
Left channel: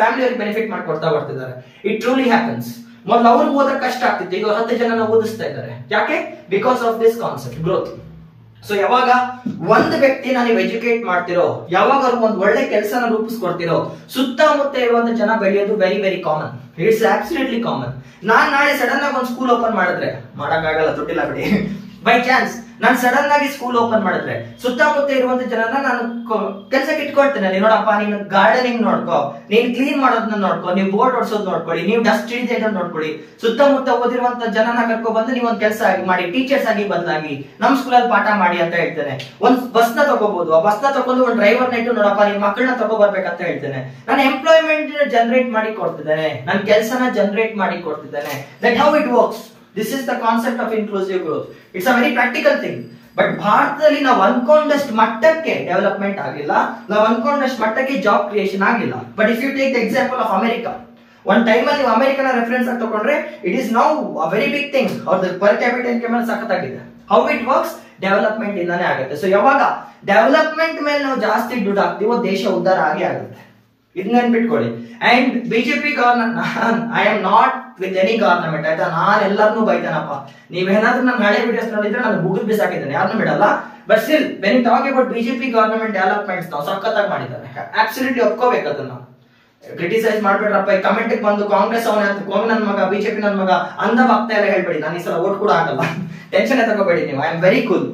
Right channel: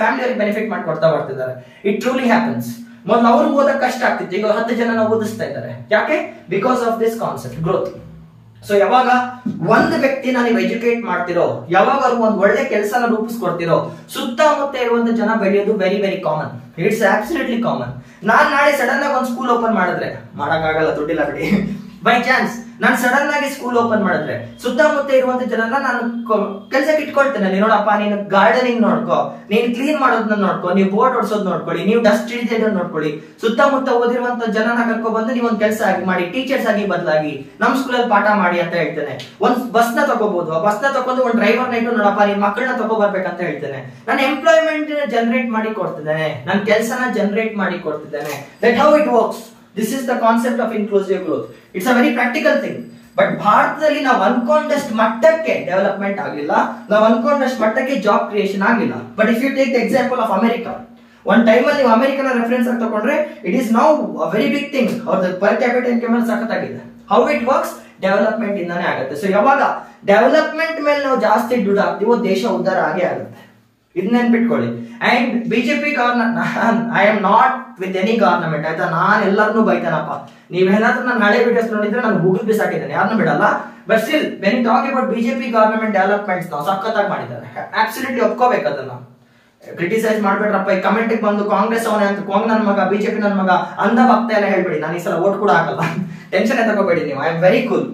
ಫ್ಯಾಮಿಲಿ ಅವ್ರಿಗೆ ಬೆನಿಫಿಟ್ ಮಾಡ್ಕೊಡ್ತಾ ಬರ್ತಿದ್ದಾರೆ. It truly happens. ಮೊದಲು ಅವ್ರಿಗೆ ಓದಕ್ ಕಷ್ಟ ಆಗ್ತಿತ್ತು, ಈಗ 10 ಜನನ ಓದಿಸ್ತಾ ಇದ್ದಾರೆ. ಯಾಕೆ? Because of this concept growth. So ಯಾವಾಗ ಒಂದು ವ್ಯಕ್ತಿನ ನೀವು ಎಜುಕೇಟ್ ಮಾಡ್ತಿರೋ, ಯಾವಾಗ ಅವ್ರಿಗೆ ಒಂದು ಒಳ್ಳೆ ಕೆಲಸನ ರೂಪಿಸ್ಕೊಡ್ತಿರೋ, ಸುತ್ತಮುತ್ತ ಇರುವಂತ ಜನ ಬೆಳೆಯೋದು very very common. It's absolutely common. ನಾನ್ ನಾಳೆ ಸಡನ್ ಆಗಿ ಒಂದು ಸ್ಕೂಲ್ ಓಪನ್ ಮಾಡಿದ್ರೆ, ಮಾಡಕ್ಕಾಗಲ್ಲ, ದುಡ್ಡಿಲ್ಲ ಬಿಡಿ, ಬೈ ಚಾನ್ಸ್ ನಾನು ಸಡನ್ ಆಗಿ ಸ್ಕೂಲ್ ಓಪನ್ ಮಾಡಿದ್ರೆ ಸುತ್ತಮುತ್ತ ಇರುವಂತ ಜನನ ನಾನು ಕೆಲ್ಸಕ್ಕೆ ಇಟ್ಕೊಳ್ತೇನೆ. ನೋಡಪ್ಪ, ನೀನು ಗಾರ್ಡನಿಂಗ್ ನೋಡ್ಕೋ, ನೀನ್ ಕ್ಲೀನ್ ಮಾಡೋದನ್ನ ನೋಡ್ಕೋ, ನೀವು ಬೋರ್ಡ್ ಓಡಿಸೋದ್ ನೋಡ್ಕೊಳ್ಳಿ, ನೀವು ಡಸ್ಟ್ ಹಿಡಿಯೋದನ್ನ ನೋಡ್ಕೊಳ್ಳಿ. ಸುತ್ತಮುತ್ತ ಓದಿರುವಂತ ಜನನ ಕರ್ಕೊ ಬಂದು ನೀವು ಒಂದು ಕೆಲಸ ಆಗಿ ಮಾಡಿ, ಟೀಚರ್ಸ್ ಆಗಿ ಬದಲಾಗಿ ನಮ್ ಸ್ಕೂಲಲ್ಲಿ ಪಾಠ ಮಾಡಿ ಅಂತ ಹೇಳ್ತೇನೆ. ಒಂದ್ ಬಸ್ ನ ತಗೋಬಹುದು, ಆ ಬಸ್ ನ ತಗೊಂಡು ಒಂದು ಡ್ರೈವರ್ ನ ಇಟ್ಟು ನೋಡಪ್ಪ ನಿನ್ ಮಕ್ಕಳನ್ನ ತಗೋಬರ್ಬೇಕಂತ ಹೇಳ್ತೇನೆ. ನಾನು ಎಂಪ್ಲಾಯ್ಮೆಂಟ್ ಜನರೇಟ್ ಮಾಡಿ ಕೊಡ್ತಿದ್ದೇನೆ, ನನ್ನ ಕೆಲಸನ ಜನರೇಟ್ ಮಾಡಿ ಕೊಡ್ತಿದ್ದೇನೆ. That how it works. This is the concept of inclusive growth. It's a very practical thing. But ಭಾರತದಲ್ಲಿ ನಾವು ಅನ್ಕೊಂಡಷ್ಟು ಮಟ್ಟಕ್ಕೆ ಡೆವಲಪ್ಮೆಂಟ್ ಆಗಿಲ್ಲ, ನಾವು ಅನ್ಕೊಂಡಷ್ಟು ಮಟ್ಟಕ್ಕೆ ಜಾಬ್ ಕ್ರಿಯೇಷನ್ ಆಗಿಲ್ಲ. But if you take the example of America, ಒಂದ್ ಟೈಮ್ ಅಲ್ಲಿ ನೀವು ಅಮೆರಿಕನ ರೆಫರೆನ್ಸ್ ಆಗಿ ತಗೊಂಡ್ರೆ it is now a very big thing. ಅವ್ರದ್ದು ಪರ್ ಕ್ಯಾಪಿಟಲ್ ಇನ್ಕಮ್ ಸಖತ್ತಾಗಿದೆ. How it works? ಡೆವಲಪ್ಮೆಂಟ್ ಇಂದಾನೆ ಆಗುತ್ತೆ. ಸೊ ಯಾವಾಗ ಡೆವಲಪ್ಮೆಂಟ್ ಮೇಲೆ ನಾವು ಜಾಸ್ತಿ ದುಡ್ಡು ಹಾಕ್ತೀವೋ ದೇಶ ಉದ್ಧಾರ ಆಗೇ ಆಗುತ್ತೆ. ಇದನ್ನ ನೆನ್ಪಿಟ್ಕೊಳ್ಳಿ. And BJP government, I am not with any government, ಆಯ್ತಾ? ನಾನು ಎಲ್ಲರನ್ನೂ ಬೈತಾನಪ್ಪ. ನೀವೇನಾದ್ರೂ ನನ್ನ ಹಳೆ ವಿಡಿಯೋಸ್ ನೋಡಿದ್ರೆ ನಾನು ಗೂಗಲ್ ಬಿಸಾಕಿದ್ದೇನೆ, ಯಾರನ್ನೂ ಬಿಡಲ್ಲ. But still when you talk about BJP government developments ನಾವು ಸಖತ್ತಾಗಿ ಮಾಡಿದ್ದಾರೆ. ಅಬ್ಸಲ್ಯೂಟ್ಲಿ ಒಪ್ಕೋಬೇಕು ಅದನ್ನ. ಕ್ರಿಟಿಸೈಸ್ ಮಾಡ್ಬೇಡ್ರಪ್ಪ. ಈ ಕಮೆಂಟ್ ಬಂದು ಕಾಂಗ್ರೆಸ್ ಅವನ ನನ್ನ ಮಗ, ಬಿಜೆಪಿ ನನ್ನ ಮಗ ಅಂದ ಭಕ್ತ ಎಲ್ಲ ಹೇಳ್ಬೇಡಿ. ನಾನು ಈ ಸಲ ಓಟ್ ಕೂಡ ಹಾಕಲ್ಲ, ಟೆನ್ಷನ್ ತಗೋಬೇಡಿ ನೀವು. I am very cool.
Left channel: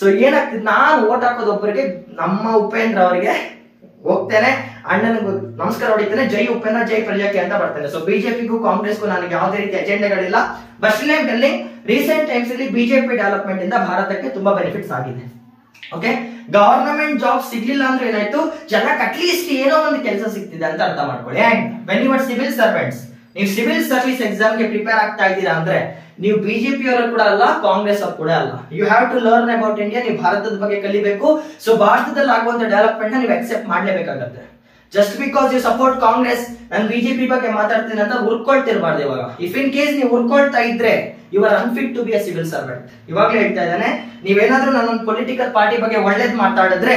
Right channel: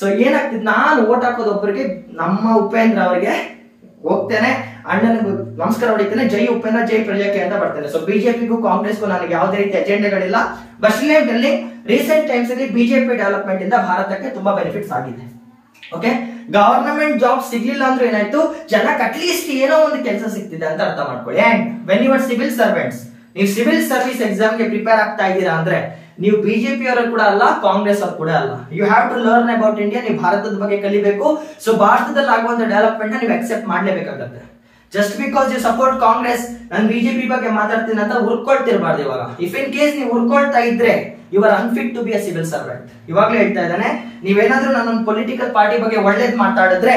So ಏನಾಗ್ತಿದ್, ನಾನು ಓಟ್ ಹಾಕೋದು ಒಬ್ಬರಿಗೆ, ನಮ್ಮ ಉಪೇಂದ್ರ ಅವರಿಗೆ ಹೋಗ್ತೇನೆ, ಅಣ್ಣನಿಗೂ ನಮಸ್ಕಾರ ಹೊಡಿತೇನೆ, ಜೈ ಉಪೇಂದ್ರ ಜೈ ಪ್ರಜಾಕ್ಕೆ ಅಂತ ಬರ್ತೇನೆ. ಸೊ ಬಿಜೆಪಿಗೂ ಕಾಂಗ್ರೆಸ್ಗೂ ನನಗೆ ಯಾವುದೇ ರೀತಿ ಅಜೆಂಡಾಗಳಿಲ್ಲ. ಬಟ್ ಸ್ಟಿಲ್ ರೀಸೆಂಟ್ ಟೈಮ್ಸ್ ಅಲ್ಲಿ ಬಿಜೆಪಿ ಡೆವಲಪ್ಮೆಂಟ್ ಇಂದ ಭಾರತಕ್ಕೆ ತುಂಬಾ ಬೆನಿಫಿಟ್ಸ್ ಆಗಿದೆ. ಓಕೆ, ಗವರ್ನಮೆಂಟ್ ಜಾಬ್ ಸಿಗ್ಲಿಲ್ಲ ಅಂದ್ರೆ ಏನಾಯ್ತು, ಜನಕ್ಕೆ ಅಟ್ಲೀಸ್ಟ್ ಏನೋ ಒಂದು ಕೆಲಸ ಸಿಗ್ತಿದೆ ಅಂತ ಅರ್ಥ ಮಾಡ್ಕೊಳ್ಳಿ. And when you are civil servants, ನೀವು ಸಿವಿಲ್ ಸರ್ವಿಸ್ ಎಕ್ಸಾಮ್ ಗೆ ಪ್ರಿಪೇರ್ ಆಗ್ತಾ ಇದ್ದೀರಾ ಅಂದ್ರೆ ನೀವು ಬಿಜೆಪಿ ಅವರು ಕೂಡ ಅಲ್ಲ, ಕಾಂಗ್ರೆಸ್ ಅವರು ಕೂಡ ಅಲ್ಲ. You have to learn about India. ನೀವು ಭಾರತದ ಬಗ್ಗೆ ಕಲಿಬೇಕು. ಸೊ ಭಾರತದಲ್ಲಿ ಆಗುವಂತ ಡೆವಲಪ್ಮೆಂಟ್ ನೀವು ಅಕ್ಸೆಪ್ಟ್ ಮಾಡ್ಲೇಬೇಕಾಗತ್ತೆ. Just because you support Congress, ನಾನು ಬಿಜೆಪಿ ಬಗ್ಗೆ ಮಾತಾಡ್ತೀನಿ ಅಂತ ಉರ್ಕೊಳ್ತಿರ್ಬಾರ್ದು. ಇವಾಗ ಇಫ್ ಇನ್ ಕೇಸ್ ನೀವು ಉರ್ಕೊಳ್ತಾ ಇದ್ರೆ you are unfit to be a civil servant. ಇವಾಗ್ಲೇ ಹೇಳ್ತಾ ಇದ್ದಾನೆ, ನೀವೇನಾದ್ರೂ ನಾನೊಂದು ಪೊಲಿಟಿಕಲ್ ಪಾರ್ಟಿ ಬಗ್ಗೆ ಒಳ್ಳೇದ್ ಮಾತಾಡಿದ್ರೆ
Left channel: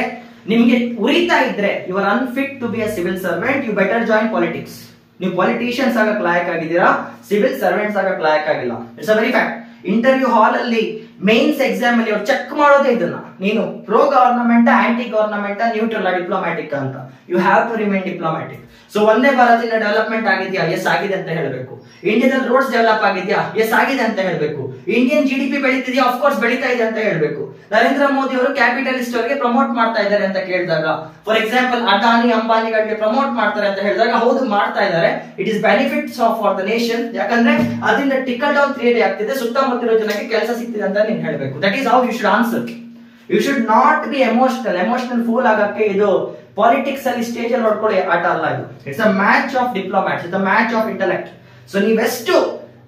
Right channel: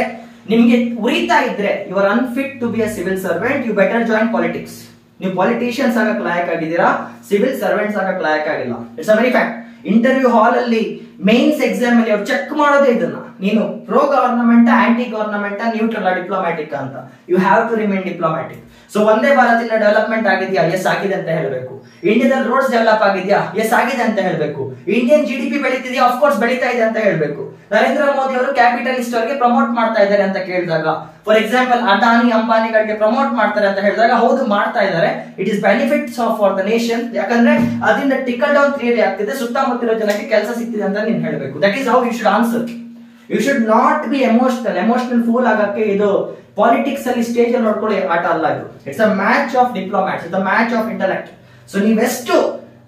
ನಿಮ್ಗೆ ಉರಿತಾ ಇದ್ರೆ you are unfit to be a civil servant. You better join politics. ನೀವು ಪಾಲಿಟಿಷಿಯನ್ಸ್ ಆಗಕ್ ಲಾಯಕ್ ಆಗಿದ್ದೀರಾ, ಸಿವಿಲ್ ಸರ್ವೆಂಟ್ಸ್ ಆಗಕ್ ಲಾಯಕ್ ಆಗಿಲ್ಲ. It's a very fact. Interview hall ಅಲ್ಲಿ ಮೇನ್ಸ್ ಎಕ್ಸಾಮ್ ಅಲ್ಲಿ ಅವ್ರು ಚೆಕ್ ಮಾಡೋದೇ ಇದನ್ನ, ನೀನು pro government, anti government, neutral, diplomatic ಅಂತ. You have to remain diplomatic. So ಒಂದೇ ಭಾರತದಿಂದ ಡೆವಲಪ್ಮೆಂಟ್ ಆಗಿದ್ಯಾ? ಎಸ್ ಆಗಿದೆ ಅಂತ ಹೇಳಬೇಕು. ಇಂಡಿಯಾದಲ್ಲಿ ರೋಡ್ಸ್ ಡೆವಲಪ್ ಆಗಿದ್ಯಾ? ಎಸ್ ಆಗಿದೆ ಅಂತ ಹೇಳಬೇಕು. Indian GDP ಬೆಳೀತಿದ್ಯಾ? ಆಫ್ ಕೋರ್ಸ್ ಬೆಳೀತಾ ಇದೆ ಅಂತ ಹೇಳಬೇಕು. ನರೇಂದ್ರ ಮೋದಿ ಅವರು ಕ್ಯಾಪಿಟಲಿಸ್ಟ್ ಅವರಿಗೆ ಪ್ರಮೋಟ್ ಮಾಡ್ತಾ ಇದ್ದಾರೆ ಅಂತ ಕೇಳಿದಾಗ, ಫಾರ್ ಎಕ್ಸಾಂಪಲ್ ಅದಾನಿ ಅಂಬಾನಿಗಳಿಗೆ ಪ್ರಮೋಟ್ ಮಾಡ್ತಾರೆ ಅಂತ ಹೇಳಿದಾಗ, ಹೌದು ಮಾಡ್ತಾ ಇದ್ದಾರೆ. It is benefits for the nation. ಯಾಕಂದ್ರೆ ಅದರಿಂದ ಟಿಕಲ್ ಡೌನ್ ಕ್ರಿಯೇಟ್ ಆಗ್ತಿದೆ, ಸುತ್ತಮುತ್ತಲಿರೋ ಜನಕ್ಕೆ ಕೆಲಸ ಸಿಗ್ತಿದೆ ಅಂತ ನೀನ್ ಹೇಳಬೇಕು. That is how you should answer. You should not be emotional fool ಆಗಕ್ಕೆ ಇದು ಪಾಲಿಟಿಕ್ಸ್ ಅಲ್ಲಿ ಸ್ಟೇಜ್ ಅಲ್ಲಿ ನೋಡ್ಕೊಳ್ಳಿ ಆಟ ಅಲ್ಲ ಇದು. It's a match of diplomats, it's a match of intellect. So ನೀವೆಷ್ಟು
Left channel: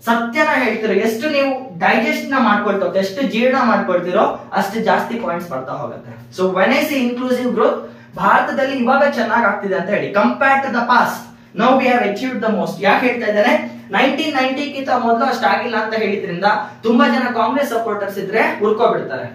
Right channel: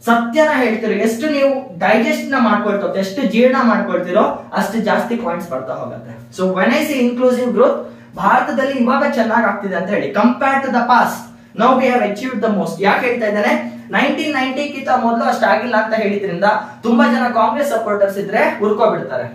ಸತ್ಯನ ಹೇಳ್ತಿರೋ, ಎಷ್ಟು ನೀವು ಡೈಜೆಸ್ಟ್ ನ ಮಾಡ್ಕೊಳ್ತೋ, ಎಷ್ಟು ಜೀರ್ಣ ಮಾಡ್ಕೊಳ್ತಿರೋ ಅಷ್ಟು ಜಾಸ್ತಿ ಪಾಯಿಂಟ್ಸ್ ಬರ್ತಾ ಹೋಗುತ್ತೆ. So when I see inclusive growth, ಭಾರತದಲ್ಲಿ ಇವಾಗ ಚೆನ್ನಾಗಿ ಆಗ್ತಿದೆ ಅಂತ ಹೇಳಿ compare to the past now we have achieved the most. ಯಾಕೆ ಹೇಳ್ತಾ ಇದ್ದಾರೆ? 1990 ಗಿಂತ ಮೊದಲು ಅಷ್ಟಾಗಿಲ್ಲ ಅಂತ ಹೇಳಿದ್ರಿಂದ ತುಂಬಾ ಜನ ಕಾಂಗ್ರೆಸ್ ಸಪೋರ್ಟರ್ಸ್ ಇದ್ರೆ ಉರ್ಕೋಬಿಡ್ತಾರೆ.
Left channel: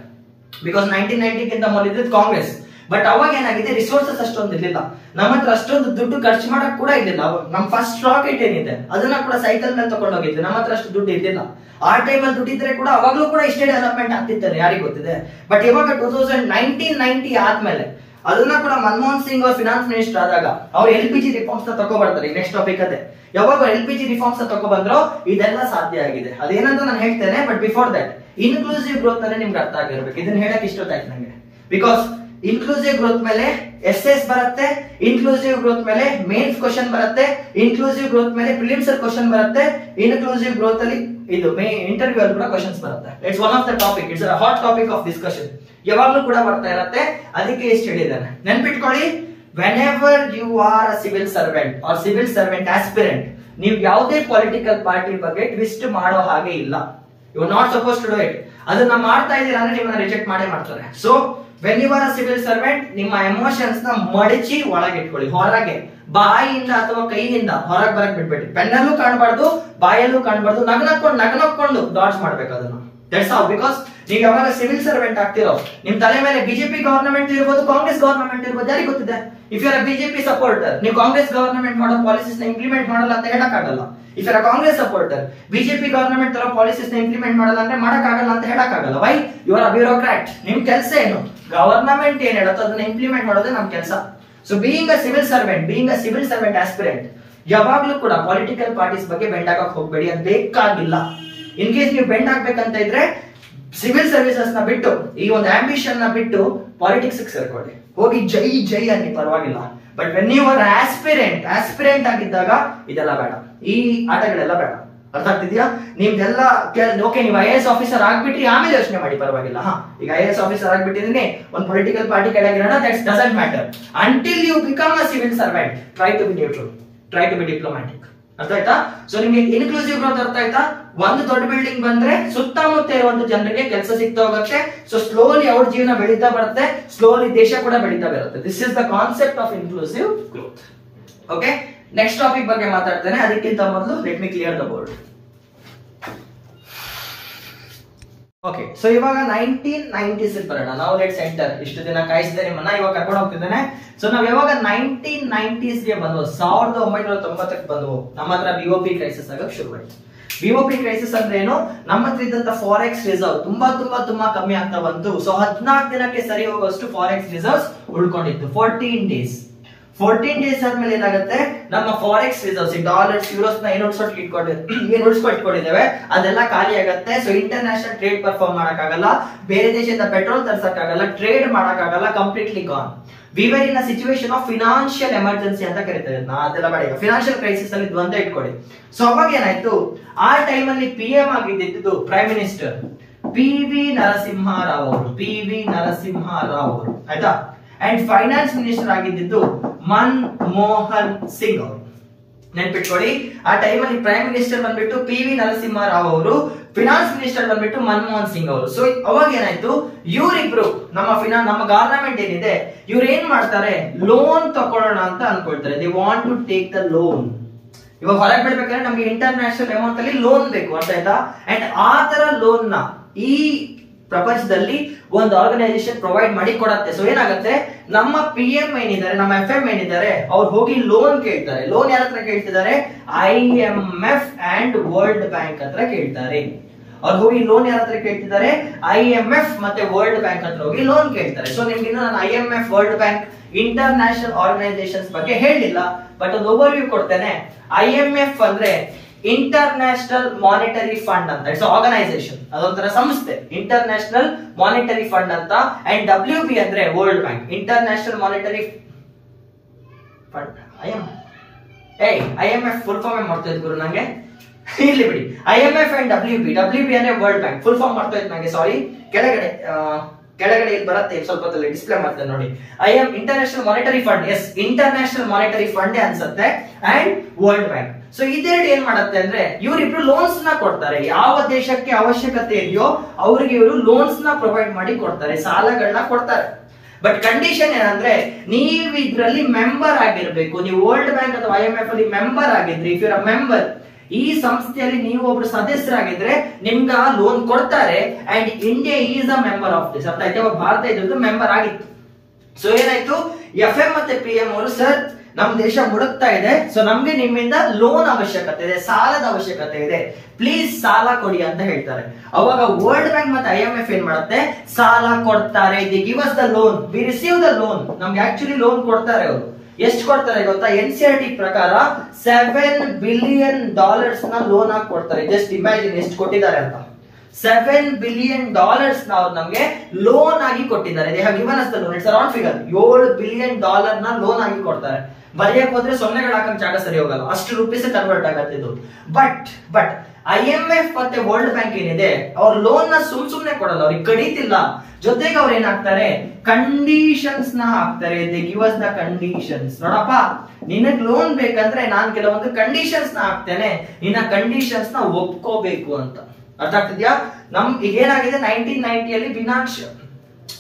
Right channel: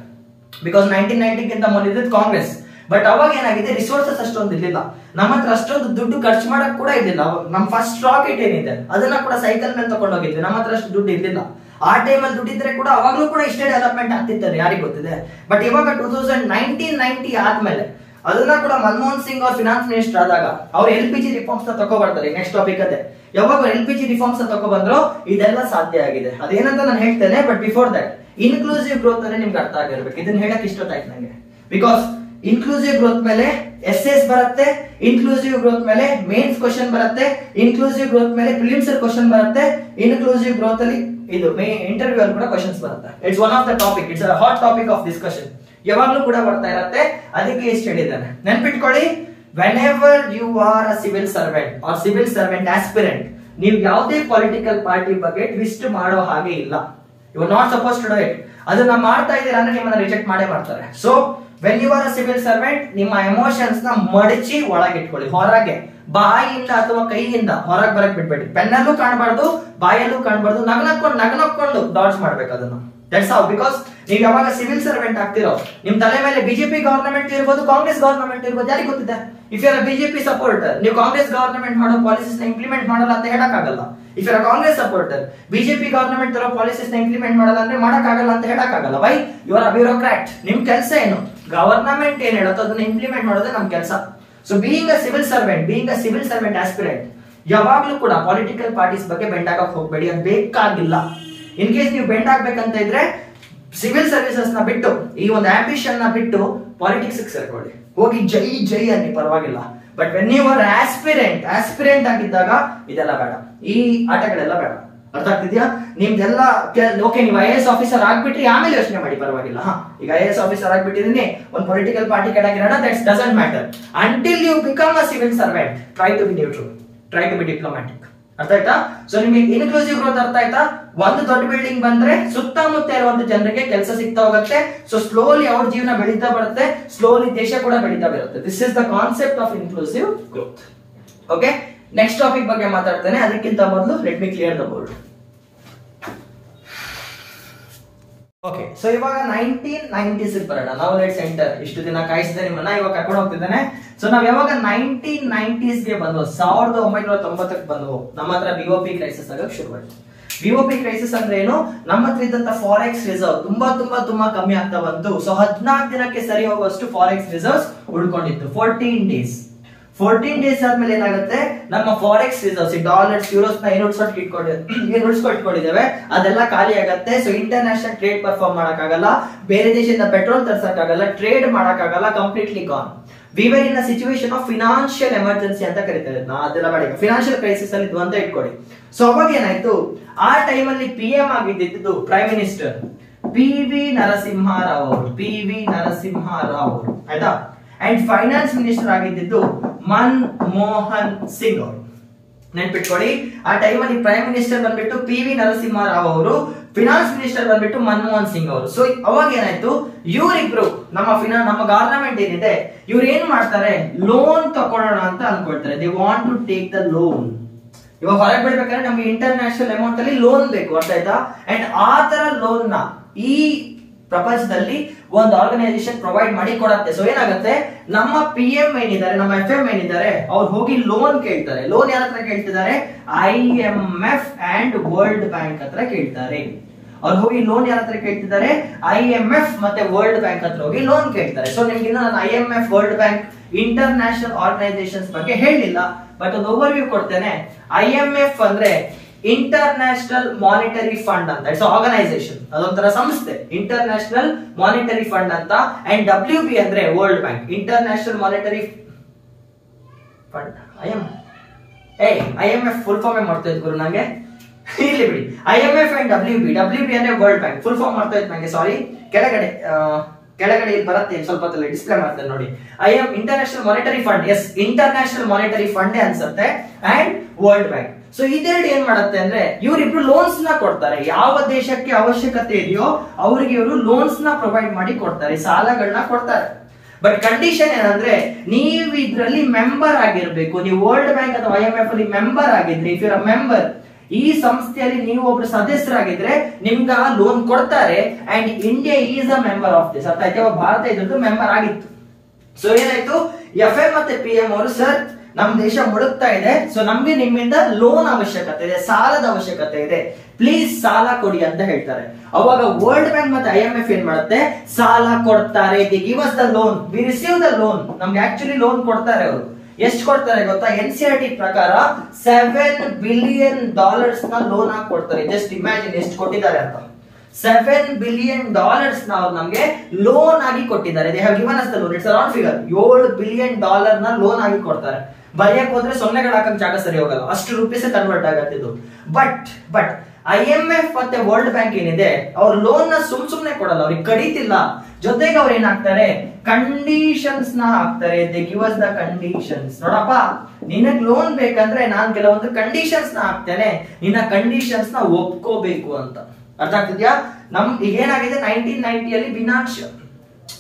ಬಿಕಾಸ್ 1990 ಗಿಂತ ಮೊದಲು ಕಾಂಗ್ರೆಸ್. ಬಟ್ ಅವಾಗ ಏನಾಗಿದೆ, ರಿಸೋರ್ಸಸ್ ಅಷ್ಟೊಂದು ಇರ್ಲಿಲ್ಲ. ನಮ್ಮ ಹತ್ರ ಅಷ್ಟೊಂದು ದುಡ್ಡು ಖರ್ಚು ಮಾಡಕ್ ಕೂಡ ಇರ್ಲಿಲ್ಲ. ನಮ್ ಫಸ್ಟ್ ರಾಕೆಟ್ ಏನಿದೆ ಅದನ್ನ ಕೂಡ ಸೈಕಲ್ ಮೇಲೆ ತಗೊಂಡು ಹೋಗಿದ್ವಿ. ನಮ್ಮ ಹತ್ರ ಅಷ್ಟು ದುಡ್ಡು ಇರ್ಲಿಲ್ಲ. ಆ ಟೈಮಲ್ಲಿ ದುಡ್ಡಿದ್ರೆ ಕೂಡ ಅವಾಗ್ಲೂ ಕೂಡ ಇಷ್ಟೇ ಡೆವಲಪ್ಮೆಂಟ್ ಆಗ್ತಿತ್ತಾನೆ, ಯಾರಿಗೆ ಗೊತ್ತಿದೆ. ಬಟ್ ಇವಾಗ 1990 ಆದ್ಮೇಲೆ ಅದನ್ನ ಕೂಡ ಮನಮೋಹನ್ ಸಿಂಗ್ ಅವ್ರ ಫಿನಾನ್ಸ್ ಮಿನಿಸ್ಟರ್ ಆದಾಗ ಅವ್ರು LPG ರಿಫಾರ್ಮ್ಸ್ ನ ತಗೊಬರ್ತಾರೆ. ನೆಕ್ಸ್ಟ್ ಟಾಪಿಕ್ ಅದೇ. ಯಾವಾಗ LPG ರಿಫಾರ್ಮ್ಸ್ ನ ತಗೊಬಂದ್ರು ಇದೆಲ್ಲ ಸಾಧ್ಯ ಆಗಿದೆ. ಅದೇನಂತ ನಾನು ಹೇಳ್ತೇನೆ. But before that inclusive growth ಅಂದ್ರೆ ನಿಮ್ಗೆ ಅರ್ಥ ಆಗಿರ್ಬೇಕು. ಇದನ್ನ ಹೇಳಕ್ ಇಷ್ಟೊತ್ತಾಯ್ತು ನಂಗೆ. ಬಿಕಾಸ್ ಇನ್ಕ್ಲೂಸಿವ್ ಗ್ರೋತ್ ಮೇಲೆ SS ಬರುತ್ತೆ, ಇನ್ಕ್ಲೂಸಿವ್ ಗ್ರೋತ್ ಮೇಲೆ ಮೇನ್ಸ್ ಕ್ವಶನ್ ಬರುತ್ತೆ, ಇನ್ಕ್ಲೂಸಿವ್ ಗ್ರೋತ್ ಮೇಲೆ ಪ್ರಿಲಿಮ್ಸ್ ಕ್ವಶನ್ ಬರುತ್ತೆ, ಇನ್ಕ್ಲೂಸಿವ್ ಗ್ರೋತ್ ಅಲ್ಲಿ ಇದು ಇಂಟರ್ವ್ಯೂ ಅಲ್ಲಿ ಕೂಡ ಕ್ವಶನ್ಸ್ ಬರುತ್ತೆ. It's one of the topic, it's a hot topic of discussion. ಯಾವಾಗ್ಲೂ ಕೂಡ ಬರ್ತಾ ಇರುತ್ತೆ. ಅದಕ್ಕೆ ಎಷ್ಟು ಹೇಳಿದ್ದಾನೆ ನೆನ್ಪಿಟ್ಕೊಳ್ಳಿ. Whenever you are a civil servant R civil servant aspirant, ನೀವು ಯಾವುದೇ ಪೊಲಿಟಿಕಲ್ ಪಾರ್ಟಿ ಬಗ್ಗೆ ಟ್ವಿಸ್ಟ್ ಮಾಡೋ ಹಾಗೆ ಇಲ್ಲ. You are not suppose to do it. ಅದನ್ನ ಮಾಡ್ತಾ ಇದ್ದೀರಾ ಅಂದ್ರೆ ನಿಮ್ಮನ್ನ ರಿಜೆಕ್ಟ್ ಮಾಡೇ ಮಾಡ್ತಾರೆ. So when you are a civil servant, ನಿಮ್ಮ ಎಮೋಷನ್ಸ್ ನ ಮಡಚಿ ಒಳಗಿಟ್ಕೊಳ್ಳಿ. ಹೊರಗೆ ಬಾಯಿಯಿಂದ ಅಥವಾ ಕೈಯಿಂದ ಹೊರಗೆ ಬರಕ್ ಬಿಡ್ಬೇಡಿ. ಪೆನ್ನಲ್ಲೂ ಕಾಣಬಾರ್ದು, ಬಾಯಲ್ಲೂ ಕಾಣಬಾರ್ದು. ನಗನಕ್ಕೊಂಡು ಡಾಡ್ಜ್ ಮಾಡ್ಬೇಕು ಅದನ್ನು. That's how. ಬಿಕಾಸ್ ನೀವು ಯಾವಾಗ ಸಿವಿಲ್ ಸರ್ವೆಂಟ್ ಆಗ್ತಿರೋ ನಿಮ್ ತಲೆ ಮೇಲೆ ಬಿಜೆಪಿ ಗವರ್ನಮೆಂಟ್ ಇರ್ಬೋದು, ಕಾಂಗ್ರೆಸ್ ಗವರ್ನಮೆಂಟ್ ಇರ್ಬೋದು, ಯಾರಿಗೆ ಗೊತ್ತಿದೆ. If you are BJP supporter, ನೀವು ಕಾಂಗ್ರೆಸ್ ಗವರ್ನಮೆಂಟ್ ಮಾಡೋ ಪಾಲಿಸೀಸ್ ನ ಇಂಪ್ಲಿಮೆಂಟ್ ಮಾಡಲ್ಲ ಅಂತ ಹೇಳಕ್ಕಾಗಲ್ಲ. If you are Congress supporter, BJP government ತರೋ ಪಾಲಿಸೀಸ್ ನ ಇಂಪ್ಲಿಮೆಂಟ್ ಮಾಡಲ್ಲ ಅಂದ್ರೆ ಮಾಡಕ್ಕಾಗಲ್ಲ ಅಂತ ಹೇಳಕ್ಕಾಗಲ್ಲ. Why? You are a bureaucrat. ನಿಮ್ ಕೆಲಸ ಏನು? ಗವರ್ನಮೆಂಟ್ ಏನ್ ಹೇಳುತ್ತೋ ಅದನ್ನ ಇಂಪ್ಲಿಮೆಂಟ್ ಮಾಡೋದೇ ನಮ್ ಕೆಲಸ. So being a civil servant, being a civil servant aspirant, ಯಾವಾಗ್ಲೂ ಕೂಡ ಪೊಲಿಟಿಕಲ್ ಪಾರ್ಟೀಸ್ ಬಗ್ಗೆ ಬೆಂಡ್ ಆಗಕ್ ಹೋಗ್ಬೇಡಿ. ಅದು ಬೇಕಾಗಿಲ್ಲ. ಇನ್ ಕೇಸ್ ನೀವು ಬೆಂಡ್ ಆಗ್ಬೇಕಂತ ಇದ್ರೆ ಸಿವಿಲ್ ಸರ್ವಿಸಸ್ ನ ಬಿಟ್ಟು, ಈ ಒಂದು ಆಂಬಿಷನ್ ನ ಬಿಟ್ಟು ಪಾಲಿಟಿಕ್ಸ್ ಸೇರ್ಕೊಳ್ಳಿ. ಹೋಗಿ ಜೈ ಅನ್ನಿ, ಪರವಾಗಿಲ್ಲ. But when you are aspirant ಆಗಿದ್ದಾಗ ಇದೆಲ್ಲ ಬೇಡ, ಈ ಆಟಗಳೆಲ್ಲ ಬೇಡ. ಅರ್ಥ ಆಗ್ತಿದ್ಯಾ? ನಿಮ್ದೆಲ್ಲ ಓಕೆ, ನೀವು IAS ಆಫೀಸರ್ ಆಗ್ಬಿಟ್ರಿ, ಆಮೇಲೆ ಯೋಚನೆ ಮಾಡಿ, ಪರವಾಗಿಲ್ಲ. ಈಗ IAS ಆಫೀಸರ್ ಆಗ್ಬಿಟ್ಟಿದ್ರೆ ಒಂದು ಪೊಲಿಟಿಕಲ್ ಪಾರ್ಟಿ ಕೆಳಗಿರೋಣ, that doesn't matter. Until you become a civil servant, try to be neutral, try to be diplomatic. ಅರ್ಥ ಆಯ್ತಾ? ಸೊ ನಿಮ್ಗೆ ಇನ್ಕ್ಲೂಸಿವ್ ಗ್ರೋತ್ ಅರ್ಥ ಆಯ್ತಾ? ಒಂದು ದೊಡ್ಡ ಬಿಲ್ಡಿಂಗ್ ಬಂದ್ರೆ ಸುತ್ತಮುತ್ತ ಇರುವಂತ ಜನರಿಗೆ ಕೆಲಸ ಸಿಗ್ತಾ ಹೋಗುತ್ತೆ. ಸೊ ಸ್ಲೋಲಿ ಅವ್ರ ಜೀವನ ಬೆಳೀತಾ ಬರುತ್ತೆ, ಸ್ಲೋಲಿ ದೇಶ ಕೂಡ ಬೆಳೀತಾ ಬರುತ್ತೆ. This is the concept of inclusive growth. Okay, next topic ಬಗ್ಗೆ ಮಾತಾಡ್ತೇನೆ. ಅದಕ್ಕಿಂತ ಮೊದಲು let me clear the board. Okay, so ಇವಾಗ 1990s ಬರೋಣ. ನಾವು ಲೆಟ್ಸ್ ಎಂಟರ್. ಇಷ್ಟು ದಿನ ಕಾಯಿಸಿದೆ ನಿಮ್ಮನ್ನ, ಇವಾಗ ಕರ್ಕೊಂಡು ಹೋಗ್ತಿದ್ದೇನೆ. ಸೊ ನಾವ್ ಯಾವಾಗ 1990s ಗೆ ಬಂದ್ವು, 1990ಕ್ಕೆ ಬಂದ್ವು, ನಮ್ಮ ಹತ್ರ BOP ಕ್ರೈಸಿಸ್ ಆಗಕ್ ಶುರುವಾಯಿತು. BOP ಕ್ರೈಸಿಸ್ ಅಂದ್ರೆ ಏನು? ನಮ್ಮ ಹತ್ರ ಇದ್ದಂತ ಫಾರೆಕ್ಸ್ ರಿಸರ್ವ್ ತುಂಬಾ ಕಮ್ಮಿ ಆಗ್ತಾ ಬಂತು. ಸೊ 14 ದಿನಕ್ಕೆ ಸರಿ ಹೋಗುವಷ್ಟು ಫಾರೆಕ್ಸ್ ರಿಸರ್ವ್ಸ್ ಉಳ್ಕೊಂಡಿತ್ತು. 14 ಡೇಸ್ ಆದ್ಮೇಲೆ ಏನಾಗುತ್ತೆ, ನಮ್ಮ ಫಾರೆಕ್ಸ್ ರಿಸರ್ವ್ಸ್, ಡಾಲರ್ಸ್, ಯೂರೋಸ್ ನ ಏನು ಉಳಿಸ್ಕೊಟ್ಟಿದ್ದೇವೆ ಅದೆಲ್ಲ ಖಾಲಿ ಆಗತ್ತೆ. ಸೊ ಇಂಟರ್ನ್ಯಾಷನಲ್ ಟ್ರೇಡ್ ಪರ್ಫಾರ್ಮ್ ಮಾಡಕ್ಕಾಗಲ್ಲ, ಬೇರೆ ದೇಶದಿಂದ ಪೆಟ್ರೋಲ್ ತರ್ಸಕ್ಕಾಗಲ್ಲ, ಟ್ರೇಡ್ ಮಾಡಕ್ಕಾಗಲ್ಲ, completely gone. We were in a situation of financial emergency ಅಂತ ಕರೀತಾರೆ. ಅದೆಲ್ಲ ಮಾಡಿ ಫಿನಾನ್ಷಿಯಲ್ ಕ್ರೈಸಿಸ್ ಅಲ್ಲಿ ಇದ್ವು ಅಂತ ಇಟ್ಕೊಳ್ಳಿ. ಸೊ ಅವಾಗ ಏನಾಯ್ತು, ಆ ಟೈಮ್ ಅಲ್ಲಿ PM ಆಗಿದ್ದು ಪ್ರೈಮ್ ಮಿನಿಸ್ಟರ್ PV ನರಸಿಂಹರಾವ್ ಅವರು, ಆಯ್ತಾ. ಅಂಡ್ ಫೈನಾನ್ಸ್ ಮಿನಿಸ್ಟರ್ ಆಗಿದ್ದು ಮನಮೋಹನ್ ಸಿಂಗ್ ಅವರು. ನೆನ್ಪಿಟ್ಕೊಳ್ಳಿ. ಆ ಟೈಮಲ್ಲಿ ಪ್ರೈಮ್ ಮಿನಿಸ್ಟರ್ ಬಂದ್ಬಿಟ್ಟು PV ನರಸಿಂಹರಾವ್ ಅವರು, ಫಿನಾನ್ಸ್ ಮಿನಿಸ್ಟರ್ ಬಂದ್ಬಿಟ್ಟು ಮನಮೋಹನ್ ಸಿಂಗ್ ಅವರು. ಸೊ ಅವಾಗ ಏನಾಯ್ತು, ಇವರಿಬ್ರು ನಮ್ಮ ಗವರ್ನಮೆಂಟ್ ಏನಿದೆ ಇವ್ರು ಏನ್ ಮಾಡ್ತಾರೆ, ಲೋನ್ ತಕೊಳ್ಳೋಣ ಅಂತ ಅನ್ಕೊಳ್ತಾರೆ. They want to take the loan. ಇವಾಗ ಹೊರಗೆ ಬಿಡ್ಬೇಕಾದ್ರೆ ನಮ್ಗೆ ಇಂಟರ್ನ್ಯಾಷನಲ್ ಅಮೌಂಟ್ ಅಲ್ಲಿ ಲೋನ್ ಬೇಕು, ಅರ್ಥ ಆಯ್ತಾ? ಅಂಡ್ ಆ ತರ ಲೋನ್ ನ ಈ ಪ್ರಪಂಚದಲ್ಲಿ ಒಂದು ಆರ್ಗನೈಸೇಷನ್ ಪ್ರೊವೈಡ್ ಮಾಡಿ ಕೊಡತ್ತೆ. ಸೊ ಏನಾಗುತ್ತೆ, ನಮ್ಮ PM ಏನಿದ್ದಾರೆ, ನಮ್ಮ FM ಏನಿದ್ದಾರೆ, ಅವ್ರು ಹೋಗಿ ಲೋನ್ ಕೇಳ್ತಾರೆ. ಲೋನ್ ಯಾರ ಹತ್ರ ಕೇಳ್ತಿದ್ದಾರೆ, IMF ಅಂಡ್ ವರ್ಲ್ಡ್ ಬ್ಯಾಂಕ್ ಹತ್ರ ಕೇಳ್ತಾರೆ. ಅವ್ರು ಹೋಗಿ ಲೋನ್ ಯಾರ ಹತ್ರ ಕೇಳ್ತಿದ್ದಾರೆ, IMF ಮತ್ತೆ ವರ್ಲ್ಡ್ ಬ್ಯಾಂಕ್ ಹತ್ರ ಹೋಗಿ ಲೋನ್ ಕೇಳ್ತಾರೆ. ಸೊ ನಿಮ್ಗೆ ಇನ್ನು ನಾನು IMF, world bank, international organisations ಬಗ್ಗೆ ಹೇಳಿಲ್ಲ, ಬಟ್ ಒಂದು ಓವರ್ವ್ಯೂ ಕೊಡ್ತೇನೆ. IMF ಅಂದ್ರೆ ಇಂಟರ್ನ್ಯಾಷನಲ್ ಮಾನಿಟರಿ ಫಂಡ್ ಅಂತ, ಇಟ್ಸ್ ಆರ್ಗನೈಸೇಷನ್, ಅದೊಂಥರ ಸಂಸ್ಥೆ, ಇಂಟರ್ನ್ಯಾಷನಲ್ ಮಾನಿಟರಿ ಫಂಡ್ ಅಂತ. ಅಂಡ್ WB ಅಂದ್ರೆ world bank, international monetary fund. IMF full form ಮಾಡ್ತಾ ಇದ್ ಗುರು ನಂಗೆ, ಇಲ್ಲಿ ಬಿಡಿ. IMF ಅಂಡ್ WB ಅಂದ್ರೆ ವರ್ಲ್ಡ್ ಬ್ಯಾಂಕ್, ಫುಲ್ ಫಾರ್ಮ್ ಮಾಡ್ತಾ ಇತ್ತು ನಂಗೆ, ಸಾರಿ. ಕೆಳಗಡೆ ಇಲ್ಲಿ ಬರುತ್ತೆ, ಸ್ವಲ್ಪ ಡಿಸ್ಪ್ಲೇ ಮಾಡ್ತೇನೆ ನೋಡಿ. International monetary fund, yes international monetary fund ಅನ್ಸುತ್ತೆ, ಅಂಡ್ ವರ್ಲ್ಡ್ ಬ್ಯಾಂಕ್. ಸೊ ಇದೆರಡು ಏನ್ ಮಾಡುತ್ತೆ ಅಂದ್ರೆ, ಇವರಿಬ್ರು ಲೋನ್ಸ್ ನ ಕೊಡ್ತಾರೆ. ಯಾವ ದೇಶಕ್ಕೆ ಅವಶ್ಯಕತೆ ಇದೆಯೋ ಅವ್ರಿಗೆ ಇವರು ಲೋನ್ಸ್ ನ ಪ್ರೊವೈಡ್ ಮಾಡಿ ಕೊಡ್ತಾರೆ, ಸಾಲಗಳನ್ನ ಕೊಡ್ತಾರೆ. ಬಟ್ ಕಂಡೀಷನ್ ಏನಂದ್ರೆ, ನೀವು ಇದ್ರಲ್ಲಿ ಮೆಂಬರ್ ಆಗಿರ್ಬೇಕು. ನೀವು ವರ್ಲ್ಡ್ ಬ್ಯಾಂಕ್ ಅಥವಾ IMF ಅಲ್ಲಿ ಮೆಂಬರ್ ಆಗಿದ್ರಿ, ಇಫ್ ಯುರ್ ಅ ಮೆಂಬರ್, ಈ ಸಂಸ್ಥೆಯಲ್ಲಿ ನೀವು ಒಬ್ರು ಸದಸ್ಯರಾಗಿದ್ರೆ ನಿಮ್ಗೆ ಆ ಲೋನ್ ಕೊಡ್ತಾರೆ. And India is a member of this, ಅರ್ಥ ಆಯ್ತಾ? ಭಾರತ ಇದ್ರದ್ದು ಮೆಂಬರ್ ಆಗಿತ್ತು. ಸೊ ಏನಾಯ್ತು, FM ಮತ್ತೆ PM ಅವರು, ಸರ್ ನಮ್ ದೇಶ ಮುಳುಗ್ತಾ ಇದೆ, ಸೊ ನಮ್ಗೆ ನಿಮ್ಮಿಂದ ಲೋನ್ ಅವಶ್ಯಕತೆ ಇದೆ, ಸಾಲದ ಅವಶ್ಯಕತೆ ಇದೆ, ಪ್ಲೀಸ್ ಸಾಲ ಕೊಡಿ ಅಂತ ಹೇಳ್ತಾರೆ. ಅವಾಗ ವರ್ಲ್ಡ್ ಬ್ಯಾಂಕ್ ಮತ್ತೆ IMF ಏನ್ ಮಾಡುತ್ತೆ, ಸಾಲ ಕೊಡ್ತಾರೆ. The give us the loan, V receive the loan. ನಮ್ಗೆ ಆಕ್ಚುಲಿ ಲೋನ್ ಕೊಡ್ತಾರೆ ಅವರು. ಎಷ್ಟು ಕೊಡ್ತಾರೆ ಗೊತ್ತಾ? NCLT ಪ್ರಕಾರ $7 billion ನ ಲೋನ್ ಆಗಿ ಕೊಡ್ತಾರೆ. ಜಸ್ಟ್ ಇಮ್ಯಾಜಿನ್ ಎಷ್ಟು ಕೊಟ್ಟಿದ್ದಾರೆ ಅಂತ. $7 billion ನ ಅವ್ರು ನಮ್ಗೆ ಲೋನ್ ಆಗಿ ಕೊಟ್ಟಿದ್ದಾರೆ. They have given us the loan. It's a round figure. $7 billion ನ ಲೋನ್ ಆಗಿ ಕೊಡ್ತಾರೆ. ಬರೆಯಕ್ ಹೋದ್ರೆ ಸೊನ್ನೆಗಳು ಹಾಕಕ್ ಜಾಗ ಸರಿ ಹೋಗಲ್ಲ, ಅಷ್ಟು ರೂಪೀಸ್ ಕನ್ವರ್ಟ್ ಆಗತ್ತೆ ಇದು. ಬಟ್ IMF ಮತ್ತೆ ವರ್ಲ್ಡ್ ಬ್ಯಾಂಕ್ ಏನಿದೆ, ಅವ್ರ ಲೋನ್ ನ ಸುಮ್ನೆ ಕೊಡಲ್ಲ, ಅವ್ರಿಗೆ ಕಡಿತಿಲ್ಲ. ಜೊತೆಗೆ ಅವ್ರು ಏನಾಗ್ತಾರೆ, ಕಂಡೀಷನ್ಸ್ ನ ಹಾಕ್ತಾರೆ. They give us the conditions. ನೋಡಪ್ಪ, ನಿನಗ್ ಲೋನ್ ಬೇಕಂದ್ರೆ ನಾನ್ ಕೆಲವೊಂದು ಕಂಡೀಷನ್ಸ್ ನ ಹಾಕ್ತೇನೆ, ನಿನ್ನ ಕಂಡೀಷನ್ಸ್ ನ ಒಪ್ಕೋಬೇಕು ಅಂತ. ಅರ್ಥ ಆಗ್ತಿದ್ಯಾ? ನಮ್ಗೆ ಏನಾಗಿದೆ, 1990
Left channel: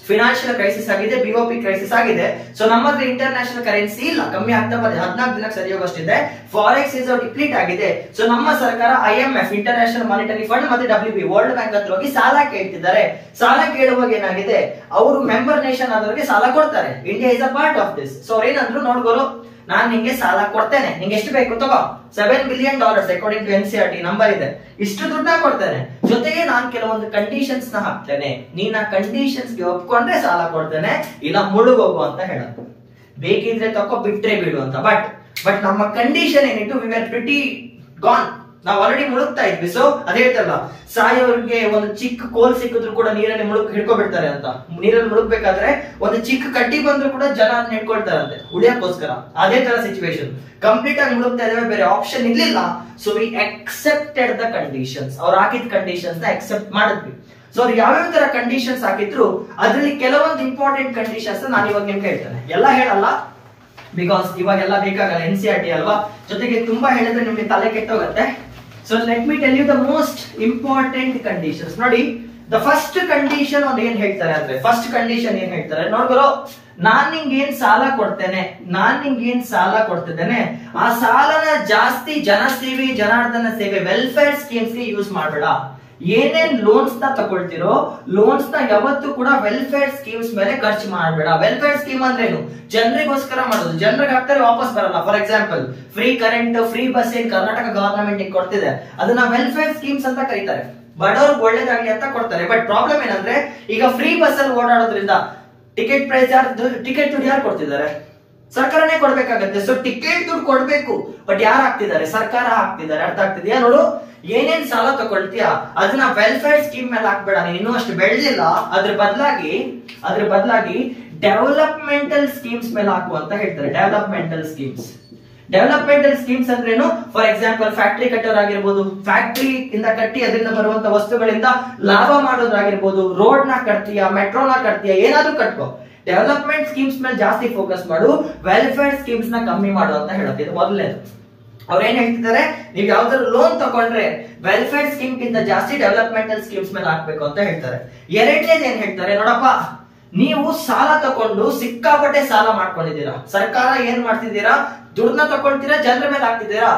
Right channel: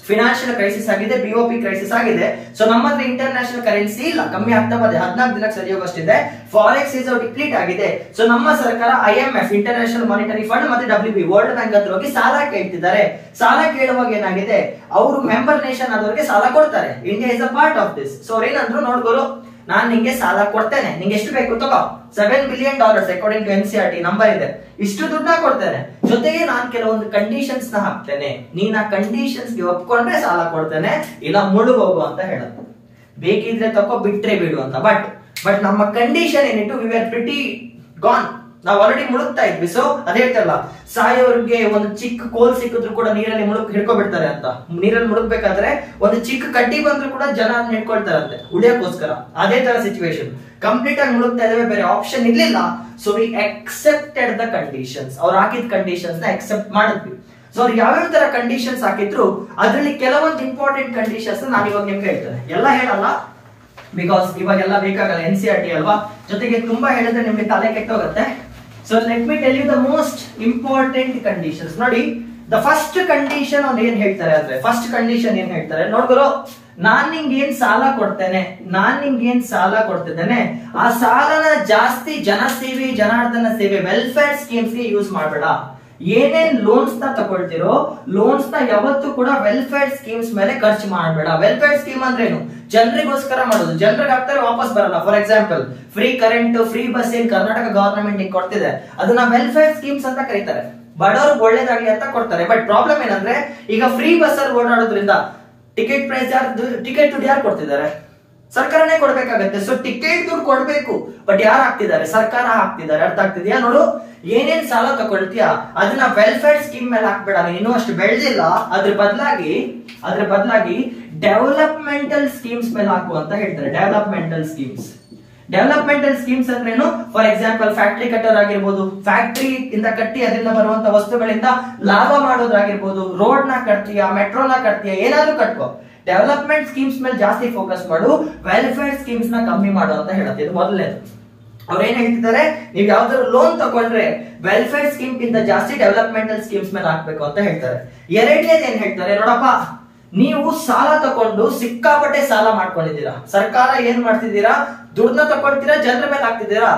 ಫಿನಾನ್ಷಿಯಲ್ ಕ್ರೈಸಿಸ್ ಆಗಿದೆ, BOP ಕ್ರೈಸಿಸ್ ಆಗಿದೆ. ಸೊ ನಮ್ಮ ಹತ್ರ ಇಂಟರ್ನ್ಯಾಷನಲ್ ಕರೆನ್ಸಿ ಇಲ್ಲ, ಕಮ್ಮಿ ಆಗ್ತಾ ಬಂದಿದೆ. 14 ದಿನ ಸರಿ ಹೋಗೋಷ್ಟಿದೆ. ಫಾರೆಕ್ಸ್ ಇಸ್ ಡಿಪ್ಲೀಟ್ ಆಗಿದೆ. ಸೊ ನಮ್ಮ ಸರ್ಕಾರ IMF, ಇಂಟರ್ನ್ಯಾಷನಲ್ ಮಾನಿಟರಿ ಫಂಡ್ ಮತ್ತೆ WB, ವರ್ಲ್ಡ್ ಬ್ಯಾಂಕ್ ಹತ್ರ ಹೋಗಿ ಸಾಲ ಕೇಳ್ತಿದ್ದಾರೆ. ಸಾಲ ಕೇಳುವಾಗ ಏನಾಗಿದೆ, ಅವರು ಮೆಂಬರ್ ನೇಷನ್ ಆದವರಿಗೆ ಸಾಲ ಕೊಡ್ತಾರೆ. India is a part of this. So ಅವ್ರು ಏನಂದ್ರು, ನೋಡ್ಗೋರು ನಾನ್ ನಿಂಗೆ ಸಾಲ ಕೊಡ್ತೇನೆ, ನಿಂಗೆ ಎಷ್ಟು ಬೇಕು ತಗೋ, $7 billion according to NCLT number ಇದೆ, ಇಷ್ಟು ದುಡ್ಡ ಕೊಡ್ತೇನೆ. ಜೊತೆಗೆ ನಾನ್ ಕೆಲವೊಂದು ಕಂಡೀಷನ್ಸ್ ನ ಹಾಕ್ತೇನೆ, ನೀನ್ ಆ ಕಂಡೀಷನ್ಸ್ ಗೆ ಒಪ್ಕೊಂಡ್ರೆ ಸಾಲ ಕೊಡ್ತೇನೆ, ಇಲ್ಲ ಮುಳುಗೋಗು ಅಂತ ಹೇಳೋದು. ಬೇಕಿದ್ರೆ ತಗೋ, ಬಿಟ್ರೆ ಬಿಡು ಅಂತ. ಬಟ್ ನಮ್ಮ ಕಂಡೀಷನ್ ಏನಿಟ್ಟು, ವಿ ಆರ್ ಪ್ರಿಟಿ ಗಾನ್, ನಾವು ಆಲ್ರೆಡಿ ಮುಳುಗ್ತಾ ಇದ್ವಿ. ಸೊ ಅದೇ ಹೇಳ್ತಾರಲ್ಲ, ಸಾಯೋರ್ಗೆ ಒಂದು ಚಿಕ್ಕ ಕೋಲ್ ಸಿಕ್ಕಿದ್ರು ಕೂಡ ನೀರಲ್ಲಿ ಹಿಡ್ಕೊಬಿಡ್ತಾರೆ ಅಂತ. ನೀರಲ್ಲಿ ಮುಳುಗ್ಬೇಕಾದ್ರೆ ಒಂದು ಚಿಕ್ಕ ಕಡ್ಡಿ ಬಂದ್ರು ಕೂಡ ಜನ ಹಿಡ್ಕೊಳ್ತಾರಂತೆ ಉಳಿಯಕ್ಕೋಸ್ಕರ. ಅದೇ ತರ ಸಿಚುವೇಶನ್, ಕಂಪ್ಲೀಟ್ ಆಗಿ ಮುಳುಗ್ತಾ ಇದಾವೆ, ಬೇರೆ ಆಪ್ಷನ್ ಇರ್ಲಿಲ್ಲ. So we accepted the conditions. ಅವ್ರು ಹಾಕಿದ ಕಂಡೀಷನ್ಸ್ ನ ಅಕ್ಸೆಪ್ಟ್ ಮಾಡಿದ್ವಿ. ಸೊ ಅವ್ರು ಯಾವ್ಯಾವ ತರ ಕಂಡೀಷನ್ಸ್ ಹಾಕಿದ್ರು, ಅದರಲ್ಲಿ ಕೆಲವೊಂದು ಇಂಪಾರ್ಟೆಂಟ್ ಕಂಡೀಷನ್ಸ್ ನಾನು ಇವಾಗ ನಿಮ್ಗೆ ಹೇಳ್ತೇನೆ. ಎಲ್ಲ ಹೇಳಲ್ಲ, ಬಿಕಾಸ್ ಇವಾಗೆಲ್ಲ ಬೇಕಾಗಲ್ಲ, NCLT ಅಲ್ವಾ. ಜೊತೆಗೆ ತುಂಬಾ ಹೇಳಿದ್ರೆ ನಿಮ್ಗೆ ತಲೆ ಕೆಟ್ಟೋಗತ್ತೆ. So let me tell you the most important conditions. ನೋಡಿ, the first condition ಅವ್ರು ಏನ್ ಹೇಳ್ತಾರೆ ಅಂದ್ರೆ, ಫಸ್ಟ್ ಕಂಡೀಷನ್ ಏನ್ ಹೇಳ್ತಾರೆ ನೋಡ್ಗುರು, ನಾನ್ ನಿಂಗೆ ಏನ್ ಸಾಲ ಕೊಡ್ತಿದ್ದೇನೆ, ಆ ಸಾಲನ ಜಾಸ್ತಿ ಜನಸೇವೆ, ಜನಾರ್ದನ ಸೇವೆ, ವೆಲ್ಫೇರ್ ಸ್ಕೀಮ್ಸ್ ಗೆ ಯೂಸ್ ಮಾಡಬೇಡ. ಏನೇನ್ ಲೋನ್ಸ್ ನ ತಗೊಳ್ತಿರೋ, ಲೋನ್ಸ್ ನ ಯಾವತ್ತೂ ಕೂಡ ವೆಲ್ಫೇರ್ ಸ್ಕೀಮ್ಸ್ ಮೇಲೆ ಖರ್ಚು ಮಾಡಬೇಡ. ವೆಲ್ಫೇರ್ ಸ್ಕೀಮ್ ಅಂದ್ರೇನು, ಜನರಿಗೋಸ್ಕರ ಮಾಡೋದು, ಜನರಿಗೆ ಹಾಕ್ತಾರೆ ವಾಪಸ್ ಬರಲ್ಲ. For example, free current, free bus ಏನ್ ಕರ್ನಾಟಕ ಗವರ್ನಮೆಂಟ್ ಕೊಡ್ತಿದೆ, ಅದನ್ನ ವೆಲ್ಫೇರ್ ಸ್ಕೀಮ್ಸ್ ಅಂತ ಕರೀತಾರೆ. ಬಡವ್ರಿಗೆ ಒಳ್ಳೇದಾಗ್ಲಿ ಅಂತ ಕೊಡ್ತಾರೆ. ಬಟ್ ಪ್ರಾಬ್ಲಮ್ ಏನಂದ್ರೆ, ಈಗ ಫ್ರೀ ಬಸ್ ಅಲ್ಲಿ ಓಡಾಡೋದ್ರಿಂದ ಟಿಕೆಟ್ ದುಡ್ಡು ಯಾರು ಕೊಡ್ತಿದ್ದಾರೆ? ಸರ್ಕಾರನೇ ಕೊಡ್ಬೇಕಾಗತ್ತೆ. ಸೊ ಟಿಕೆಟ್ ದುಡ್ಡು ಕೊಡ್ಬೇಕು, ಬಟ್ ಯಾರು ಹಾಕ್ತಿದ್ದಾರೆ? ಸರ್ಕಾರ ಹಾಕ್ತಿದ್ದಾರೆ. ಅರ್ಥ ಆಗ್ತಿದ್ಯಾ? ನೋಡು, ಏನೇನ್ ಸಾಲ ತಗೊಳ್ತೀಯಾ ಅದನ್ನ ವೆಲ್ಫೇರ್ ಸ್ಕೀಮ್ ಮೇಲೆ ಹಾಕ್ಬೇಡ. ನೀನು ಇನ್ನೂ ಅಷ್ಟು ಬೆಳೆದಿಲ್ಲ, ಅದ್ರ ಬದಲಾಗಿ ಡೆವಲಪ್ಮೆಂಟಲ್ ಸ್ಕೀಮ್ಸ್ ಮೇಲೆ ಹಾಕು ಅಂತ ಹೇಳ್ತಾರೆ. ಡೆವಲಪ್ಮೆಂಟಲ್ ಸ್ಕೀಮ್ಸ್ ಅಂದ್ರೇನು? ಫಾರ್ ಎಕ್ಸಾಂಪಲ್, ಫ್ಯಾಕ್ಟರಿ ಕಟ್ಟೋರಾಗಿರ್ಬೋದು, ಫ್ಯಾಕ್ಟರಿ ಇಂದ ಕಟ್ಟಿ ಅದರಿಂದ ಬರುವಂತ ವಸ್ತುಗಳಿಂದ ಲಾಭ ಮಾಡೋದಾಗಿರ್ಬೋದು, ರೋಡ್ ನ ಕಟ್ತೀಯಾ, ಮೆಟ್ರೋನ ಕಟ್ತೀಯಾ, ಏನಾದ್ರೂ ಕಟ್ಕೋ. ಡೆವಲಪ್ಮೆಂಟ್ ಸ್ಕೀಮ್ಸ್ ಮೇಲೆ ಜಾಸ್ತಿ ಫೋಕಸ್ ಮಾಡು, ವೆಲ್ಫೇರ್ ಸ್ಕೀಮ್ಸ್ ನ ಕಮ್ಮಿ ಮಾಡು ಅಂತ ಹೇಳುತ್ತೆ. ಇದು ಮೊದಲನೇದು. ಅವ್ರು ಏನ್ ಹೇಳ್ತಿದ್ದಾರೆ, ನೀವ್ ಯಾವ್ದಾದ್ರು ಲೋನ್ ತಗೊಂಡ್ರೆ ವೆಲ್ಫೇರ್ ಸ್ಕೀಮ್ ಗಿಂತ ಜಾಸ್ತಿ ಡೆವಲಪ್ಮೆಂಟಲ್ ಸ್ಕೀಮ್ಸ್ ಮೇಲೆ ಹಾಕ್ಬೇಕು ಅಂತ ಹೇಳ್ತಾರೆ. ಎರಡನೇದು ಏನ್ ಹೇಳ್ತಾರೆ, ನೋಡಪ್ಪ ನೀವು ಸಾಲ ತಗೊಂಡು ಸಿಕ್ಕಾಪಟ್ಟೆ ಸಾಲ ಮಾಡ್ಕೊಂಡಿದ್ದೀರಾ, ಸರ್ಕಾರ ಏನ್ ಮಾಡ್ತಿದ್ದೀರಾ, ದುಡ್ಡನ್ನ ತಗೊಳ್ತೀರಾ, ಜನರ ಮೇಲೆ ಹಾಕ್ತಿದ್ದೀರಾ,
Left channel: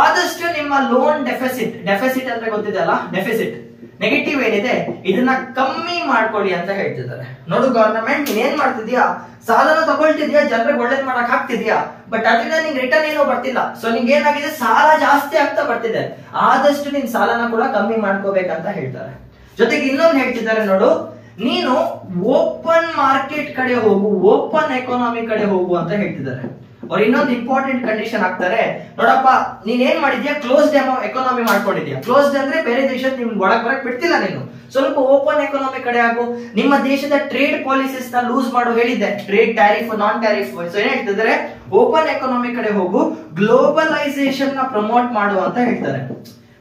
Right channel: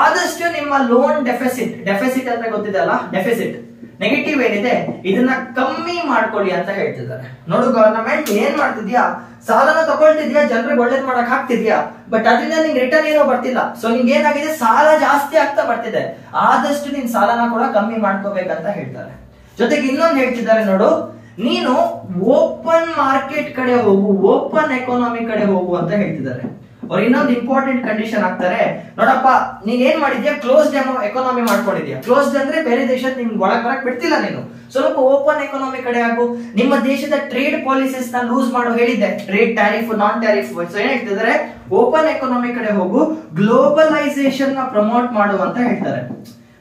ಆದಷ್ಟು ನಿಮ್ಮ ಲೋನ್ ಡೆಫಿಸಿಟ್ ಅಂದ್ರೆ ಗೊತ್ತಿದೆ ಅಲ್ಲ, ಡೆಫಿಸಿಟ್ ನೆಗೆಟಿವ್ ಏನಿದೆ ಇದನ್ನ ಕಮ್ಮಿ ಮಾಡ್ಕೊಳ್ಳಿ ಅಂತ ಹೇಳ್ತಿದ್ದಾರೆ. ನೋಡು ಗವರ್ನಮೆಂಟ್ ಏನ್ ಮಾಡ್ತಿದ್ಯಾ, ಸಾಲನ ತಗೊಳ್ತಿದ್ಯಾ, ಜನರಿಗೆ ಒಳ್ಳೇದ್ ಮಾಡಕ್ ಹಾಕ್ತಿದ್ಯಾ, ಬಟ್ ಅದರಿಂದ ನಿಂಗೆ ರಿಟರ್ನ್ ಏನೋ ಬರ್ತಿಲ್ಲ. ಸೊ ನಿಂಗೆ ಏನಾಗಿದೆ, ಸಾಲ ಜಾಸ್ತಿ ಆಗ್ತಾ ಬರ್ತಿದೆ, ಆದಷ್ಟು ನಿನ್ ಸಾಲನ ಕೂಡ ಕಮ್ಮಿ ಮಾಡ್ಕೋಬೇಕಂತ ಹೇಳ್ತಾರೆ. ಜೊತೆಗೆ ಇನ್ನೊಂದು ಹೇಳ್ತಿದ್ದಾರೆ, ನೋಡು ನೀನು ಓಪನ್ ಮಾರ್ಕೆಟ್ ಕಡೆ ಹೋಗು, ಓಪನ್ ಎಕಾನಮಿ ಕಡೆ ಹೋಗು ಅಂತ ಹೇಳ್ತಿದ್ದಾರೆ. ಅವ್ರು ಇನ್ನೊಂದು ಇಂಪಾರ್ಟೆಂಟ್ ಕಂಡೀಷನ್ ಹಾಕ್ತಾರೆ, ನೋಡಪ್ಪ ನೀನ್ ಏನ್ ಮಾಡಿದ್ಯಾ, ಕ್ಲೋಸ್ಡ್ ಎಕಾನಮಿ ಮಾಡ್ಕೊಂಡಿದ್ಯಾ. ಕ್ಲೋಸ್ಡ್ ಅಂದ್ರೆ ಬೇರೆ ದೇಶದ ನಿಮ್ಗೆ ಒಳಗ್ ಬರಕ್ ಬಿಡ್ತಿಲ್ಲ, ನೀನು ಸ್ವಲ್ಪ ಓಪನ್ ಎಕಾನಮಿ ಕಡೆ ಆಗು. ನಿಮ್ಮ ದೇಶದ ಟ್ರೇಡ್ ಪಾಲಿಸೀಸ್ ನ ಲೂಸ್ ಮಾಡೋ ಹೇಳಿದ್ದೆ, trade tariff, non tariff. So ಏನ್ ಹೇಳ್ತಿದ್ದಾರೆ, ಓಪನ್ ಎಕಾನಮಿ ಕಡೆ ಹೋಗು, ಗ್ಲೋಬಲೈಸೇಷನ್ ನ ಪ್ರಮೋಟ್ ಮಾಡು ಅಂತ ಹೇಳ್ತಾರೆ.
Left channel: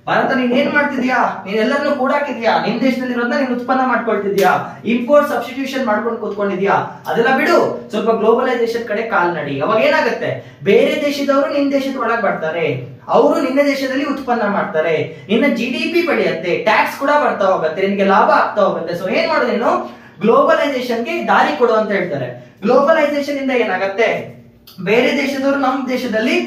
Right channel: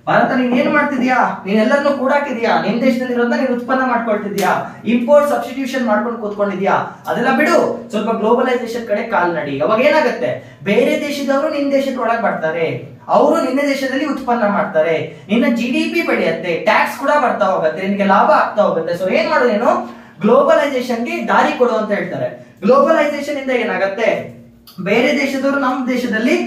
ಭಾರತ ನೀನ್ ಏನ್ ಮಾಡ್ತಿದ್ಯಾ, ನೀನ್ ಎಲ್ಲರನ್ನು ಕೂಡಾಕಿದ್ಯಾ, ನಿಮ್ ದೇಶದಲ್ಲಿರೋದನ್ನ ನೀನ್ ಉತ್ಪನ್ನ ಮಾಡ್ಕೊಳ್ತಿದ್ಯಾ, ಇಂಪೋರ್ಟ್ ಸಬ್ಸ್ಟಿಟ್ಯೂಷನ್ ಮಾಡ್ಕೊಂಡು ಕೂತ್ಕೊಂಡಿದ್ಯಾ, ಅದೆಲ್ಲ ಬಿಡು, ಸ್ವಲ್ಪ ಗ್ಲೋಬಲೈಸೇಷನ್ ಕಡೆ ಕಾಲ್ ನಡಿ. ಅವಾಗ ಏನಾಗುತ್ತೆ, ಬೇರೆ ದೇಶದವರು ನಿನ್ ದೇಶದ ಒಳಗ್ ಬರ್ತಾರೆ, ಅವರು ನಿನ್ನ ದೇಶದಲ್ಲಿ ಉತ್ಪನ್ನ ಮಾಡ್ತಾರೆ, ನಿನ್ನ GDP ಬೆಳೆಯುತ್ತೆ, ಟ್ಯಾಕ್ಸ್ ಕೂಡ ಬರ್ತಾ ಹೋಗುತ್ತೆ, ನಿನ್ಗೆ ಲಾಭ ಆಗ್ತಾ ಹೋಗುತ್ತೆ. ಸೊ ಏನ್ ಮಾಡು, ನೀನು ಗ್ಲೋಬಲೈಸೇಷನ್ಗೆ ದಾರಿ ಕೊಡು ಅಂತ ಹೇಳ್ತಾರೆ. ಗ್ಲೋಬಲೈಸೇಷನ್ ಇಂದ ಏನಾಗುತ್ತೆ, ಬೇರೆ ದೇಶದವರು ನಮ್ಮ ದೇಶದಲ್ಲಿ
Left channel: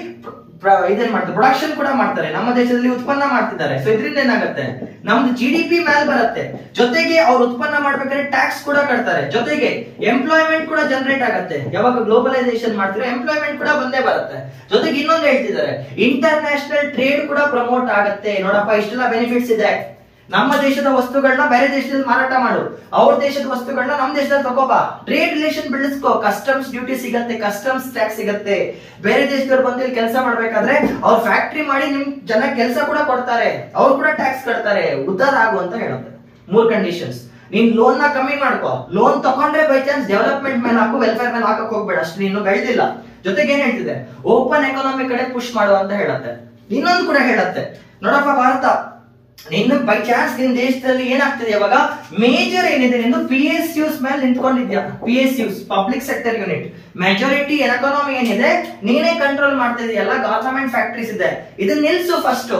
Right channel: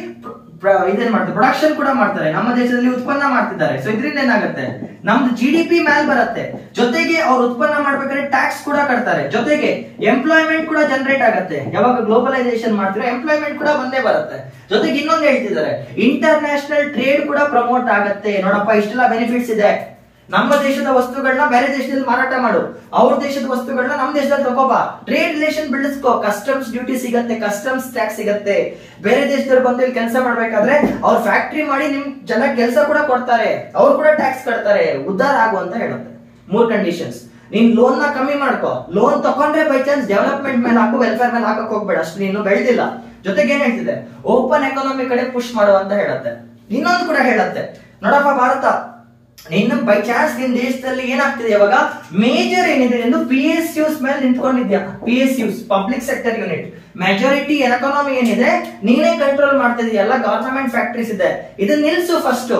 ಇದೇನ್ ಮಾಡ್ತಾರೆ, ಪ್ರೊಡಕ್ಷನ್ ಕೂಡ ಮಾಡ್ತಾರೆ, ನಮ್ಮ ದೇಶದಲ್ಲಿ ಉತ್ಪನ್ನ ಮಾಡ್ತಿದ್ದಾರೆ. ಸೊ ಇದರಿಂದ ಏನಾಗುತ್ತೆ, ನಮ್ದು GDP ಮೇಲೆ ಬರುತ್ತೆ, ಜೊತೆಗೆ ಅವ್ರು ಉತ್ಪನ್ನ ಮಾಡ್ಬೇಕಾದ್ರೆ ಟ್ಯಾಕ್ಸ್ ಕೂಡ ಕಟ್ತಾರೆ, ಜೊತೆಗೆ ಎಂಪ್ಲಾಯ್ಮೆಂಟ್ ಕೂಡ ಜನರೇಟ್ ಆಗುತ್ತೆ. ಯಾವಾಗ ಗ್ಲೋಬಲೈಸೇಷನ್ ಮಾಡ್ತೀರಾ ಎಂಪ್ಲಾಯ್ಮೆಂಟ್ ಕೂಡ ಬಂದೇ ಬರುತ್ತೆ. ಜೊತೆಗೆ ಇನ್ನೊಂದು ಹೇಳ್ತಿದ್ದಾರೆ, ಇಂಟರ್ನ್ಯಾಷನಲ್ ಟ್ರೇಡ್ ಕೂಡ ಪ್ರಮೋಟ್ ಆಗುತ್ತೆ. ನೋಡಪ್ಪ ಇಷ್ಟೆಲ್ಲ ಬೆನಿಫಿಟ್ಸ್ ಇದೆ, ನಮ್ಮ ದೇಶದ ವಸ್ತುಗಳನ್ನ ಬೇರೆ ದೇಶದಲ್ಲಿ ಮಾರಾಟ ಮಾಡು, ಅವ್ರ ದೇಶದ ವಸ್ತುಗಳನ್ನ ನಮ್ಮ ದೇಶದಲ್ಲಿ ತಗೋಬಾ, ಟ್ರೇಡ್ ರಿಲೇಷನ್ ಬೆಳೆಸ್ಕೋ, ಕಸ್ಟಮ್ಸ್ ಡ್ಯೂಟಿ ಸಿಗತ್ತೆ, ಕಸ್ಟಮ್ಸ್ ಟ್ಯಾಕ್ಸ್ ಸಿಗತ್ತೆ. ಬೇರೆ ದೇಶದವ್ರು ಬಂದು ಇಲ್ಲಿ ಕೆಲಸ ಮಾಡ್ಬೇಕಾದ್ರೆ ಅವ್ರ ಫ್ಯಾಕ್ಟರಿ ಮಾಡಿ ನಿಮ್ ಜನ ಕೆಲಸ ಕೂಡ ಕೊಡ್ತಾರೆ, ಅವ್ರು ಕೂಡ ಟ್ಯಾಕ್ಸ್ ಕಟ್ತಾರೆ, ಉದ್ಧಾರ ಆಗು ಅಂತ ಹೇಳುತ್ತೆ. 3 ಕಂಡೀಷನ್ಸ್. ನೀನ್ ಲೋನ್ ನ ಕಮ್ಮಿ ಮಾಡ್ಕೋ, ಲೋನ್ ತಗೊಂಡ್ರೆ ಬೈ ಚಾನ್ಸ್ ಡೆವಲಪ್ಮೆಂಟ್ ಮೇಲೆ ಹಾಕು, ವೆಲ್ಫೇರ್ ಮೇಲೆ ಹಾಕಕ್ ಹೋಗ್ಬೇಡ, ಅಷ್ಟು ನೀನು ಬೆಳೆದಿಲ್ಲ. ಜೊತೆಗೆ ಏನ್ ಹೇಳ್ತಿದೆ, ಓಪನ್ ಎಕಾನಮಿ ಕಡೆ ಪುಷ್ ಮಾಡು ಅಂತ ಹೇಳುತ್ತೆ. ಇನ್ನೊಂದು ಕೂಡ ಹೇಳುತ್ತೆ, ನೋಡಪ್ಪ ಭಾರತ ನಿನ್ನ ಬೈ ಚಾನ್ಸ್ ನಿನ್ ದೇಶದಲ್ಲಿ ಏನಾಗ್ತಿದೆ, ಇವಾಗ ಮೇಜರ್ ಏನಿದೆ, ನಿಂದು PSUs ಮೇಲೆ ನಿಂತ್ಕೊಂಡಿದ್ಯಾ, PSUs public sector unit, majority economy ಏನಿದೆ ನೀನೇ ಕಂಟ್ರೋಲ್ ಮಾಡ್ತಿದ್ಯಾ, ಎಲ್ಲ ಗವರ್ನಮೆಂಟ್ ಫ್ಯಾಕ್ಟರೀಸ್ ಇದೆ, ಇದನ್ನ ನಿಲ್ಸು ಫಸ್ಟ್.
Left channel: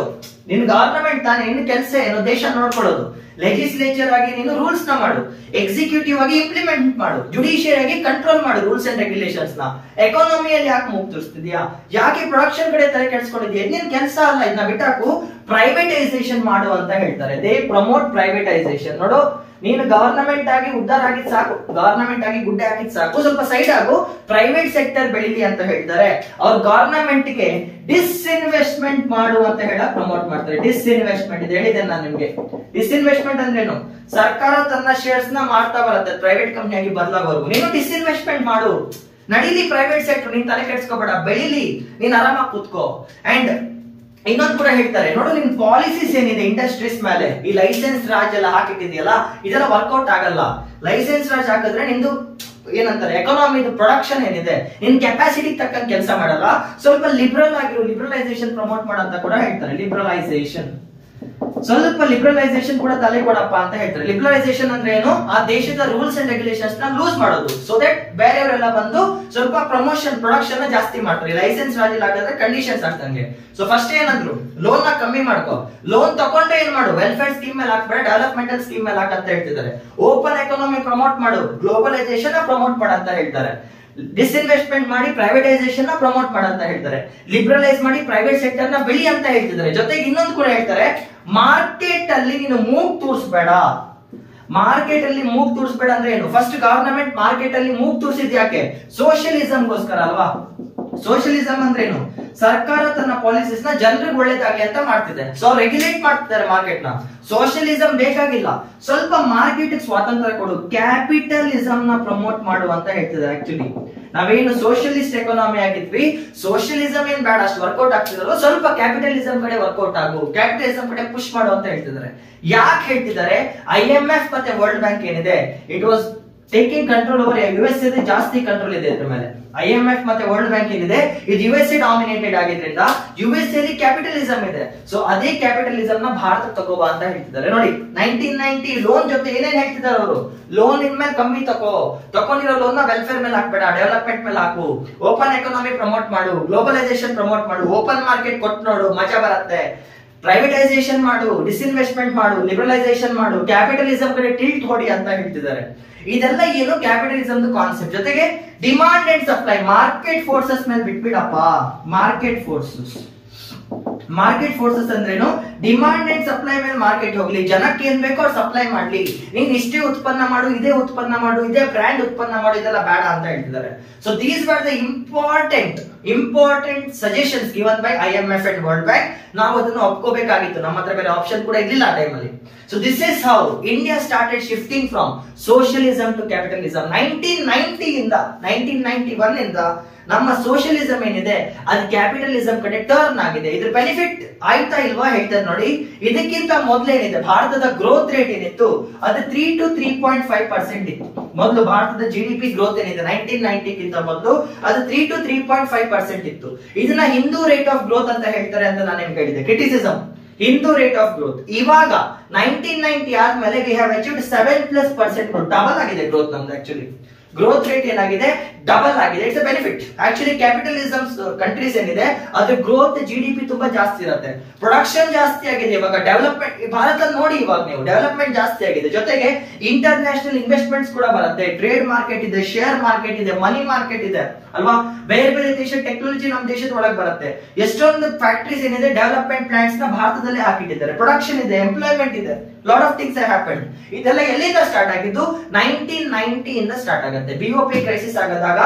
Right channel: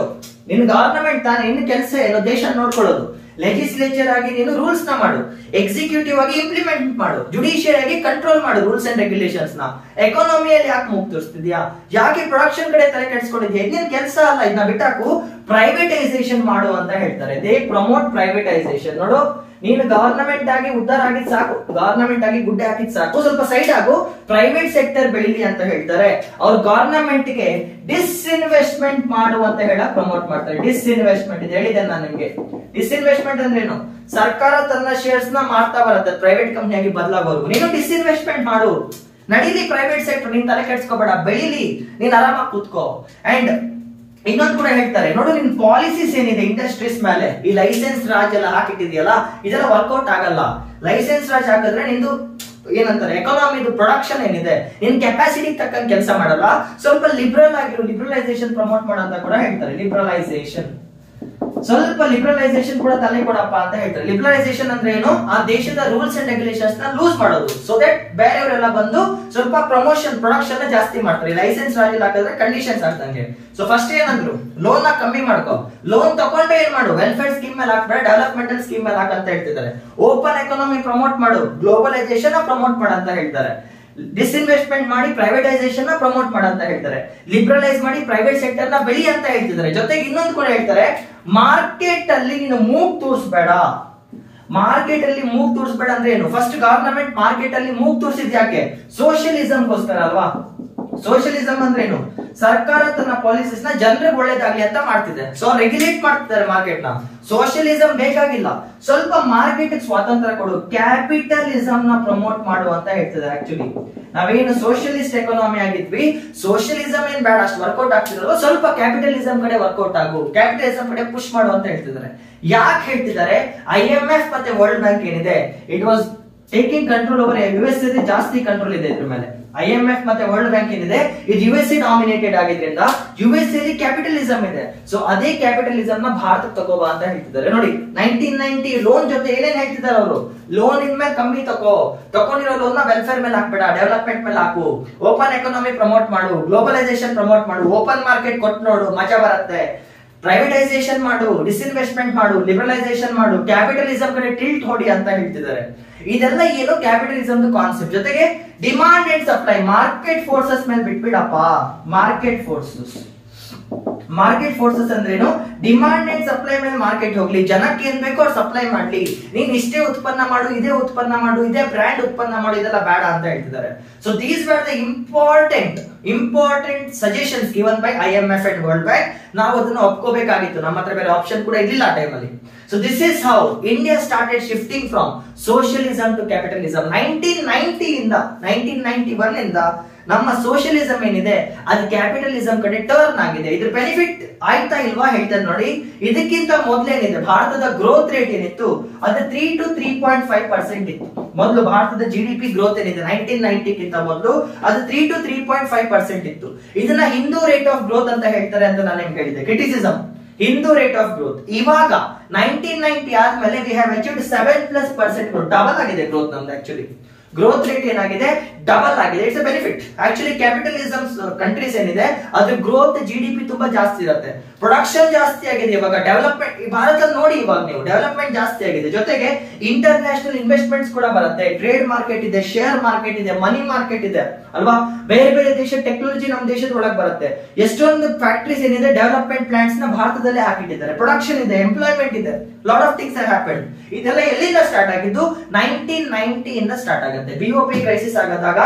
ನಿನ್ ಗವರ್ನಮೆಂಟ್ ತಾನೇ, ನಿನ್ನ ಕೆಲಸ ಏನೋ ದೇಶ ನೋಡ್ಕೊಳ್ಳೋದು. ಲೆಜಿಸ್ಲೇಚರ್ ಆಗಿ ನೀನು ರೂಲ್ಸ್ ನ ಮಾಡು, ಎಕ್ಸಿಕ್ಯೂಟಿವ್ ಆಗಿ ಇಂಪ್ಲಿಮೆಂಟ್ ಮಾಡು, ಜುಡಿಷಿಯರಿ ಆಗಿ ಕಂಟ್ರೋಲ್ ಮಾಡು ರೂಲ್ಸ್ ಅಂಡ್ ರೆಗ್ಯುಲೇಷನ್ಸ್ ನ. ಎಕಾನಮಿಯಲ್ಲಿ ಯಾಕೆ ಮೂಗ್ ತೋರಿಸ್ತಿದ್ಯಾ, ಯಾಕೆ ಪ್ರೊಡಕ್ಷನ್ ಕಡೆ ತಲೆ ಕೆಡಿಸ್ಕೊಂಡಿದ್ಯಾ, ಇದೇನ್ ಕೆಲಸ ಅಲ್ಲ, ಇದನ್ನ ಬಿಟ್ಟಾಕು, ಪ್ರೈವೇಟೈಸೇಷನ್ ಮಾಡು ಅಂತ ಹೇಳ್ತಾರೆ. They promote privatisation. ನೋಡು ನೀನು ಗವರ್ನಮೆಂಟ್ ಆಗಿ ಉದ್ಧಾರ ಆಗಿದ್ ಸಾಕು, ಗವರ್ನಮೆಂಟ್ ಆಗಿ ಗುಡ್ಡೆ ಹಾಕಿದ್ ಸಾಕು, ಸ್ವಲ್ಪ ಸೈಡ್ ಆಗು, ಪ್ರೈವೇಟ್ ಸೆಕ್ಟರ್ ಬೆಳಿಲಿ ಅಂತ ಹೇಳ್ತಾರೆ. ಅವ್ರು ಗವರ್ನಮೆಂಟ್ ಗೆ ಡಿಸ್ಇನ್ವೆಸ್ಟ್ಮೆಂಟ್ ಮಾಡು ಅಂತ ಹೇಳಕ್ ಪ್ರಮೋಟ್ ಮಾಡ್ತಾರೆ. ಡಿಸ್ಇನ್ವೆಸ್ಟ್ಮೆಂಟ್ ಇದು ಹೇಳಿದೆ ನಾನು ನಿಮ್ಗೆ. ಡಿಸ್ಇನ್ವೆಸ್ಟ್ಮೆಂಟ್ ಅಂದ್ರೇನು, ಸರ್ಕಾರ ತನ್ನ ಶೇರ್ಸ್ ನ ಮಾರ್ತಾ ಬರುತ್ತೆ ಪ್ರೈವೇಟ್ ಕಂಪ್ನಿಯಾಗಿ ಬದಲಾಗೋರ್ಗು, ನೀನು ಡಿಸ್ಇನ್ವೆಸ್ಟ್ಮೆಂಟ್ ಮಾಡು, ನಡೀಲಿ ಪ್ರೈವೇಟ್ ಸೆಕ್ಟರ್, ನೀನ್ ತಲೆ ಕೆಡ್ಸ್ಕೋಬೇಡ, ಬೆಳಿಲಿ, ನೀನ್ ಆರಾಮಾಗಿ ಕೂತ್ಕೋ. ಅಂಡ್ ಇನ್ನೊಂದು ಕೂಡ ಹೇಳ್ತಾರೆ, ನೋಡು ನಿನ್ ಪಾಲಿಸೀಸ್ ಏನಿದೆ ಇಂಡಸ್ಟ್ರೀಸ್ ಮೇಲೆ, ಈ ಲೈಸೆನ್ಸ್ ರಾಜ್ ಎಲ್ಲ ಹಾಕಿಟ್ಟಿದ್ಯಲ್ಲ, ಇದೆಲ್ಲ ವರ್ಕೌಟ್ ಆಗಲ್ಲ. ಲೈಸೆನ್ಸ್ ರಾಜ್ ಹಾಕಿದ್ರೆ ನಿಂದು ಏನಂತಾರೆ, ಎಕಾನಮಿ ಪ್ರೊಡಕ್ಷನ್ ಏನಿದೆ ನಿನ್ ಕೆಪಾಸಿಟಿ ತಕ್ಕಂಗೆ ಕೆಲಸ ಮಾಡಲ್ಲ. ಸ್ವಲ್ಪ ಲಿಬರಲ್ ಆಗಿರೋ, ಲಿಬರಲೈಸೇಷನ್ ಪ್ರಮೋಟ್ ಮಾಡಂತ ಕೂಡ ಹೇಳ್ತಾರೆ. ಲಿಬರಲೈಸೇಷನ್, ಸ್ವಲ್ಪ ಲಿಬರಲೈಸೇಷನ್ ಕೂಡ ತಲೆ ಕೊಡಪ್ಪ ಅಂತ ಹೇಳ್ತಾರೆ. ಲಿಬರಲೈಸೇಷನ್ ಅಂದ್ರೆ ಏನು, ಆ ದೇಶದ ರೂಲ್ಸ್ ಅಂಡ್ ರೆಗ್ಯುಲೇಷನ್ಸ್ ನ ಲೂಸ್ ಮಾಡೋದು, ಸೊ ದಟ್ ಬೇರೆಯವರೆಲ್ಲ ಬಂದು ಸ್ವಲ್ಪ ಪ್ರಮೋಷನ್ ಪ್ರೊಡಕ್ಷನ್ ಜಾಸ್ತಿ ಮಾಡ್ತಾರೆ. ಲೈಸೆನ್ಸ್ ರಾಜಲ್ಲಿ ಹಾಕಿದ್ರೆ ಕಂಡೀಷನ್ಸ್ ಆಗ್ತಂಗೆ. ಸೊ ಫಸ್ಟ್ ಏನಂದ್ರು, ಲೋನ್ ನ ಕಮ್ಮಿ ಮಾಡ್ಕೋ, ಲೋನ್ ತಗೊಂಡ್ರೆ ಏನ್ ಮಾಡು, ವೆಲ್ಫೇರ್ ಸ್ಕೀಮ್ ಮೇಲೆ ಹಾಕ್ಬೇಡ, ಡೆವಲಪ್ಮೆಂಟಲ್ ಸ್ಕೀಮ್ ಮೇಲೆ ಹಾಕಂತ ಹೇಳ್ತಿದ್ದಾರೆ. ಓಪನ್ ಎಕಾನಮಿ ಪ್ರಮೋಟ್ ಮಾಡು, ಗ್ಲೋಬಲೈಸೇಷನ್ ಪ್ರಮೋಟ್ ಮಾಡು ಅಂತ ಹೇಳ್ತಾರೆ. ಡಿಸ್ಇನ್ವೆಸ್ಟ್ಮೆಂಟ್ ಮಾಡಿ ಪ್ರೈವೇಟೈಸೇಷನ್ ನ ಪ್ರಮೋಟ್ ಮಾಡಂತ ಹೇಳ್ತಾರೆ. ಲಿಬರಲೈಸ್ ಮಾಡಿ ಪ್ರೈವೇಟ್ ಸೆಕ್ಟರ್ ನ ಬೆಳಿ ಅಂತ ಹೇಳ್ತಿದ್ದಾರೆ. ಜೊತೆಗೆ ಇನ್ನೊಂದು ಕೂಡ ಹೇಳ್ತಾರೆ, ಮಾರ್ಕೆಟ್ ಅಲ್ಲಿ ನೀನು ಮೂಗ್ ತೂರ್ಸ್ಬೇಡ. ಮಾರ್ಕೆಟ್ ಅಲ್ಲಿ ಮೂಗ್ ತೂರ್ಸ್ಬೇಡ ಅಂದ್ರೆ ಏನು, ಫಸ್ಟ್ ಗವರ್ನಮೆಂಟ್ ಮಾರ್ಕೆಟ್ ಅಲ್ಲಿ ಮೂಗ್ ತೂರ್ಸಿದ್ ಯಾಕೆ, ಸೋಷಿಯಲಿಸಂಗೋಸ್ಕರ ಅಲ್ವಾ. ಸೋಷಿಯಲಿಸಂ ಅಂದ್ರೆ ಏನು, ಸರ್ಕಾರ ತನ್ನ ಪಾಲಿಸೀಸ್ ನ ಜನರಿಗೆ ಒಳ್ಳೇದಾಗ್ಲಿ ಅಂತ ಮಾಡ್ತಿದೆ, ಸೊ ರೆಗ್ಯುಲೇಟ್ ಮಾಡ್ತಿದ್ದಾರೆ ಮಾರ್ಕೆಟ್ ನ. ಸೋಷಿಯಲಿಸಂ ಬೇಕಾಗಿಲ್ಲ, ಸ್ವಲ್ಪ ಮಾರ್ಕೆಟ್ ಸ್ವಾತಂತ್ರ್ಯ ಕೊಡು, ಕ್ಯಾಪಿಟಲಿಸಂ ನ ಪ್ರಮೋಟ್ ಮಾಡು ಅಂತ ಹೇಳ್ತಿದ್ದಾರೆ. ಆಕ್ಚುಲಿ ನಾವೇನು ಸೋಷಿಯಲಿಸ್ಟ್ ಎಕಾನಮಿ ಆಗಿದ್ವಿ, ಸೋಷಿಯಲಿಸಂ ಏನ್ ಬೇಡ, ಅಷ್ಟು ವರ್ಕೌಟ್ ಆಗ್ತಿದ್ರು, ಸ್ವಲ್ಪ ಕ್ಯಾಪಿಟಲಿಸಂ ಕಡೆ ವರ್ಕೌಟ್ ಆಗು, ಕ್ಯಾಪಿಟಲಿಸಂ ಕಡೆ ಪುಷ್ ಮಾಡು ಅಂತ ಹೇಳ್ತಿದ್ದಾರೆ. ಯಾಕೆ ಹೇಳ್ತಿದ್ದಾರೆ, IMF ಮತ್ತೆ ವರ್ಲ್ಡ್ ಬ್ಯಾಂಕ್ ಏನಿದೆ, it was taking control over US ಜಾಸ್ತಿ ಕಂಟ್ರೋಲ್ ಇದೆ ಇದ್ರ ಮೇಲೆ. IMF ಮತ್ತೆ ವರ್ಲ್ಡ್ ಬ್ಯಾಂಕ್ ಏನಿದೆ ಇದು USA ಡಾಮಿನೇಟೆಡ್ ಆಗಿದ್ರಿಂದ US ಅಲ್ಲಿ ಕ್ಯಾಪಿಟಲಿಸಂ ಇದೆ. ಸೊ ಅದೇ ಕ್ಯಾಪಿಟಲಿಸಂ ನ ಭಾರತಕ್ಕೆ ತಗೋಬಾ ಅಂತ ಹೇಳ್ತಿದ್ದಾರೆ. ನೋಡಿ 1990 ಲೋನ್ ಜೊತೆ ಏನೇನ್ ಹೇಳ್ತಿದ್ದಾರೆ ಅವರು, ಲೋನ್ ಇನ್ಮೇಲೆ ಕಮ್ಮಿ ತಕೊಂಡಿರೋ ಲೋನ್ ನ ವೆಲ್ಫೇರ್ ಮೇಲೆ ಹಾಕ್ಬೇಡ, ಡೆವಲಪ್ಮೆಂಟ್ ಮೇಲೆ ಹಾಕು, ಓಪನ್ ಎಕಾನಮಿ ಪ್ರಮೋಟ್ ಮಾಡು, ಗ್ಲೋಬಲೈಸೇಷನ್ ಪ್ರಮೋಟ್ ಮಾಡು, ಓಪನ್ ಮಾರ್ಕೆಟ್ ಕೊಟ್ಟು ನೋಡು ಮಜಾ ಬರುತ್ತೆ, ಪ್ರೈವೇಟೈಸೇಷನ್ ಮಾಡು, ಡಿಸ್ಇನ್ವೆಸ್ಟ್ಮೆಂಟ್ ಮಾಡು, ಲಿಬರಲೈಸೇಷನ್ ಮಾಡು, ಕ್ಯಾಪಿಟಲಿಸಂ ಕಡೆ ಟಿಲ್ಟ್ ಹೊಡಿ ಅಂತ ಹೇಳ್ತಿದ್ದಾರೆ. ಇದೆಲ್ಲ ಏನು ಕ್ಯಾಪಿಟಲಿಸಂ ಕಾನ್ಸೆಪ್ಟ್. ಜೊತೆಗೆ demand and supply, market forces ಮೇಲೆ ಬಿಟ್ಬಿಡಪ್ಪ. ಮಾರ್ಕೆಟ್ ಫೋರ್ಸಸ್ ಅಂದ್ರೇನು, ಡಿಮಾಂಡ್ ಅಂಡ್ ಸಪ್ಲೈ ಮೇಲೆ ಮಾರ್ಕೆಟ್ ಹೋಗ್ಲಿ, ಜನಕ್ಕೆ ಏನ್ ಬೇಕೋ ಅವ್ರು ಸಪ್ಲೈ ಮಾಡ್ಲಿ, ನೀನ್ ಇಷ್ಟೇ ಉತ್ಪನ್ನ ಮಾಡು, ಇದೇ ಉತ್ಪನ್ನ ಮಾಡು, ಇದೇ ಬ್ರ್ಯಾಂಡ್ ಉತ್ಪನ್ನ ಮಾಡು, ಇದೆಲ್ಲ ಬೇಡ ಅಂತ ಹೇಳ್ತಿದ್ದಾರೆ. So these were the important suggestions given by IMF and world bank. ನಾವು ಅದನ್ನ ಒಪ್ಕೋಬೇಕಾಗಿತ್ತು, ನಮ್ಮ ಹತ್ರ ಬೇರೆ ಆಪ್ಷನ್ ಕೂಡ ಇರ್ಲಿಲ್ಲ ಆ ಟೈಮಲ್ಲಿ. So this is how India started shifting from socialism to capitalism. 1991 ಇಂದ ನಮ್ಮ ಸೋಷಿಯಲಿಸಂ ಏನಿದೆ ಅದು ಕ್ಯಾಪಿಟಲಿಸಂ ಕಡೆ ಟರ್ನ್ ಆಗಿದೆ. ಇದ್ರ ಬೆನಿಫಿಟ್ ಆಯ್ತಾ ಇಲ್ವಾ ಹೇಳ್ತಾರೆ ನೋಡಿ. ಇದಕ್ಕಿಂತ ಮೊದಲೇನಿದೆ ಭಾರತದ ಗ್ರೋತ್ ರೇಟ್ ಏನಿತ್ತು ಅದು 3 to 3.5% ಇತ್ತು. ಮೊದಲು ಭಾರತದ GDP ಗ್ರೋತ್ ಏನಿದೆ 1990 ಗಿಂತ ಮೊದಲು ಅದು 3 to 3.5% ಇತ್ತು. ಇದನ್ನ ಹಿಂದೂ ರೇಟ್ ಆಫ್ ಗ್ರೋತ್ ಅಂತ ಹೇಳ್ತಾರೆ ಅಂತ ನಾನು ನಿಮ್ಗೆ ಹೇಳಿದೆ. ಕ್ರಿಟಿಸಿಸಂ ಹಿಂದೂ ರೇಟ್ ಆಫ್ ಗ್ರೋತ್. ಇವಾಗ 1990 ಆದ್ಮೇಲೆ ವಿ ಹ್ಯಾವ್ ಅಚೀವ್ಡ್ 7+% ಡಬಲ್ ಆಗಿದೆ ಗ್ರೋತ್ ನಮ್ದು. ಆಕ್ಚುಲಿ ಗ್ರೋತ್ ರೇಟ್ ಏನಾಗಿದೆ, ಡಬಲ್ ಆಗಿದೆ. It's a benefit. Actually capitalism countries ಏನಿದೆ ಅದ್ರ ಗ್ರೋತ್ GDP ತುಂಬಾ ಜಾಸ್ತಿ ಇರುತ್ತೆ, ಪ್ರೊಡಕ್ಷನ್ ಜಾಸ್ತಿ ಆಗಿದೆ. ಇವಾಗ ಡೆವಲಪ್ಮೆಂಟ್ ಭಾರತ ನೋಡಿ, ಇವಾಗ ನೀವು ಡೆವಲಪ್ಮೆಂಟ್ ಜಾಸ್ತಿ ಆಗಿದೆ, ಜೊತೆಗೆ ಇಂಟರ್ನ್ಯಾಷನಲ್ ಇನ್ವೆಸ್ಟ್ಮೆಂಟ್ಸ್ ಕೂಡ ಬರುತ್ತೆ, ಟ್ರೇಡ್ ಮಾರ್ಕೆಟ್ ಇದೆ, ಶೇರ್ ಮಾರ್ಕೆಟ್ ಇದೆ, ಮನಿ ಮಾರ್ಕೆಟ್ ಇದೆ ಅಲ್ವಾ. ಬೇರೆ ಬೇರೆ ದೇಶ ಟೆಕ್ನಾಲಜಿ ನಮ್ಮ ದೇಶದ ಒಳಗೆ ಬರುತ್ತೆ. ಎಷ್ಟೊಂದು ಫ್ಯಾಕ್ಟರೀಸ್ ಏನಿದೆ ಡೆವಲಪ್ಮೆಂಟ್ ಪ್ಲಾಂಟ್ಸ್ ನ ಭಾರತದಲ್ಲೇ ಹಾಕಿಟ್ಟಿದ್ದಾರೆ, ಪ್ರೊಡಕ್ಷನ್ ಇದೆ, ಎಂಪ್ಲಾಯ್ಮೆಂಟ್ ಇದೆ, ಲಾಟ್ ಆಫ್ ಥಿಂಗ್ಸ್ ಹ್ಯಾಪೆಂಡ್. ಇದೆಲ್ಲ ಎಲ್ಲಿಂದ ಸ್ಟಾರ್ಟ್ ಆಗಿದ್ದು, 1990 ಇಂದ ಸ್ಟಾರ್ಟ್ ಆಗುತ್ತೆ. BOP ಕ್ರೈಸಿಸ್ ಆಗದಾಗ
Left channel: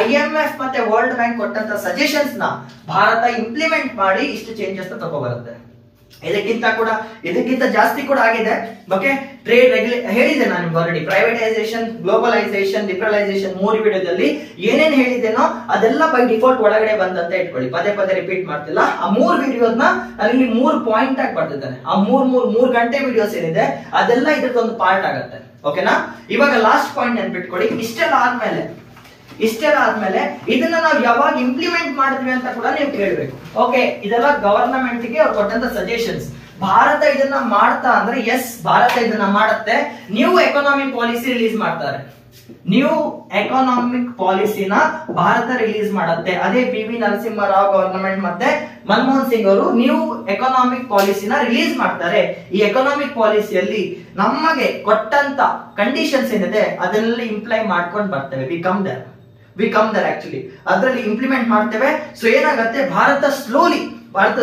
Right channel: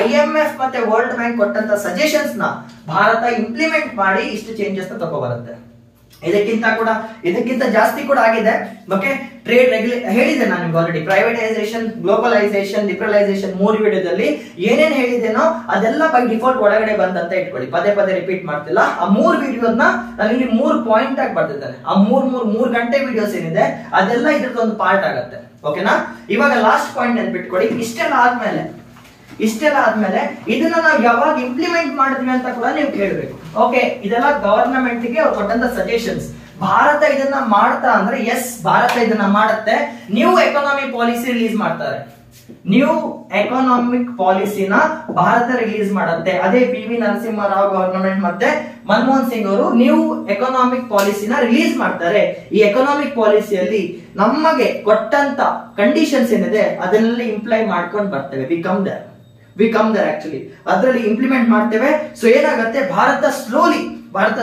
IMF ಮತ್ತೆ ವರ್ಲ್ಡ್ ಬ್ಯಾಂಕ್ ಕೊಟ್ಟಂತ ಸಜೆಷನ್ಸ್ ನ ಭಾರತ ಇಂಪ್ಲಿಮೆಂಟ್ ಮಾಡಿ ಇಷ್ಟು ಚೇಂಜಸ್ ತಗೋಬರುತ್ತೆ. ಇದಕ್ಕಿಂತ ಜಾಸ್ತಿ ಕೂಡ ಆಗಿದೆ. ಓಕೆ, ಟ್ರೇಡ್ ಹೇಳಿದೆ ನಾನು ನಿಮ್ಗೆ ಆಲ್ರೆಡಿ. ಪ್ರೈವೇಟೈಸೇಷನ್, ಗ್ಲೋಬಲೈಸೇಷನ್, ಲಿಬರಲೈಸೇಷನ್ 3 ವಿಡಿಯೋದಲ್ಲಿ ಏನೇನ್ ಹೇಳಿದ್ದೇನೋ ಅದೆಲ್ಲ ಬೈ ಡಿಫಾಲ್ಟ್ ಒಳಗಡೆ ಬಂದಂತ ಇಟ್ಕೊಳ್ಳಿ. ಪದೇ ರಿಪೀಟ್ ಮಾಡ್ತಿಲ್ಲ. ಆ 3 ವಿಡಿಯೋಸ್ನ ನಾನು ಇಲ್ಲಿ 3 ಪಾಯಿಂಟ್ ಆಗಿ ಬರ್ತಿದ್ದೇನೆ. ಆ 3 ಗಂಟೆ ವಿಡಿಯೋಸ್ ಏನಿದೆ ಅದೆಲ್ಲ ಇದ್ರದ್ದು ಒಂದು ಪಾರ್ಟ್ ಆಗುತ್ತೆ. ಓಕೆನಾ. ಇವಾಗ ಲಾಸ್ಟ್ ಪಾಯಿಂಟ್ ನೆನ್ಪಿಟ್ಕೊಳ್ಳಿ. ಇಷ್ಟೆಲ್ಲ ಆದ್ಮೇಲೆ ಇದನ್ನ ನಾವು ಯಾವಾಗ ಇಂಪ್ಲಿಮೆಂಟ್ ಮಾಡ್ತೀವಿ ಅಂತ ಕೂಡ ನೀವು ಕೇಳಬೇಕು. ಓಕೆ, ಇದೆಲ್ಲ ಗವರ್ನಮೆಂಟ್ ಗೆ ಅವ್ರು ಕೊಟ್ಟಂತ ಸಜೆಷನ್ಸ್. ಭಾರತ ಇದನ್ನ ಮಾಡ್ತಾ ಅಂದ್ರೆ ಎಸ್, ಭಾರತ ಇದನ್ನ ಮಾಡುತ್ತೆ. ನ್ಯೂ ಎಕಾನಮಿಕ್ ಪಾಲಿಸಿ ರಿಲೀಸ್ ಮಾಡ್ತಾರೆ. ನ್ಯೂ ಎಕಾನಮಿಕ್ ಪಾಲಿಸಿನ ಭಾರತ ರಿಲೀಸ್ ಮಾಡುತ್ತೆ. ಅದೇ PV ನರಸಿಂಹರಾವ್ ಗವರ್ನಮೆಂಟ್ ಮತ್ತೆ ಮನಮೋಹನ್ ಸಿಂಗ್ ಅವರು ನ್ಯೂ ಎಕಾನಮಿಕ್ ಪಾಲಿಸಿನ ರಿಲೀಸ್ ಮಾಡ್ತಾರೆ. ಈ ಎಕಾನಮಿಕ್ ಪಾಲಿಸಿಯಲ್ಲಿ ನಮಗೆ ಕೊಟ್ಟಂತ ಕಂಡೀಷನ್ಸ್ ಏನಿದೆ ಅದನ್ನೆಲ್ಲ ಇಂಪ್ಲೈ ಮಾಡ್ಕೊಂಡು ಬರ್ತೇವೆ. ವಿ ಕಮ್ ದರ್ ಆಕ್ಚುಲಿ ಅದರಲ್ಲಿ ಇಂಪ್ಲಿಮೆಂಟ್ ಮಾಡ್ತೇವೆ. ಸೊ ಏನಾಗುತ್ತೆ, ಭಾರತ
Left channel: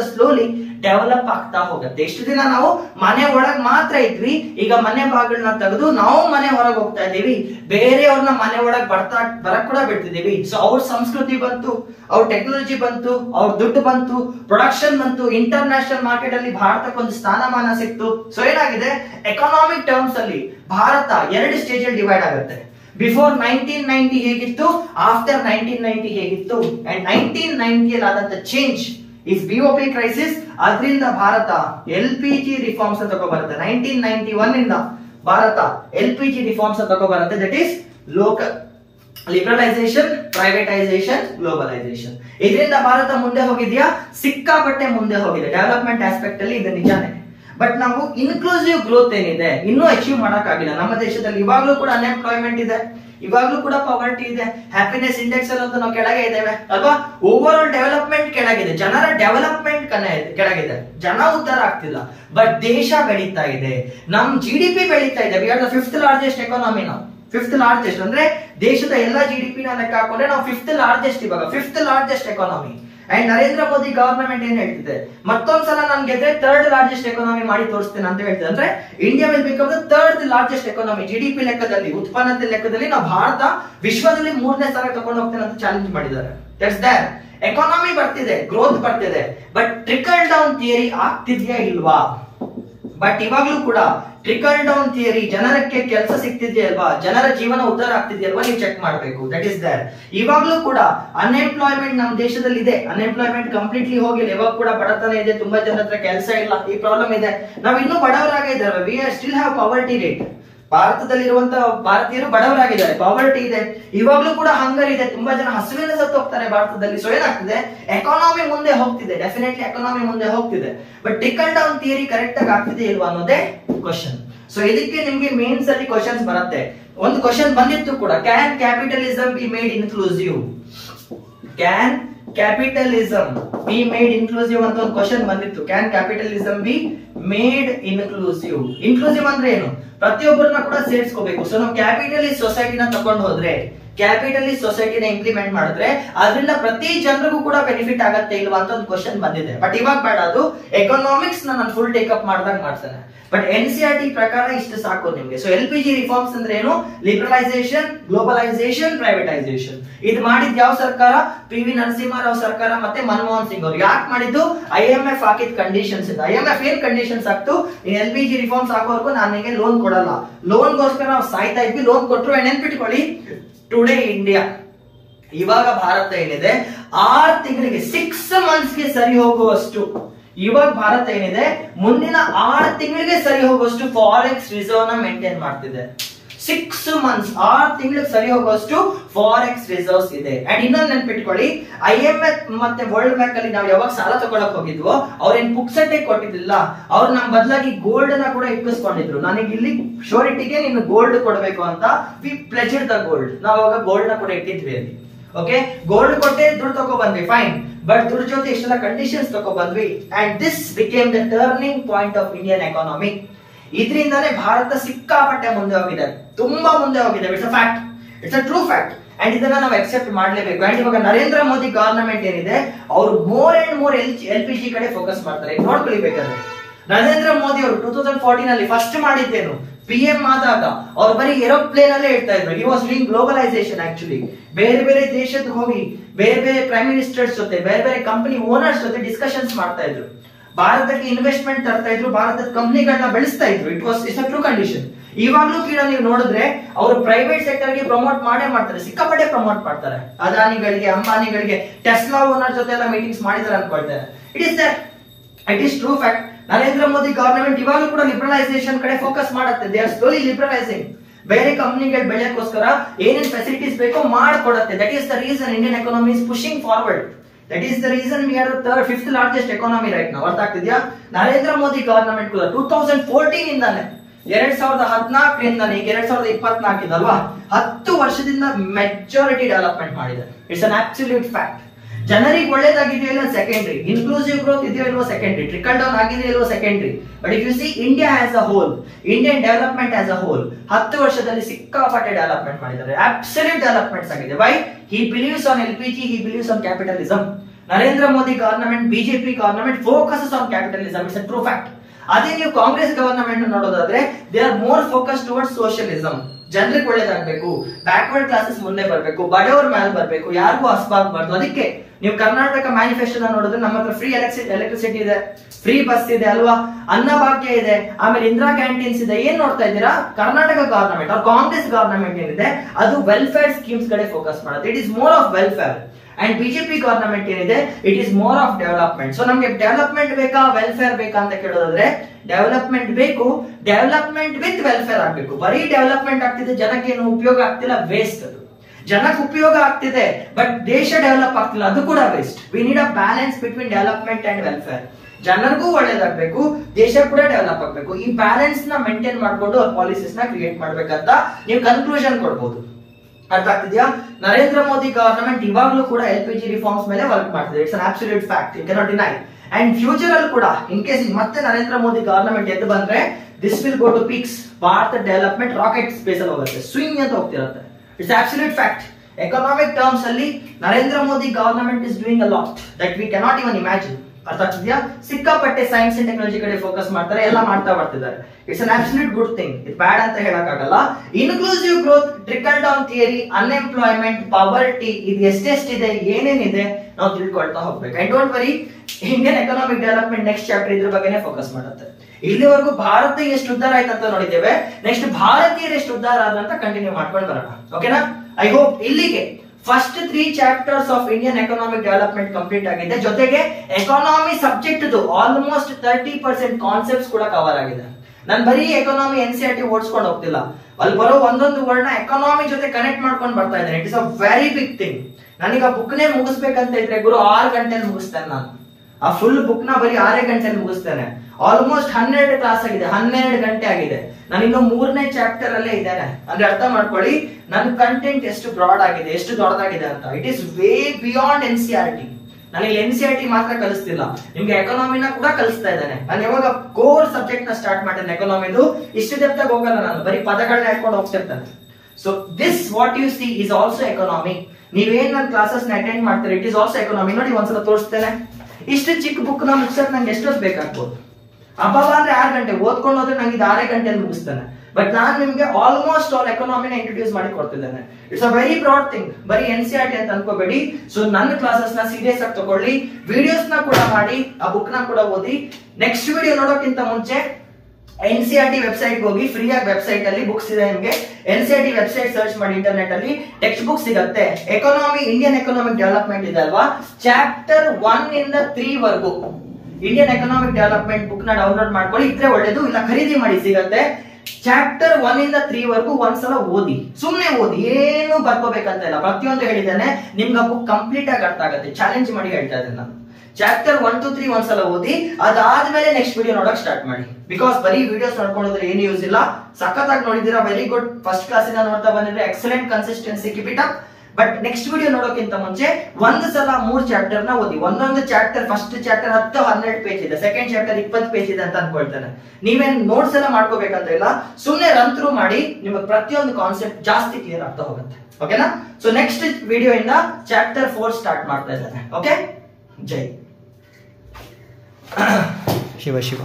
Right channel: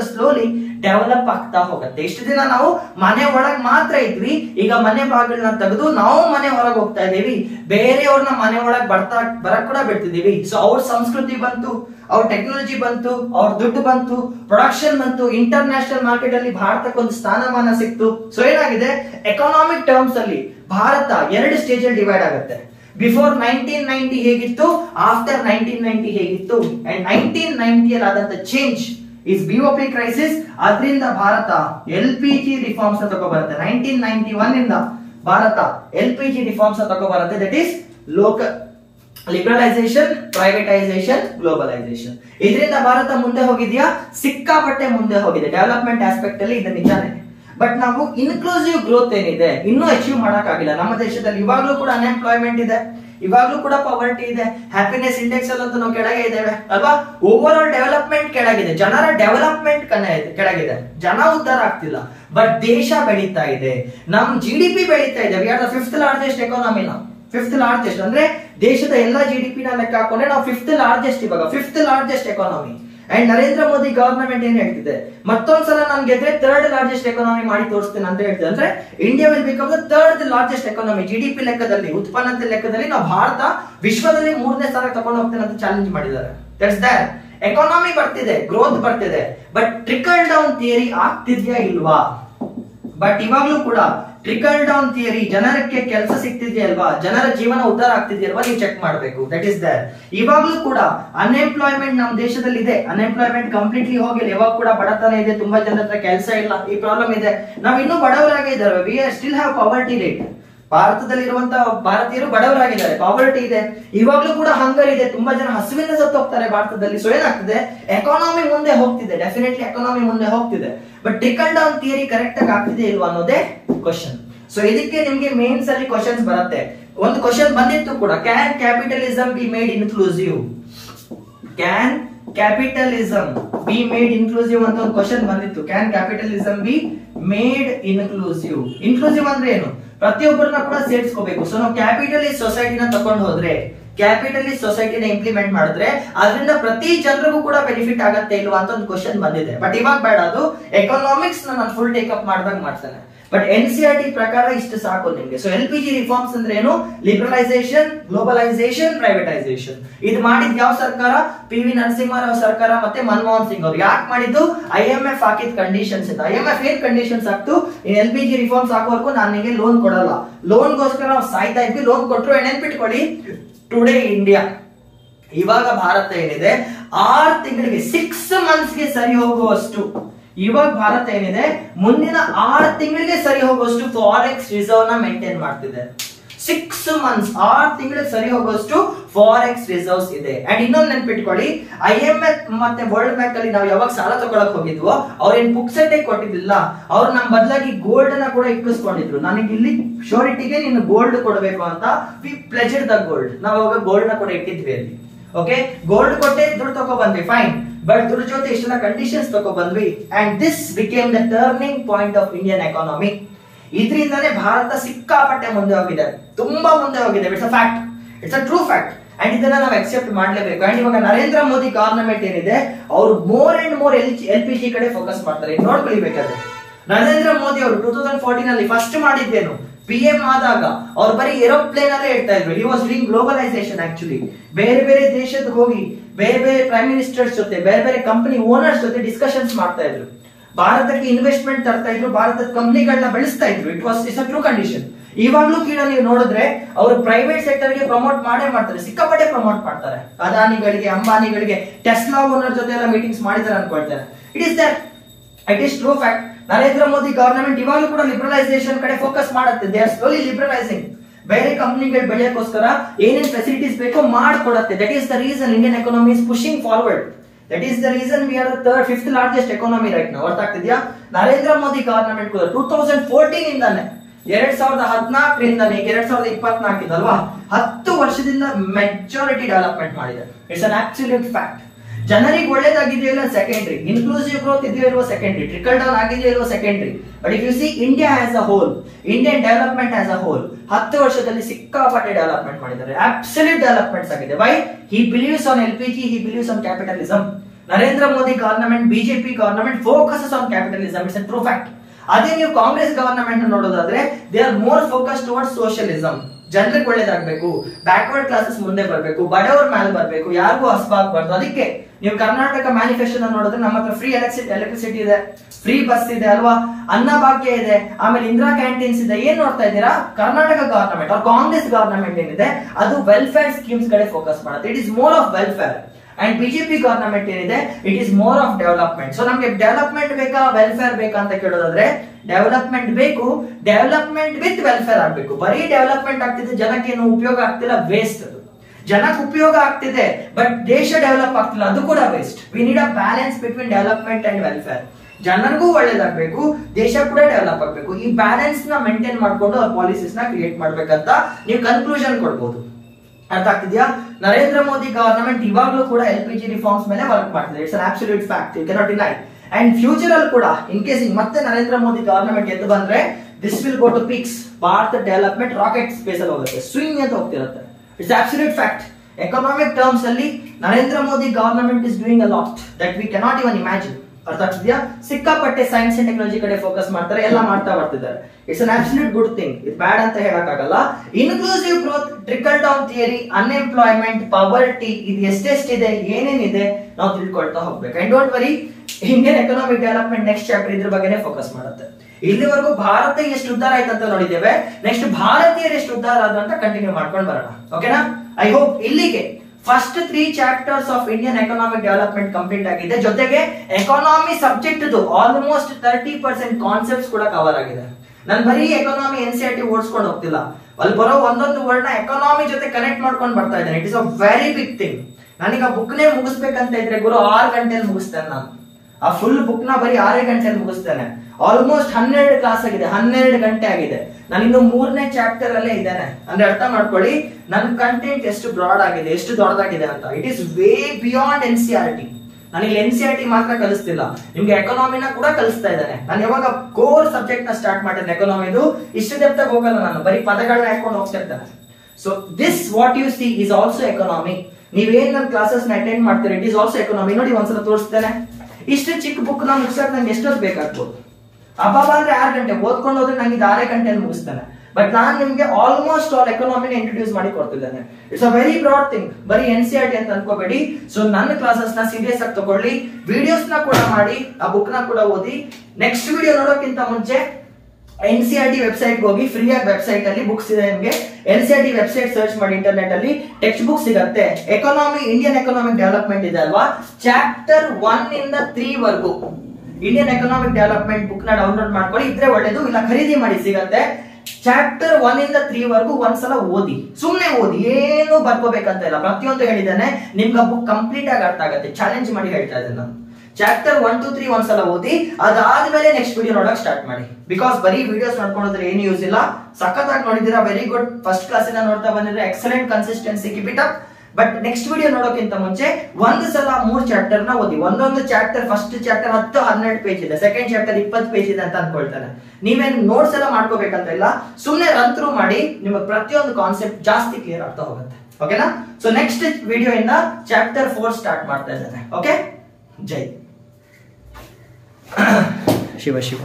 ಸ್ಲೋಲಿ ಡೆವಲಪ್ ಆಗ್ತಾ ಹೋಗುತ್ತೆ. ಇಷ್ಟು ದಿನ ನಾವು ಮನೆ ಒಳಗ್ ಮಾತ್ರ ಇದ್ವಿ, ಈಗ ಮನೆ ಬಾಗಿಲನ್ನ ತೆಗೆದು ನಾವು ಮನೆ ಹೊರಗೆ ಹೋಗ್ತಾ ಇದೀವಿ, ಬೇರೆಯವ್ರನ್ನ ಮನೆ ಒಳಗ್ ಬರಕ್ ಕೂಡ ಬಿಡ್ತಿದೀವಿ. ಸೊ ಅವ್ರ ಸಂಸ್ಕೃತಿ ಬಂತು, ಅವ್ರ ಟೆಕ್ನಾಲಜಿ ಬಂತು, ಅವ್ರ ದುಡ್ಡು ಬಂತು, ಪ್ರೊಡಕ್ಷನ್ ಬಂತು, ಇಂಟರ್ನ್ಯಾಷನಲ್ ಮಾರ್ಕೆಟ್ ಅಲ್ಲಿ ಭಾರತಕ್ಕೊಂದು ಸ್ಥಾನಮಾನ ಸಿಕ್ತು. ಸೊ ಏನಾಗಿದೆ, ಎಕನಾಮಿಕ್ ಟರ್ಮ್ಸ್ ಅಲ್ಲಿ ಭಾರತ 2 ಸ್ಟೇಜ್ ಅಲ್ಲಿ ಡಿವೈಡ್ ಆಗುತ್ತೆ. ಬಿಫೋರ್ 1990 ಹೇಗಿತ್ತು, ಆಫ್ಟರ್ 1990 ಹೇಗಿತ್ತು. ಅಂಡ್ 1990 ಆದಂತ ಚೇಂಜ್ ಇಸ್ BOP ಕ್ರೈಸಿಸ್. ಅದರಿಂದ ಭಾರತ LPG ರಿಫಾರ್ಮ್ಸ್ ತಗೋಬರುತ್ತೆ. 1991 ಇಂದ ಭಾರತ LPG ರಿಫಾರ್ಮ್ಸ್ ತಗೋಬರುತ್ತೆ. That is local liberalisation, privatisation, globalisation. ಇದರಿಂದ ಭಾರತ ಮುಂದೆ ಹೋಗಿದ್ಯಾ, ಸಿಕ್ಕಾಪಟ್ಟೆ ಮುಂದೆ ಹೋಗಿದೆ ಡೆವಲಪ್ಮೆಂಟ್ ಆಸ್ಪೆಕ್ಟ್ ಅಲ್ಲಿ. ಇದು ನಿಜಾನೇ. ಬಟ್ ನಾವು ಇನ್ಕ್ಲೂಸಿವ್ ಗ್ರೋತ್ ಏನಿದೆ ಇನ್ನೂ ಅಚೀವ್ ಮಾಡಕ್ಕಾಗಿಲ್ಲ ನಮ್ಮ ದೇಶದಲ್ಲಿ. ಇವಾಗ್ಲೂ ಕೂಡ ಅನ್ಎಂಪ್ಲಾಯ್ಮೆಂಟ್ ಇದೆ, ಇವಾಗ್ಲೂ ಕೂಡ ಪಾವರ್ಟಿ ಇದೆ, ಹ್ಯಾಪಿನೆಸ್ ಇಂಡೆಕ್ಸ್ ಅಲ್ಲಂತೂ ನಾವು ಕೆಳಗೆ ಇದ್ದೇವೆ ಅಲ್ವಾ. ಓವರ್ ಆಲ್ ಡೆವಲಪ್ಮೆಂಟ್ ಕೆಳಗಿದೆ, ಜನರ ಡೆವಲಪ್ಮೆಂಟ್ ಕೆಳಗಿದೆ, ಜನ ಉದ್ಧಾರ ಆಗ್ತಿಲ್ಲ. ಬಟ್ ದೇಶ ಬೆಳೀತಾ ಇದೆ, ನಮ್ GDP ಬೆಳೀತಾ ಇದೆ. V are the 5th largest economy. ನಾವು 5th ಲಾರ್ಜೆಸ್ಟ್ ಅಂದ್ರೆ ದೇಶದ ಎಲ್ಲ GDP ನ ಲೆಕ್ಕ ಹಾಕೊಂಡ್ರೆ ನಾವು 5th ಲಾರ್ಜೆಸ್ಟ್, ಇವಾಗ 5th largest economy. And Narendra Modi government ಏನ್ ಹೇಳ್ತಿದೆ, ಮತ್ತೊಂದ್ಸಲ ನಾನು ಗೆದ್ರೆ 3rd ಲಾರ್ಜೆಸ್ಟ್ ಎಕಾನಮಿ ಮಾಡಿ ತೋರಿಸ್ತೇನೆ ಅಂತ ಹೇಳ್ತಿದೆ. ಅಂದ್ರೆ India will become the 3rd largest economy. GDP ಲೆಕ್ಕದಲ್ಲಿ, ಉತ್ಪನ್ನದ ಲೆಕ್ಕದಲ್ಲಿ ನಾವು ಭಾರತ ವಿಶ್ವದಲ್ಲಿ 3ನೇ ಸ್ಥಾನ ತಗೊಂಡು ಹೋಗ್ತೇನೆ ಅಂತ ಚಾಲೆಂಜ್ ಮಾಡಿದ್ದಾರೆ. That's that. ಎಕಾನಮಿ ಬರ್ತಿದೆ, ಗ್ರೋತ್ ಬರ್ತಿದೆ, ಬಟ್ ಟ್ರಿಕಲ್ ಡೌನ್ ಥಿಯರಿ ಆಗ್ತಿದ್ಯಾ ಇಲ್ವಾ? ಬಟ್ ಇವಾಗ್ಲೂ ಕೂಡ ಟ್ರಿಕಲ್ ಡೌನ್ ಥಿಯರಿ, ಜನರಕ್ಕೆ ಕೆಲಸ ಸಿಗ್ತಿದ್ಯಾ ಅಲ್ವಾ, ಜನರ ಜೀವನ ಉದ್ಧಾರ ಆಗ್ತಿದ್ಯಲ್ವಾ, ನೀವು ಚೆಕ್ ಮಾಡಬೇಕು. That is there. ಇವಾಗ್ಲೂ ಕೂಡ ಅನ್ಎಂಪ್ಲಾಯ್ಮೆಂಟ್ ನಮ್ಮ ದೇಶದಲ್ಲಿ ಇದೆ. ಅನ್ಎಂಪ್ಲಾಯ್ಮೆಂಟ್ ಕಂಪ್ಲೀಟ್ಲಿ ಹೋಗಿಲ್ಲ. ಇವಾಗ ಕೂಡ ಬಡತನ ಇದೆ, ತುಂಬಾ ಜನರ ಹತ್ರ ಕೆಲಸ ಇಲ್ಲ, ಈ ಪ್ರಾಬ್ಲಮ್ ಇದೆ. ನಾವು ಇನ್ನೂ ಬಡವರಾಗೇ ಇದ್ದಾವೆ. We are still have poverty rate. ಭಾರತದಲ್ಲಿರುವಂತಹ ಭಾರತೀಯರು ಬಡವರಾಗಿದ್ದಾರೆ, ಪಾವರ್ಟಿ ಇದೆ, ಇವಾಗ್ಲೂ ಕೂಡ ಹಂಗರ್ ಇದೆ, ತುಂಬಾ ಜನ ಹಸುವಿನ ಸತ್ತು ಹೋಗ್ತಾರೆ ಭಾರತದಲ್ಲಿ. ಸೊ ಏನಾಗ್ತಿದೆ, ಎಕಾನಮಿ ಮುಂದೆ ಹೋಗ್ತಿದೆ, ಡೆಫಿನೆಟ್ಲಿ ಎಕಾನಮಿ ಮುಂದೆ ಹೋಗ್ತಿದೆ. But trickle down theory correct ಆಗಿ ಆಗ್ತಿದೆ ಇಲ್ವಾ ಅನ್ನೋದೇ ಕ್ವಶನ್. ಸೊ ಇದಕ್ಕೆ ನಿಮ್ಗೆ ಮೇನ್ಸ್ ಅಲ್ಲಿ ಕ್ವಶನ್ಸ್ ಬರುತ್ತೆ. ಒಂದು ಕ್ವಶನ್ ಬಂದಿತ್ತು ಕೂಡ, can capitalism be made inclusive? Can capitalism be made inclusive ಅಂತ ಒಂದು ಕ್ವಶನ್ ಬಂದಿತ್ತು. Can capitalism be made inclusive? Inclusive ಅಂದ್ರೆ ಏನು? ಪ್ರತಿಯೊಬ್ಬರನ್ನ ಕೂಡ ಸೇರಿಸ್ಕೋಬೇಕು. ಸೊ ನಾವು ಕ್ಯಾಪಿಟಲಿಸ್ಟ್ ಸೊಸೈಟಿನ ತಗೊಂಡು ಹೋದ್ರೆ, ಕ್ಯಾಪಿಟಲಿಸ್ಟ್ ಸೊಸೈಟಿನ ಇಂಪ್ಲಿಮೆಂಟ್ ಮಾಡಿದ್ರೆ ಅದರಿಂದ ಪ್ರತಿ ಜನರಿಗೂ ಕೂಡ ಬೆನಿಫಿಟ್ ಆಗತ್ತೆ ಇಲ್ವಾ ಅಂತ ಒಂದು ಕ್ವಶನ್ ಬಂದಿದೆ. ಬಟ್ ಇವಾಗ ಬೇಡ, ಅದು ಎಕನಾಮಿಕ್ಸ್ ನಾನು ಫುಲ್ ಟೇಕಪ್ ಮಾಡಿದಾಗ ಮಾಡ್ತಾನೆ. ಬಟ್ NCERT ಪ್ರಕಾರ ಇಷ್ಟು ಸಾಕು ನಿಮ್ಗೆ. ಸೊ LPG ರಿಫಾರ್ಮ್ಸ್ ಅಂದ್ರೆ ಏನು? Liberalisation, globalisation, privatisation. ಇದು ಮಾಡಿದ್ ಯಾವ ಸರ್ಕಾರ? PV ನರಸಿಂಹರಾವ್ ಸರ್ಕಾರ ಮತ್ತೆ ಮನಮೋಹನ್ ಸಿಂಗ್ ಅವರು. ಯಾಕೆ ಮಾಡಿದ್ದು? IMF ಹಾಕಿದ ಕಂಡೀಷನ್ಸ್ ಇಂದ. IMF ಏನ್ ಕಂಡೀಷನ್ಸ್ ಹಾಕ್ತು? ಇನ್ LPG ರಿಫಾರ್ಮ್ಸ್ ಹಾಕೋರ್ಗು ನಾನು ನಿಮಗೆ ಲೋನ್ ಕೊಡಲ್ಲ. ಲೋನ್ಗೋಸ್ಕರ ನಾವು ಸಾಯ್ತಾ ಇದ್ವಿ, ಲೋನ್ ಕೊಟ್ಟರು ನೆನ್ಪಿಟ್ಕೊಳ್ಳಿ. ಟುಡೇ ಇಂಡಿಯಾ, ಇವಾಗ ಭಾರತ ಏನಿದೆ 6 ತಿಂಗಳಿಗೆ 6 ಮಂತ್ಸ್ಗೆ ಸರಿ ಹೋಗುವಷ್ಟು, ಇವಾಗ ಭಾರತ ಏನಿದೆ ಮುಂದಿನ 6 ತಿಂಗಳಿಗೆ ಸರಿ ಹೋಗುವಷ್ಟು ಫಾರೆಕ್ಸ್ ರಿಸರ್ವ್ ನ ಮೇಂಟೈನ್ ಮಾಡ್ತಿದೆ. 6 ಮಂತ್ಸ್, 6 ತಿಂಗಳಿಗೆ ಸರಿ ಹೋಗುವಷ್ಟು ಫಾರೆಕ್ಸ್ ರಿಸರ್ವ್ಸ್ ಇದೆ. ಅಂಡ್ ಇನ್ನೊಂದು ನೆನ್ಪಿಟ್ಕೊಳ್ಳಿ, IMF ಮತ್ತೆ ವರ್ಲ್ಡ್ ಬ್ಯಾಂಕ್ ಅಲ್ಲಿ ನಾವು ಯಾವಾಗ ಸಾಲ ತಗೊಳಕ್ ಹೋಗಿದ್ವೋ ಅವ್ರೇನ್ ಪುಕ್ಸಟ್ಟೆ ಕೊಟ್ಟಿದ್ದಿಲ್ಲ, ಅವ್ರು ನಮ್ ಬದಲಾಗಿ ಗೋಲ್ಡ್ ನ ಕೂಡ ಇಟ್ಟಿಸ್ಕೊಂಡಿದ್ರು. ನನಗೆ ಇಲ್ಲಿ ಶ್ಯೂರಿಟಿಗೆ ನೀನು ಗೋಲ್ಡ್ ಕೊಡ್ಬೇಕು ಅಂತ ವಿ ಪ್ಲೆಜೆಡ್ ದ ಗೋಲ್ಡ್. ನಾವಾಗ ಗೋಲ್ಡ್ ನ ಕೂಡ ಇಟ್ಟಿದ್ವಿ ಅಲ್ಲಿ. ಓಕೆ, ಗೋಲ್ಡ್ ಕೊಟ್ಟೆ ದುಡ್ಡು ತಗೋ ಬಂದ್ವಿ, ಫೈನ್. ಬಟ್ ದುಡ್ಡು ಜೊತೆ ಇಷ್ಟೆಲ್ಲ ಕಂಡೀಷನ್ಸ್ ತಗೋ ಬಂದ್ವಿ. And this became the turning point of Indian economy. ಇದರಿಂದಾನೇ ಭಾರತ ಸಿಕ್ಕಾಪಟ್ಟೆ ಮುಂದೆ ಹೋಗಿದೆ, ತುಂಬಾ ಮುಂದೆ ಹೋಗಿದೆ. It's a fact, it's a true fact. And ಇದನ್ನ ನಾವು ಅಕ್ಸೆಪ್ಟ್ ಮಾಡ್ಲೇಬೇಕು. ಅಂಡ್ ಇವಾಗ ನರೇಂದ್ರ ಮೋದಿ ಗವರ್ನಮೆಂಟ್ ಏನಿದೆ, ಅವರು ಮೋರ್ ಅಂಡ್ ಮೋರ್ LPG ಕಡೆ ಫೋಕಸ್ ಮಾಡ್ತಾರೆ. ನೋಡ್ಕೊಳ್ಳಿ ಬೇಕಾದ್ರೆ, ನರೇಂದ್ರ ಮೋದಿ ಅವರು 2014 ಅಲ್ಲಿ ಫಸ್ಟ್ ಮಾಡಿದ್ದೇನು? PM ಆದಾಗ ಅವ್ರು ಬರೀ ಏರೋಪ್ಲೇನ್ ಅಲ್ಲೇ ಇಡ್ತಾ ಇದ್ರು. He was doing globalisation. Actually ಬೇರೆ ಬೇರೆ ದೇಶದ ಹೋಗಿ ಬೇರೆ ಬೇರೆ ಪ್ರೈಮ್ ಮಿನಿಸ್ಟರ್ಸ್ ಜೊತೆ, ಬೇರೆ ಬೇರೆ ಕಂಪನಿ ಓನರ್ಸ್ ಜೊತೆ ಡಿಸ್ಕಷನ್ಸ್ ಮಾಡ್ತಾ ಇದ್ರು. ಭಾರತಕ್ಕೆ ಇನ್ವೆಸ್ಟ್ಮೆಂಟ್ ತರ್ತಾ ಇದ್ರು, ಭಾರತದ ಕಂಪನಿಗಳನ್ನ ಬೆಳೆಸ್ತಾ ಇದ್ರು. It's a true condition. ಇವಾಗ್ಲೂ ಕೂಡ ನೀವು ನೋಡಿದ್ರೆ ಅವರು ಪ್ರೈವೇಟ್ ಸೆಕ್ಟರ್ ಗೆ ಪ್ರಮೋಟ್ ಮಾಡೇ ಮಾಡ್ತಾರೆ, ಸಿಕ್ಕಾಪಟ್ಟೆ ಪ್ರಮೋಟ್ ಮಾಡ್ತಾರೆ. ಅದಾನಿಗಳಿಗೆ, ಅಂಬಾನಿಗಳಿಗೆ, ಟೆಸ್ಲಾ ಓನರ್ ಜೊತೆ ಎಲ್ಲ ಮೀಟಿಂಗ್ಸ್ ಮಾಡಿದ್ದಾರೆ ಅನ್ಕೊಳ್ತಾರೆ. It is true fact. Narendra Modi government ಇವಾಗಲೂ ಕೂಡ ಲಿಬರಲೈಸೇಷನ್ ಕಡೆ ಫೋಕಸ್ ಮಾಡುತ್ತೆ. They are slowly liberalising. ಬೇರೆ ಕಂಪನಿಗಳು ಬೆಳೆಯೋಕ್ಕೋಸ್ಕರ ಏನೇನ್ ಫೆಸಿಲಿಟೀಸ್ ಬೇಕೋ ಮಾಡ್ಕೊಡತ್ತೆ. That is the reason Indian economy is pushing forward. That is the reason we are the 5th largest economy right ನಾವು. ಅರ್ಥ ಆಗ್ತಿದ್ಯಾ? ನರೇಂದ್ರ ಮೋದಿ ಗವರ್ನಮೆಂಟ್ ಕೂಡ 2014 ಇಂದಾನೆ, 2014 ಇಂದಾನೆ 2024 ಇದಲ್ವಾ, 10 ವರ್ಷದಿಂದ ಮೆಜಾರಿಟಿ ಡೆವಲಪ್ಮೆಂಟ್ ಮಾಡಿದೆ. It's an absolute fact. ಜನರಿಗೆ ಒಳ್ಳೇದಾಗಿದೆಯೋ ಇಲ್ಲ ಸೆಕೆಂಡ್ರಿ, ಇನ್ಕ್ಲೂಸಿವ್ ಗ್ರೋತ್ ಇದೆಯೋ ಇಲ್ವೋ ಸೆಕೆಂಡ್ರಿ, ಟ್ರಿಕಲ್ ಡೌನ್ ಆಗಿದೆಯೋ ಇಲ್ವೋ secondary. But if you see India as a whole, Indian development as a whole 10 ವರ್ಷದಲ್ಲಿ ಸಿಕ್ಕಾಪಟ್ಟೆ ಡೆವಲಪ್ಮೆಂಟ್ ಮಾಡಿದ್ದಾರೆ. ಅಬ್ಸಲ್ಯೂಟ್ ಡೆವಲಪ್ಮೆಂಟ್ಸ್ ಆಗಿದೆ. Why? He believes on LPG, he believes on capitalism. Narendra Modi government, BJP government focuses on capitalism. It's a true fact. ಅದೇ ನೀವು Congress government ನೋಡೋದಾದ್ರೆ they are more focus towards socialism. ಜನರಿಗೆ ಒಳ್ಳೇದಾಗಬೇಕು, backward classes ಮುಂದೆ ಬರಬೇಕು, ಬಡವರ ಮೇಲೆ ಬರಬೇಕು, ಯಾರಿಗೂ ಹಸ್ಬಾಗಬಾರ್ದು. ಅದಕ್ಕೆ ನೀವು ಕರ್ನಾಟಕ ಮ್ಯಾನಿಫೆಸ್ಟೋ ನೋಡಿದ್ರೆ ನಮ್ಮ ಹತ್ರ ಫ್ರೀ ಎಲೆಕ್ಟ್ರಿಸಿಟಿ ಇದೆ, ಫ್ರೀ ಬಸ್ ಇದೆ ಅಲ್ವಾ, ಅನ್ನಭಾಗ್ಯ ಇದೆ, ಆಮೇಲೆ ಇಂದಿರಾ ಕ್ಯಾಂಟೀನ್ಸ್ ಇದೆ. ಏನ್ ನೋಡ್ತಾ ಇದ್ದೀರಾ? ಕರ್ನಾಟಕ ಗವರ್ನಮೆಂಟ್ और ಕಾಂಗ್ರೆಸ್ ಗವರ್ನಮೆಂಟ್ ಏನಿದೆ ಅದು ವೆಲ್ಫೇರ್ ಸ್ಕೀಮ್ಸ್ ಕಡೆ ಫೋಕಸ್ ಮಾಡುತ್ತೆ. It is more of welfare. And BJP government ಏನಿದೆ it is more of development. So ನಮ್ಗೆ ಡೆವಲಪ್ಮೆಂಟ್ ಬೇಕಾ ವೆಲ್ಫೇರ್ ಬೇಕಾ ಅಂತ ಕೇಳೋದಾದ್ರೆ ಡೆವಲಪ್ಮೆಂಟ್ ಬೇಕು. ಡೆವಲಪ್ಮೆಂಟ್ ವಿತ್ ವೆಲ್ಫೇರ್ ಆಗ್ಬೇಕು. ಬರೀ ಡೆವಲಪ್ಮೆಂಟ್ ಆಗ್ತಿದೆ, ಜನಕ್ಕೆ ಏನು ಉಪಯೋಗ ಆಗ್ತಿಲ್ಲ, ವೇಸ್ಟ್. ಅದು ಜನಕ್ಕೆ ಉಪಯೋಗ ಆಗ್ತಿದೆ ಬಟ್ ದೇಶ ಡೆವಲಪ್ ಆಗ್ತಿಲ್ಲ, ಅದು ಕೂಡ waste. We need a balance between development and welfare. ಜನರಿಗೂ ಒಳ್ಳೇದಾಗಬೇಕು, ದೇಶ ಕೂಡ ಡೆವಲಪ್ ಆಗಬೇಕು. ಈ ಬ್ಯಾಲೆನ್ಸ್ ನ ಮೇಂಟೈನ್ ಮಾಡ್ಕೊಂಡು ಅವ್ರ ಪಾಲಿಸೀಸ್ ನ ಕ್ರಿಯೇಟ್ ಮಾಡ್ಬೇಕಂತ ನೀವು ಕನ್ಕ್ಲೂಷನ್ ಕೊಡ್ಬೋದು. ಅರ್ಥ ಆಗ್ತಿದ್ಯಾ? ನರೇಂದ್ರ ಮೋದಿ ಗವರ್ನಮೆಂಟ್ ಇವಾಗ್ಲೂ ಕೂಡ LPG ರಿಫಾರ್ಮ್ಸ್ ಮೇಲೆ ವರ್ಕ್ ಮಾಡ್ತಿದೆ. It's an absolute fact, you cannot deny. And future ಅಲ್ಲಿ ಕೂಡ ಇನ್ ಕೇಸ್ ಮತ್ತೆ ನರೇಂದ್ರ ಮೋದಿ ಗವರ್ನಮೆಂಟ್ ಎದ್ದು ಬಂದ್ರೆ this will go to peaks. ಭಾರತ ಡೆವಲಪ್ಮೆಂಟ್ ರಾಕೆಟ್ ಸ್ಪೇಸ್ ಅಲ್ಲಿ ಹೋಗುತ್ತೆ, ಸ್ವಿಂಗ್ ಅಂತ ಹೋಗ್ತಿರುತ್ತೆ. It's absolute fact. Economic terms ಅಲ್ಲಿ Narendra Modi government is doing a lot that we cannot even imagine. ಅರ್ಥ ಆಗ್ತಿದ್ಯಾ? ಸಿಕ್ಕಾಪಟ್ಟೆ ಸೈನ್ಸ್ ಅಂಡ್ ಟೆಕ್ನಾಲಜಿ ಕಡೆ ಫೋಕಸ್ ಮಾಡ್ತಾರೆ, ಎಲ್ಲ ಮಾಡ್ತಾ ಬರ್ತಿದ್ದಾರೆ. It's an absolute good thing. ಇದು ಬ್ಯಾಡ್ ಅಂತ ಹೇಳಕ್ಕಾಗಲ್ಲ. Inclusive growth, trickle down theory, unemployment, poverty, ಇದು ಎಷ್ಟೆಷ್ಟಿದೆ, ಏನೇನಿದೆ ನಾವು ತಿಳ್ಕೊಳ್ತಾ ಹೋಗ್ಬೇಕು. And don't worry, Indian economic development next chapter ಇದ್ರ ಬಗ್ಗೆನೇ ಫೋಕಸ್ ಮಾಡುತ್ತೆ. ಇಲ್ಲಿವರೆಗೂ ಭಾರತ ಎಷ್ಟು ಉದ್ಧಾರ ಆಯ್ತು ಅಂತ ನೋಡಿದ್ದೇವೆ. ನೆಕ್ಸ್ಟ್ ಭಾರತೀಯರು ಎಷ್ಟು ಉದ್ಧಾರ ಆದ್ರು ಅಂತ ಕಂಟಿನ್ಯೂ ಮಾಡ್ಕೊಂಡು ಬರೋಣ. ಓಕೆನಾ? ಐ ಹೋಪ್ ಇಲ್ಲಿಗೆ first 3 chapters of Indian economic development complete ಆಗಿದೆ. ಜೊತೆಗೆ ಎಕಾನಮಿ ಸಬ್ಜೆಕ್ಟ್ ಆಲ್ಮೋಸ್ಟ್ 30% ಕಾನ್ಸೆಪ್ಟ್ಸ್ ಕೂಡ ಕವರ್ ಆಗಿದೆ. ನಾನು ಬರೀ ಎಕಾನಮಿ NCERT ಓಡಿಸ್ಕೊಂಡು ಹೋಗ್ತಿಲ್ಲ, ಅಲ್ಲಿ ಬರೋ ಒಂದೊಂದು ವರ್ಡ್ ನ ಎಕಾನಮಿ ಜೊತೆ ಕನೆಕ್ಟ್ ಮಾಡ್ಕೊಂಡು ಬರ್ತಾ ಇದ್ದೇನೆ. It is a very big thing. ನಾನೀಗ ಬುಕ್ನೇ ಮುಗಿಸ್ಬೇಕಂತ ಇದ್ರೆ ಗುರು 6 ಗಂಟೆಯಲ್ಲಿ ಮುಗಿಸ್ತೇನೆ. ನಾನು ಆ ಫುಲ್ ಬುಕ್ ನ ಬರೀ 6 ಗಂಟೆಯಲ್ಲಿ ಮುಗಿಸ್ತೇನೆ. ಆಲ್ಮೋಸ್ಟ್ 12 ಕ್ಲಾಸ್ ಆಗಿದೆ, 12 ಗಂಟೆ ಆಗಿದೆ. ನಾನು ಇನ್ನು 3ನೇ ಚಾಪ್ಟರ್ ಅಲ್ಲೇ ಇದ್ದೇನೆ. ಅಂದ್ರೆ ಅರ್ಥ ಮಾಡ್ಕೊಳ್ಳಿ ನನ್ನ ಕಂಟೆಂಟ್ ಎಷ್ಟು ಬ್ರಾಡ್ ಆಗಿದೆ, ಎಷ್ಟು ದೊಡ್ಡದಾಗಿದೆ ಅಂತ. It is way beyond NCERT. ನನಗೆ NCERT ಮಾತ್ರ ಕಲಿಸ್ತಿಲ್ಲ, ನಿಮ್ಗೆ ಎಕಾನಮಿನ ಕೂಡ ಕಲಿಸ್ತಾ ಇದ್ದಾನೆ. ನಾನು ಯಾವಾಗ ಕೋರ್ ಸಬ್ಜೆಕ್ಟ್ ನ ಸ್ಟಾರ್ಟ್ ಮಾಡಿದ್ದೇನೆ ಎಕಾನಮಿದು, ಇಷ್ಟು ಡೆಪ್ತ್ ಹೋಗಲ್ಲ ನಾನು, ಬರೀ ಪದಗಳನ್ನ ಹಾಕೊಂಡು ಹೋಗ್ತಿರ್ತಾನೆ. So this what you see is also economy. ನೀವೇನ್ ನನ್ನ ಕ್ಲಾಸಸ್ ನ ಅಟೆಂಡ್ ಮಾಡ್ತೀರಿ, ಇಟ್ ಇಸ್ ಆಲ್ಸೋ ಎಕಾನಮಿ. ನೋಡಿ ಒಂದ್ಸಲ ತೋರಿಸ್ತೇನೆ. ಇಷ್ಟು ಚಿಕ್ಕ ಬುಕ್ ನ ಮುಗಿಸಕ್ ನಂಗೆ ಎಷ್ಟೊತ್ತು ಬೇಕಾಗ್ಬೋದು? ಅಬ್ಬಬ್ಬ ಅಂದ್ರೆ 6 ಗಂಟೆ ಓದ್ಕೊಂಡು ಹೋದ್ರೆ ನಂಗೆ ಇದು 6 ಗಂಟೆಯಲ್ಲಿ ಮುಗಿಸ್ತೇನೆ. ಬಟ್ ನಾನು ನಿಮ್ಗೆ ಆಲ್ಮೋಸ್ಟ್ ಆಲ್ ಎಕಾನಮಿನ ಇಂಟ್ರೊಡ್ಯೂಸ್ ಮಾಡಿ ಕೊಡ್ತಿದ್ದೇನೆ. It's a very broad thing. ಬರೀ NCERT ಅಂತ ಅನ್ಕೋಬೇಡಿ. ಸೊ ನನ್ನ ಕ್ಲಾಸಸ್ ನ ಸೀರಿಯಸ್ ಆಗಿ ತಗೊಳ್ಳಿ, ವಿಡಿಯೋಸ್ ನ ಕೂಡ ಮಾಡಿ, ಆ ಬುಕ್ ನ ಕೂಡ ಓದಿ. ನೆಕ್ಸ್ಟ್ ವಿಡಿಯೋ ನೋಡೋಕ್ಕಿಂತ ಮುಂಚೆ NCERT ವೆಬ್ಸೈಟ್ ಹೋಗಿ, ಫ್ರೀ ಆಗಿ ವೆಬ್ಸೈಟ್ ಅಲ್ಲಿ ಬುಕ್ಸ್ ಇದೆ ನಿಮ್ಗೆ. NCERT ವೆಬ್ಸೈಟ್ ಸರ್ಚ್ ಮಾಡಿ, ಇಂಟರ್ನೆಟ್ ಅಲ್ಲಿ ಟೆಕ್ಸ್ಟ್ ಬುಕ್ ಸಿಗುತ್ತೆ. ಎಕಾನಮಿ, ಇಂಡಿಯನ್ ಎಕನಾಮಿಕ್ ಡೆವಲಪ್ಮೆಂಟ್ ಇದೆ ಅಲ್ವಾ, ಚಾಪ್ಟರ್ 1 ಇಂದ 3 ವರ್ಗು ಇಂಡಿಯನ್ ಎಕನಾಮಿಕ್ ಡೆವಲಪ್ಮೆಂಟ್ ಬುಕ್ ನ ಡೌನ್ಲೋಡ್ ಮಾಡ್ಕೊಳ್ಳಿ. ಇದ್ರೆ ಒಳ್ಳೇದು, ಇಲ್ಲ ಖರೀದಿ ಮಾಡಿ, ಸಿಗತ್ತೆ. ಚಾಪ್ಟರ್ 1 ಇಂದ 3 ವರ್ಗು ಒಂದ್ಸಲ ಓದಿ, ಸುಮ್ನೆ ಓದಿ, ಏನು ಬರ್ಕೋಬೇಕಂತ ಇಲ್ಲ. ಪ್ರತಿಯೊಂದು ಹೇಳಿದ್ದೇನೆ, ನಿಮ್ಗೆ ಆ ಬುಕ್ ಕಂಪ್ಲೀಟ್ ಆಗಿ ಅರ್ಥ ಆಗುತ್ತೆ. ಚಾಲೆಂಜ್ ಮಾಡಿ ಹೇಳ್ತಾ ಇದ್ದೇನೆ ನಾನು. ಚಾಪ್ಟರ್ 1 to 3 ಒಂದ್ಸಲ ಓದಿ, ಅದಾದ್ಮೇಲೆ ನೆಕ್ಸ್ಟ್ ವಿಡಿಯೋ ನೋಡಕ್ ಸ್ಟಾರ್ಟ್ ಮಾಡಿ. ಬಿಕಾಸ್ ಬರೀ ವಿಡಿಯೋಸ್ ನೋಡ್ಕೊಂಡಿದ್ರೆ ಏನು ಯೂಸ್ ಇಲ್ಲ. ಸಖತ್ತಾಗಿ ನೋಡಿದಿರಾ, ವೆರಿ ಗುಡ್. ಫಸ್ಟ್ ಕ್ಲಾಸ್ ಇಂದ ನೋಡ್ತಾ ಬಂದಿದ್ರೆ excellent consistency, keep it up. But next video ನೋಡೋಕ್ಕಿಂತ ಮುಂಚೆ ಒಂದು ಸಲ 3 ಚಾಪ್ಟರ್ ನ ಓದಿ. ಒಂದೊಂದು ಚಾಪ್ಟರ್, ಫಸ್ಟ್ ಚಾಪ್ಟರ್ 10-12 ಪೇಜ್ ಇದೆ, ಸೆಕೆಂಡ್ ಚಾಪ್ಟರ್ 20 ಪೇಜ್ ಇದೆ ಅಂತ ಅನ್ಕೊಳ್ತಾನೆ. ನೀವೇನ್ ನೋಟ್ಸ್ ಎಲ್ಲ ಮಾಡ್ಕೋಬೇಕಂತ ಇಲ್ಲ, ಸುಮ್ನೆ ರನ್ ಥ್ರೂ ಮಾಡಿ, ನಿಮಗೆ ಪ್ರತಿಯೊಂದು ಕಾನ್ಸೆಪ್ಟ್ ಜಾಸ್ತಿ ಕ್ಲಿಯರ್ ಆಗ್ತಾ ಹೋಗುತ್ತೆ. ಓಕೆನಾ? ಸೊ ನೆಕ್ಸ್ಟ್ ವಿಡಿಯೋ ಇಂದ ಚಾಪ್ಟರ್ 4 ಸ್ಟಾರ್ಟ್ ಮಾಡ್ತಾ ಇದ್ದೇನೆ. ಓಕೆ, ಜೈ ಶಿವ ಶಿವ.